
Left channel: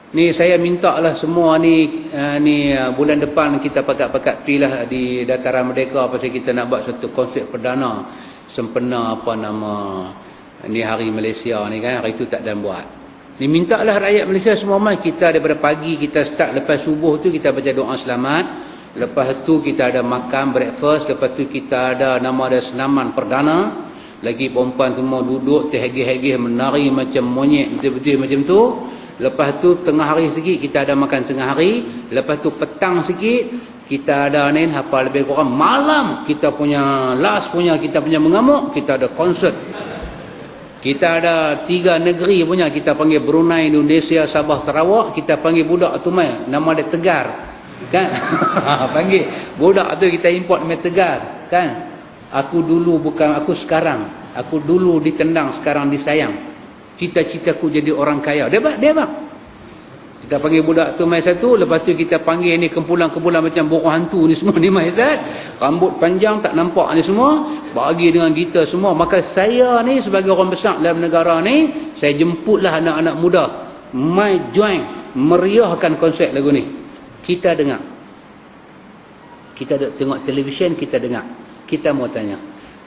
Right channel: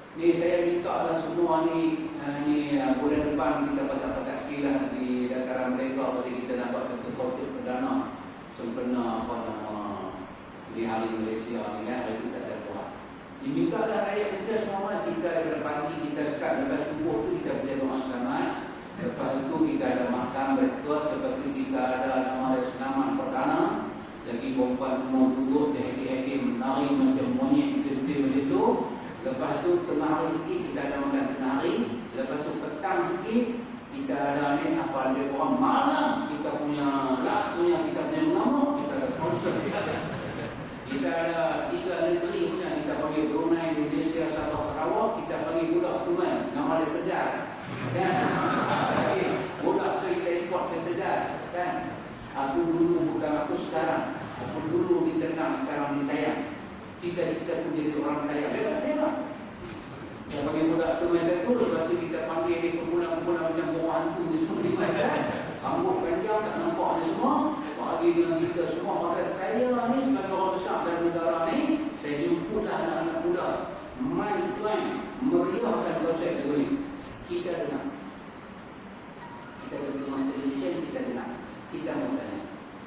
Ni saya minta lah semua ni bulan depan kita pakat-pakat pilah di Dataran Merdeka pasal kita nak buat satu konsep perdana sempena apa nama ni Hari Malaysia ni kan. Hari tu tak ada buat. Ni minta lah rakyat Malaysia semua mai kita daripada pagi kita start lepas subuh tu kita baca doa selamat. Lepas tu kita ada makan breakfast, lepas tu kita ada nama ada senaman perdana. Lagi perempuan semua duduk terhegih-hegih menari macam monyet betul-betul macam tu. Lepas tu tengah hari sikit kita ada makan tengah hari. Lepas tu petang sikit kita ada ni apa lebih kurang malam kita punya last punya kita punya mengamuk, kita ada konsert. Kita ada 3 negeri punya, kita panggil Brunei, Indonesia, Sabah, Sarawak. Kita panggil budak tu mai, nama dia Tegar kan. Panggil budak tu kita import mai Tegar kan. Aku dulu bukan aku sekarang. Aku dulu ditendang, sekarang disayang. Cita-citaku jadi orang kaya. Dia bang. Kita panggil budak tu mai satu. Lepas tu kita panggil ni kumpulan-kumpulan macam burung hantu ni semua ni mai Ustaz. Rambut panjang tak nampak ni semua. Bagi dengan kita semua. Maka saya ni sebagai orang besar dalam negara ni, saya jemputlah anak-anak muda. Mai join. Meriahkan konsep lagu ni. Kita dengar. Kita tengok televisyen, kita dengar. Kita mau tanya.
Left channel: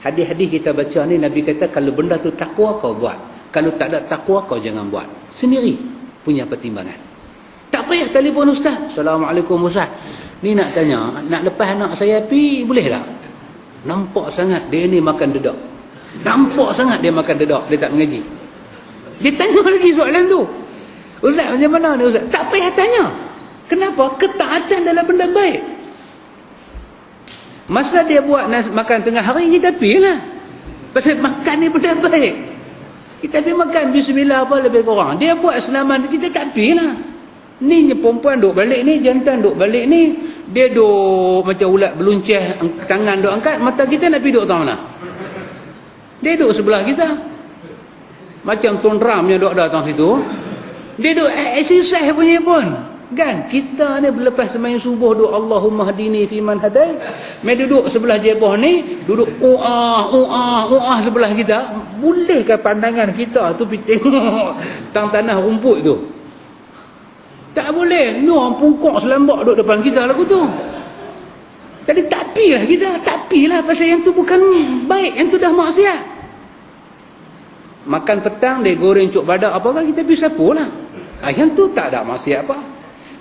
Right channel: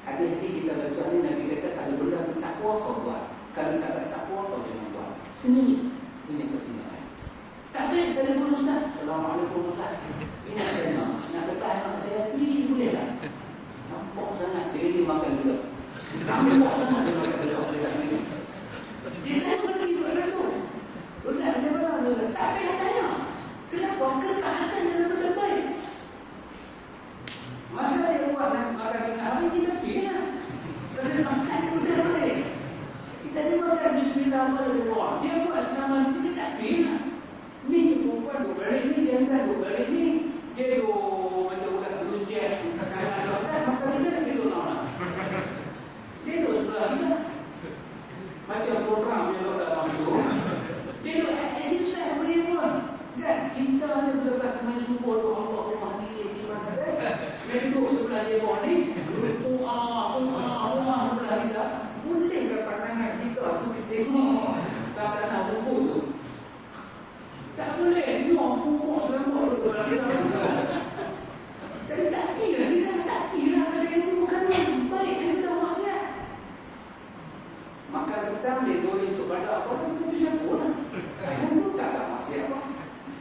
Hadis-hadis kita baca ni, Nabi kata kalau benda tu takwa kau buat. Kalau tak ada takwa kau jangan buat. Sendiri punya pertimbangan. Tak payah telefon ustaz. Assalamualaikum ustaz. Ni nak tanya, nak lepas anak saya pi boleh tak? Nampak sangat dia ni makan dedak. Nampak sangat dia makan dedak, dia tak mengaji. Dia tanya lagi soalan tu. Ustaz macam mana ni ustaz? Tak payah tanya. Kenapa? Ketaatan dalam benda baik. Masa dia buat makan tengah hari, kita pilah. Pasal makan ni benda baik. Kita pergi makan bismillah apa lebih kurang. Dia buat selamat, kita tak pilah. Ni perempuan duduk balik ni, jantan duduk balik ni. Dia duduk macam ulat belunceh, tangan duduk angkat. Mata kita nak pergi duduk tahu mana? Dia duduk sebelah kita. Macam Tuan Ram yang duduk datang situ. Dia duduk exercise punya pun. Kan? Kita ni lepas sembahyang subuh duduk Allahumma hadini fiman hadai. Mai duduk sebelah jebah ni, duduk sebelah kita. Bolehkah pandangan kita tu pergi tengok tanah rumput tu? Tak boleh. Orang pungkok selambak duduk depan kita lagu tu. Jadi tak pilah kita. Tak pilah pasal yang tu bukan baik. Yang tu dah maksiat. Makan petang dia goreng cuk badak apakah kita pergi sapu lah. Yang tu tak ada maksiat apa.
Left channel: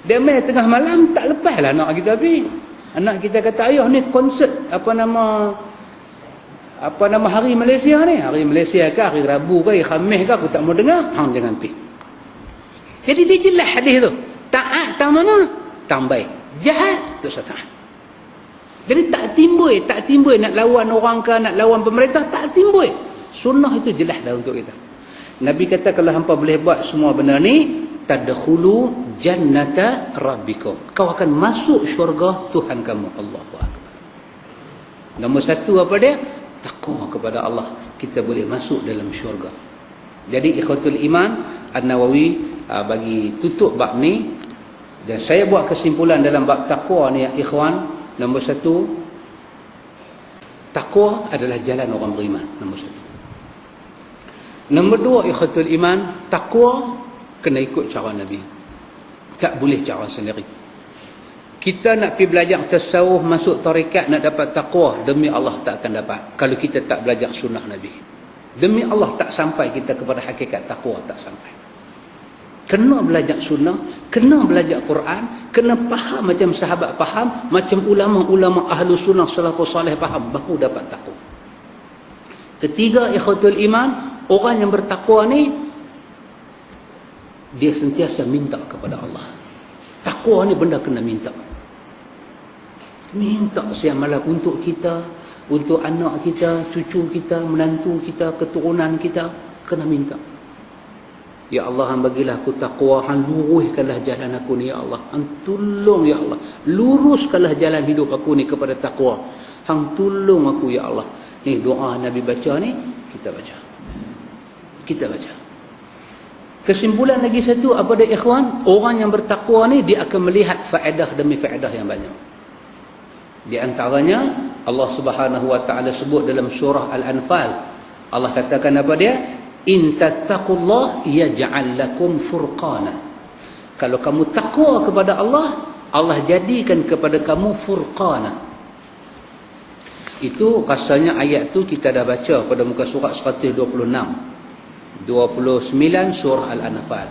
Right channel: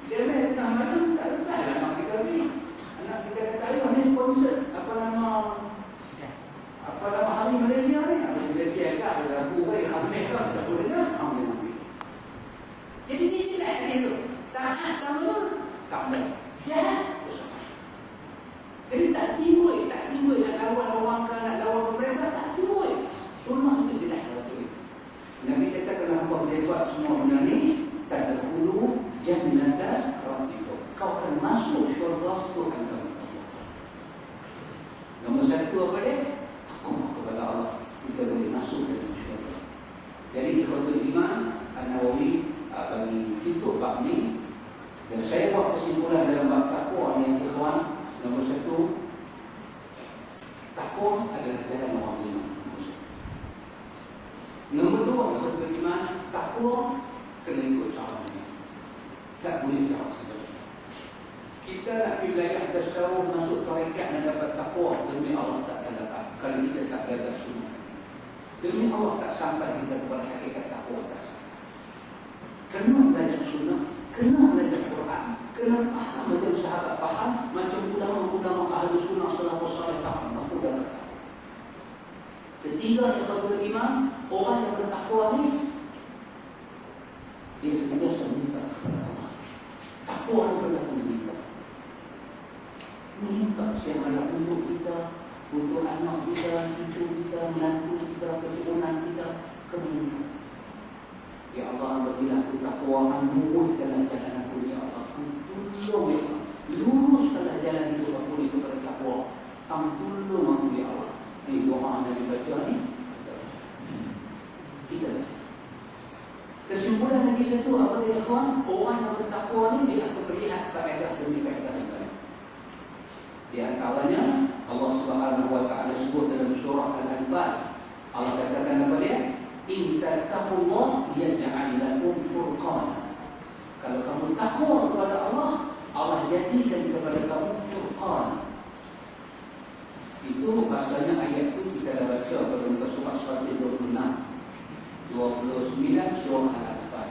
Dia main tengah malam tak lepas lah anak kita pergi. Anak kita kata ayah ni konsert apa nama Hari Malaysia ni. Hari Malaysia ke hari Rabu ke hari Khamis ke aku tak mau dengar. Hang jangan pergi. Jadi dia jelas hadis tu. Taat tak mana? Tak baik. Jahat tu syaitan. Jadi tak timbul nak lawan orang ke, nak lawan pemerintah, tak timbul. Sunnah itu jelas dah untuk kita. Nabi kata kalau hampa boleh buat semua benda ni, tadkhulu jannata rabbikum. Kau akan masuk syurga Tuhan kamu. Allahu Akbar. Nombor satu apa dia? Takwa kepada Allah. Kita boleh masuk dalam syurga. Jadi ikhwatul iman, An-Nawawi bagi tutup bab ni, dan saya buat kesimpulan dalam bab takwa ni ya ikhwan. Nombor satu, takwa adalah jalan orang beriman. Nombor satu. Nombor dua, ikhwatul iman, takwa kena ikut cara Nabi. Tak boleh cara sendiri. Kita nak pergi belajar tasawuf, masuk tarekat, nak dapat taqwa, demi Allah tak akan dapat kalau kita tak belajar sunnah Nabi. Demi Allah tak sampai kita kepada hakikat taqwa, tak sampai. Kena belajar sunnah, kena belajar Quran, kena faham macam sahabat faham, macam ulama-ulama ahlu sunnah salafus salih faham, baru dapat taqwa. Ketiga, ikhwatul iman, orang yang bertakwa ni dia sentiasa minta kepada Allah. Takwa ni benda kena minta. Minta siang malam untuk kita, untuk anak kita, cucu kita, menantu kita, keturunan kita, kena minta. Ya Allah, Hang bagilah aku takwa, Hang luruskanlah jalan aku ni ya Allah. Hang tolong ya Allah, luruskanlah jalan hidup aku ni kepada takwa. Hang tolong aku ya Allah. Ni doa Nabi baca ni, kita baca. Kita baca. Kesimpulan lagi satu, apa dia ikhwan? Orang yang bertakwa ni dia akan melihat faedah demi faedah yang banyak. Di antaranya Allah Subhanahu wa taala sebut dalam surah Al-Anfal. Allah katakan apa dia? In tattaqullah yaj'al lakum furqana. Kalau kamu takwa kepada Allah, Allah jadikan kepada kamu furqana. Itu rasanya ayat tu kita dah baca pada muka surat 126. 29 surah Al-Anfal.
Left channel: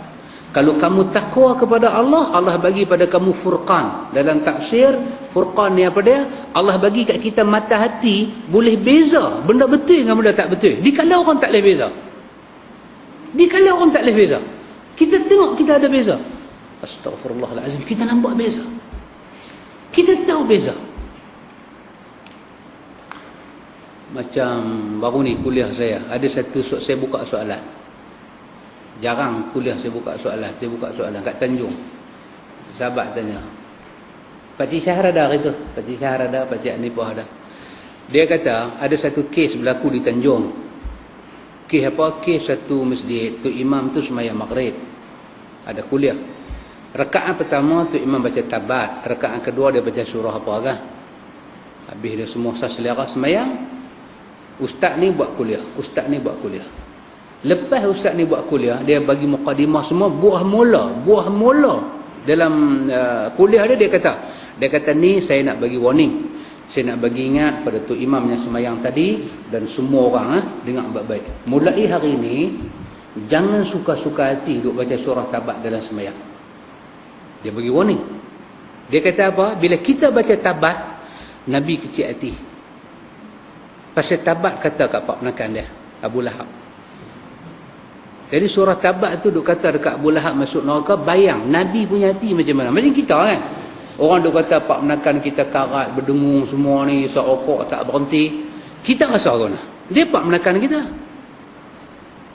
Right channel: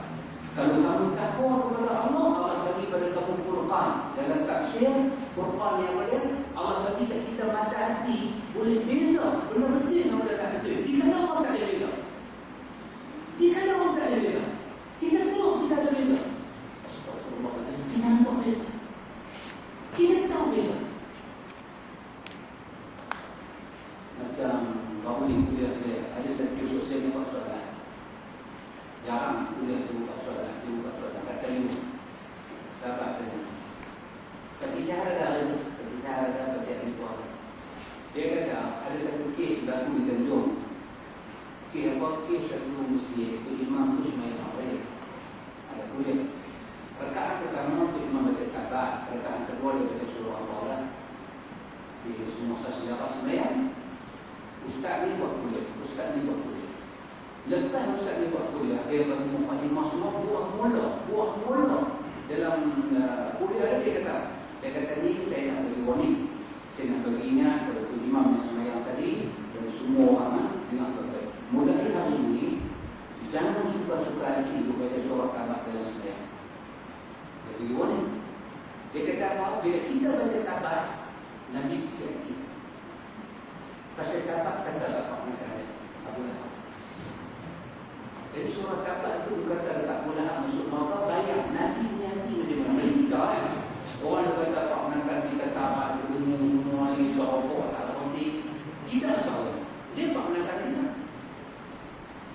Kalau kamu takwa kepada Allah, Allah bagi pada kamu furqan. Dalam tafsir, furqan ni apa dia? Allah bagi kat kita mata hati boleh beza benda betul dengan benda tak betul. Dikala orang tak boleh beza. Dikala orang tak boleh beza, kita tengok kita ada beza. Astaghfirullahalazim, kita nampak beza. Kita tahu beza. Macam baru ni kuliah saya, ada satu saya buka soalan. Jarang kuliah saya buka soalan. Saya buka soalan kat Tanjung. Sahabat tanya, Pakcik Syahra dah itu? Pakcik Syahra dah, Pakcik Anipah dah. Dia kata, ada satu kes berlaku di Tanjung. Kes apa? Kes satu masjid. Tok Imam tu sembahyang maghrib. Ada kuliah. Rakaat pertama Tok Imam baca tabat. Rakaat kedua dia baca surah apa kan? Habis dia semua sah selera sembahyang. Ustaz ni buat kuliah. Ustaz ni buat kuliah. Lepas ustaz ni buat kuliah, dia bagi mukadimah semua, buah mula dalam kuliah dia kata ni saya nak bagi warning, saya nak bagi ingat pada Tok Imam yang sembahyang tadi dan semua orang dengar baik-baik. Mulai hari ini jangan suka-suka hati duk baca surah tabat dalam sembahyang. Dia bagi warning. Dia kata apa? Bila kita baca tabat, Nabi kecil hati. Pasal tabat kata kat Pak Penakan dia, Abu Lahab. Jadi surah tabat tu duk kata dekat Abu Lahab masuk neraka, bayang Nabi punya hati macam mana. Macam kita kan. Orang duk kata Pak Menakan kita karat, berdengung semua ni, serokok tak berhenti. Kita rasa lagu mana? Dia Pak Menakan kita.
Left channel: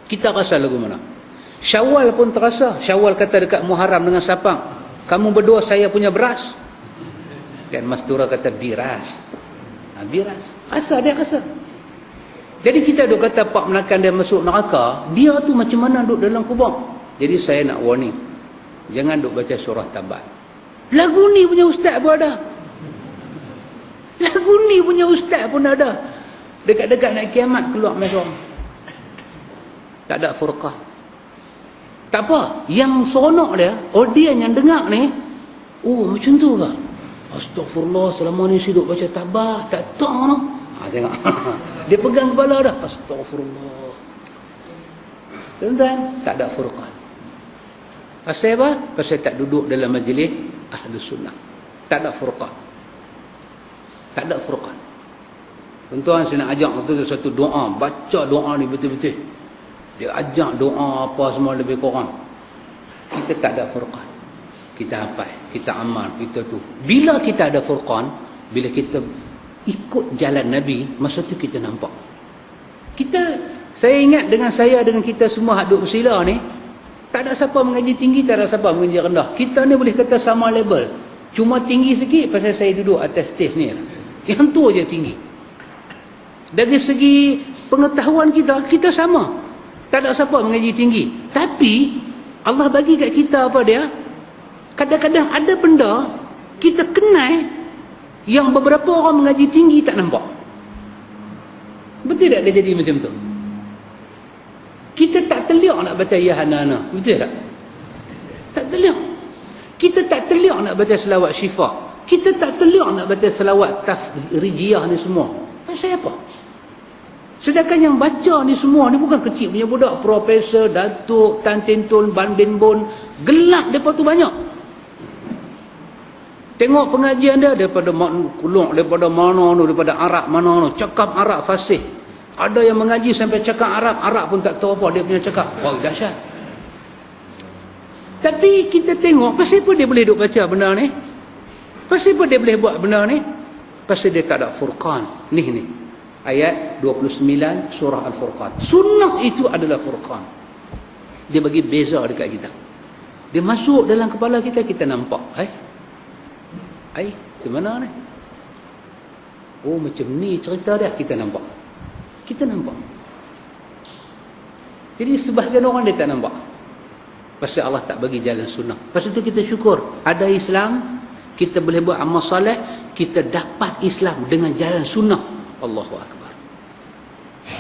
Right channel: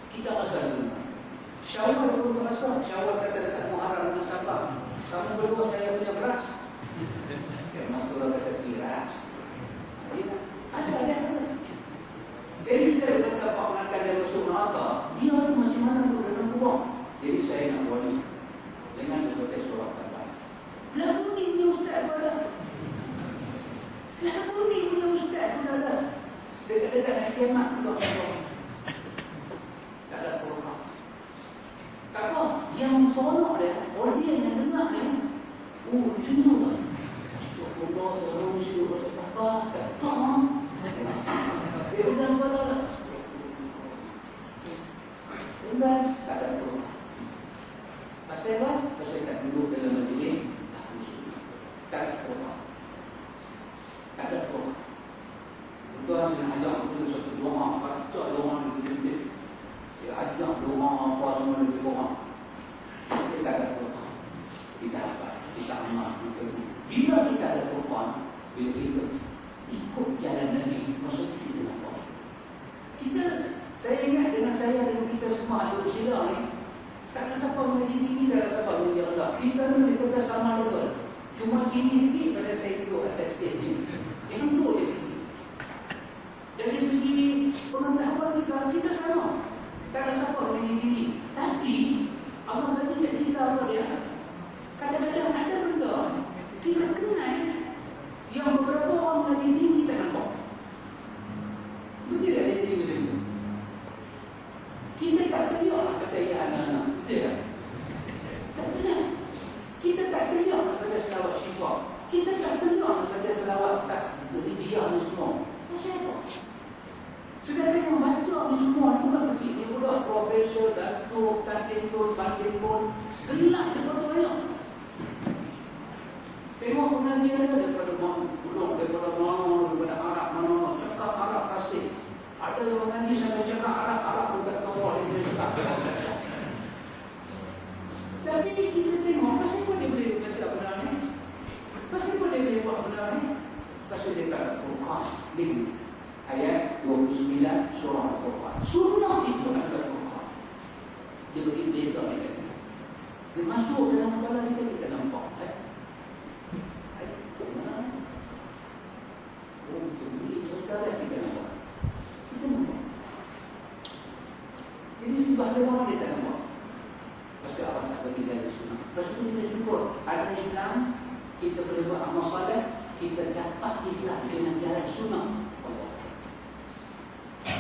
Kita rasa lagu mana? Syawal pun terasa. Syawal kata dekat Muharram dengan Sapang, kamu berdua saya punya beras. Kan Mastura kata biras. Biras. Rasa dia rasa. Jadi kita duk kata Pak Menakan dia masuk neraka, dia tu macam mana duduk dalam kubur. Jadi saya nak warning, jangan duk baca surah tabat. Lagu ni punya ustaz pun ada. Lagu ni punya ustaz pun ada. Dekat-dekat nak kiamat keluar mereka. Tak ada furqah. Tak apa, yang seronok dia, audiens yang dengar ni, oh macam tu kan. Astagfirullah, selama ni saya duk baca tabat, tak tahu no. Tengok. Dia pegang kepala dah. Astagfirullah. Tuan-tuan, tak ada furqan. Pasal apa? Pasal tak duduk dalam majlis Ahlus Sunnah. Tak ada furqan. Tak ada furqan. Tuan-tuan, saya nak ajak tu satu doa. Baca doa ni betul-betul. Dia ajak doa apa semua lebih kurang. Kita tak ada furqan. Kita hafal, kita amal, kita tu. Bila kita ada furqan, bila kita ikut jalan Nabi, masa tu kita nampak. Saya ingat dengan kita semua hak duk bersila ni, tak ada siapa mengaji tinggi, tak ada siapa mengaji rendah. Kita ni boleh kata sama level. Cuma tinggi sikit pasal saya duduk atas stage ni. Yang tu je tinggi. Dari segi pengetahuan kita sama. Tak ada siapa mengaji tinggi. Tapi Allah bagi kat kita apa dia? Kadang-kadang ada benda kita kenal yang beberapa orang mengaji tinggi tak nampak. Betul tak dia jadi macam tu? Kita tak terliak nak baca Ya Hanana. Betul tak? Tak terliak. Kita tak terliak nak baca selawat syifa. Kita tak teluk nak baca selawat tafrijiyah ni semua. Pasal apa? Sedangkan yang baca ni semua ni bukan kecil punya budak. Profesor, datuk, tan tintun, ban bin bun. Gelap mereka tu banyak. Tengok pengajian dia daripada Kulong, daripada mana tu, daripada Arab mana tu. Cakap Arab fasih. Ada yang mengaji sampai cakap Arab pun tak tahu apa dia punya cakap. Oh, dahsyat. Tapi kita tengok, pasal apa dia boleh duk baca benda ni? Pasal apa dia boleh buat benda ni? Pasal dia tak ada furqan. Ni. Ayat 29 surah Al-Furqan. Sunnah itu adalah furqan. Dia bagi beza dekat kita. Dia masuk dalam kepala kita, kita nampak. Hai, semana ni? Oh, macam ni cerita dia, kita nampak. Kita nampak. Jadi sebahagian orang dia tak nampak. Pasal Allah tak bagi jalan sunnah. Pasal itu kita syukur. Ada Islam, kita boleh buat amal soleh, kita dapat Islam dengan jalan sunnah. Allahu Akbar.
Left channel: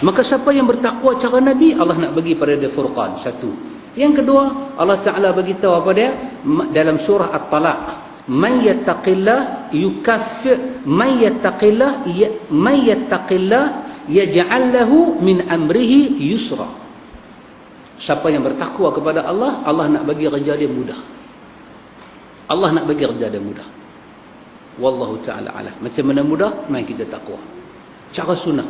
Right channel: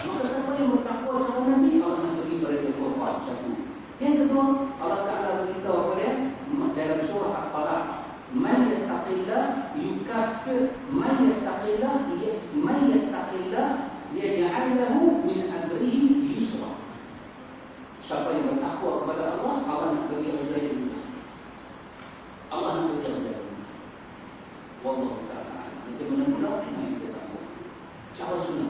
Maka siapa yang bertakwa cara Nabi, Allah nak bagi pada dia furqan. Satu. Yang kedua, Allah Ta'ala bagi tahu apa dia? Dalam surah At-Talaq. Man yattaqillah yukaffir, man yattaqillah yaj'al lahu min amrihi yusra. Siapa yang bertakwa kepada Allah, Allah nak bagi kerja dia mudah. Allah nak bagi kerja dia mudah. Wallahu ta'ala alam. Macam mana mudah? Mari kita takwa. Cara sunnah.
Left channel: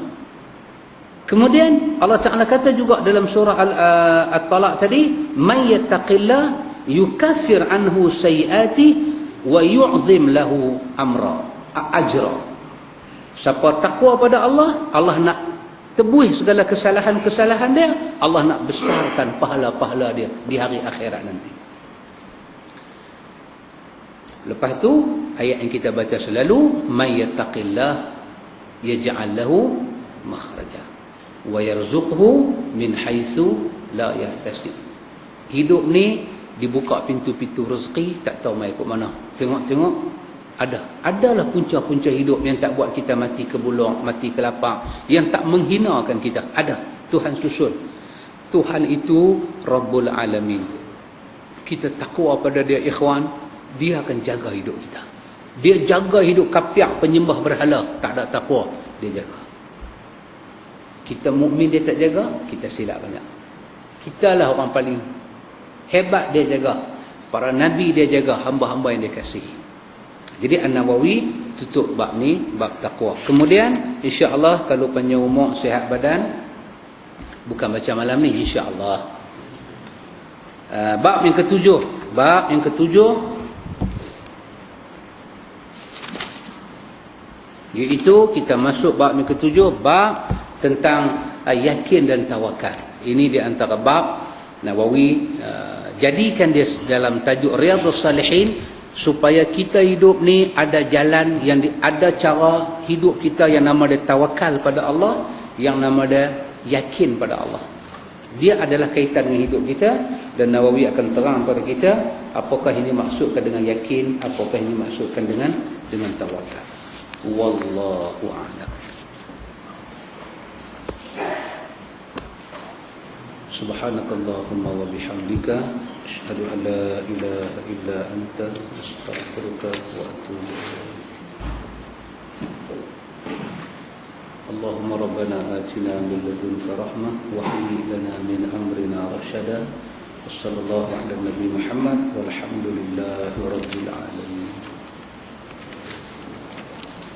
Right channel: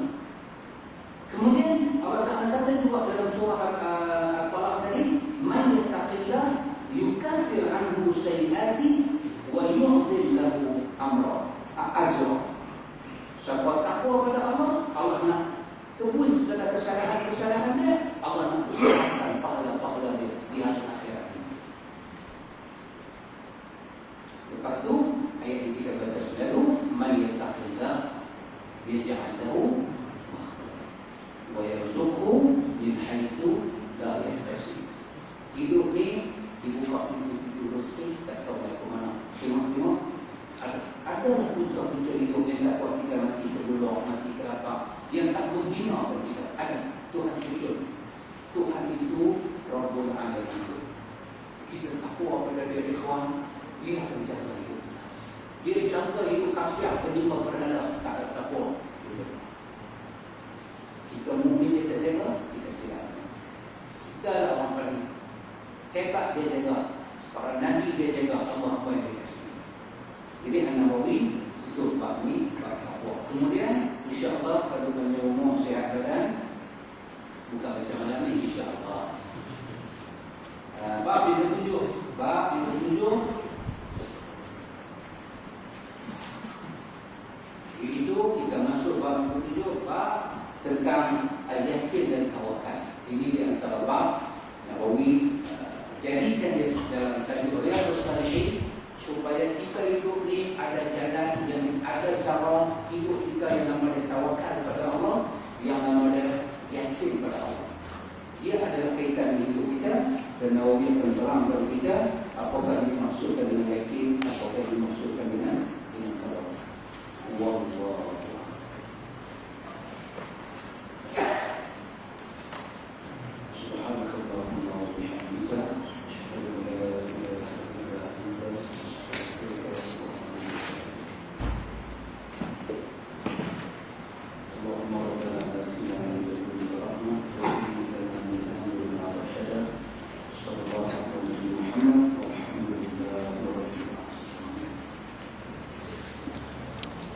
Kemudian Allah Ta'ala kata juga dalam surah At-Talaq tadi, man yattaqillah yukaffir anhu sayiati wa yu'zim lahu ajra. Siapa takwa pada Allah, Allah nak tebus segala kesalahan-kesalahan dia, Allah nak besarkan pahala-pahala dia di hari akhirat nanti. Lepas tu ayat yang kita baca selalu, may yattaqillah yaj'al lahu makhraja wa yarzuqhu min haitsu la yahtasib. Hidup ni dibuka pintu-pintu rezeki, tak tahu mai ke mana. Tengok-tengok adalah punca-punca hidup yang tak buat kita mati kebulong, mati kelapar, yang tak menghinakan kita. Ada. Tuhan susun. Tuhan itu Rabbul Alamin. Kita takwa pada dia, ikhwan, dia akan jaga hidup kita. Dia jaga hidup kapiak penyembah berhala, tak ada takwa, dia jaga. Kita mukmin dia tak jaga, kita silap banyak. Kita lah orang paling hebat, dia jaga. Para nabi dia jaga, hamba-hamba yang dia kasihi. Jadi An-Nawawi tutup bab ni, bab takwa. Kemudian insya-Allah kalau panjang umur, sihat badan, bukan macam malam ni, insya-Allah. Bab yang ketujuh, iaitu kita masuk bab yang ketujuh, bab tentang yakin dan tawakal. Ini di antara bab Nawawi jadikan dia dalam tajuk Riyadhus Salihin, supaya kita hidup ni ada jalan yang ada cara hidup kita yang nama dia tawakal pada Allah, yang nama dia yakin pada Allah. Dia adalah kaitan dengan hidup kita, dan Nawawi akan terang kepada kita apakah ini maksudkan dengan yakin, apakah ini maksudkan dengan tawakal. Wallahu a'lam. Subhanakallahumma wa bihamdika asyhadu an la ilaha illa anta astaghfiruka wa atubu ilaik. Allahumma rabbana atina min ladunka rahmah wa hayyi lana min amrina rashada. Wassallallahu ala nabiyyina Muhammad walhamdulillahi rabbil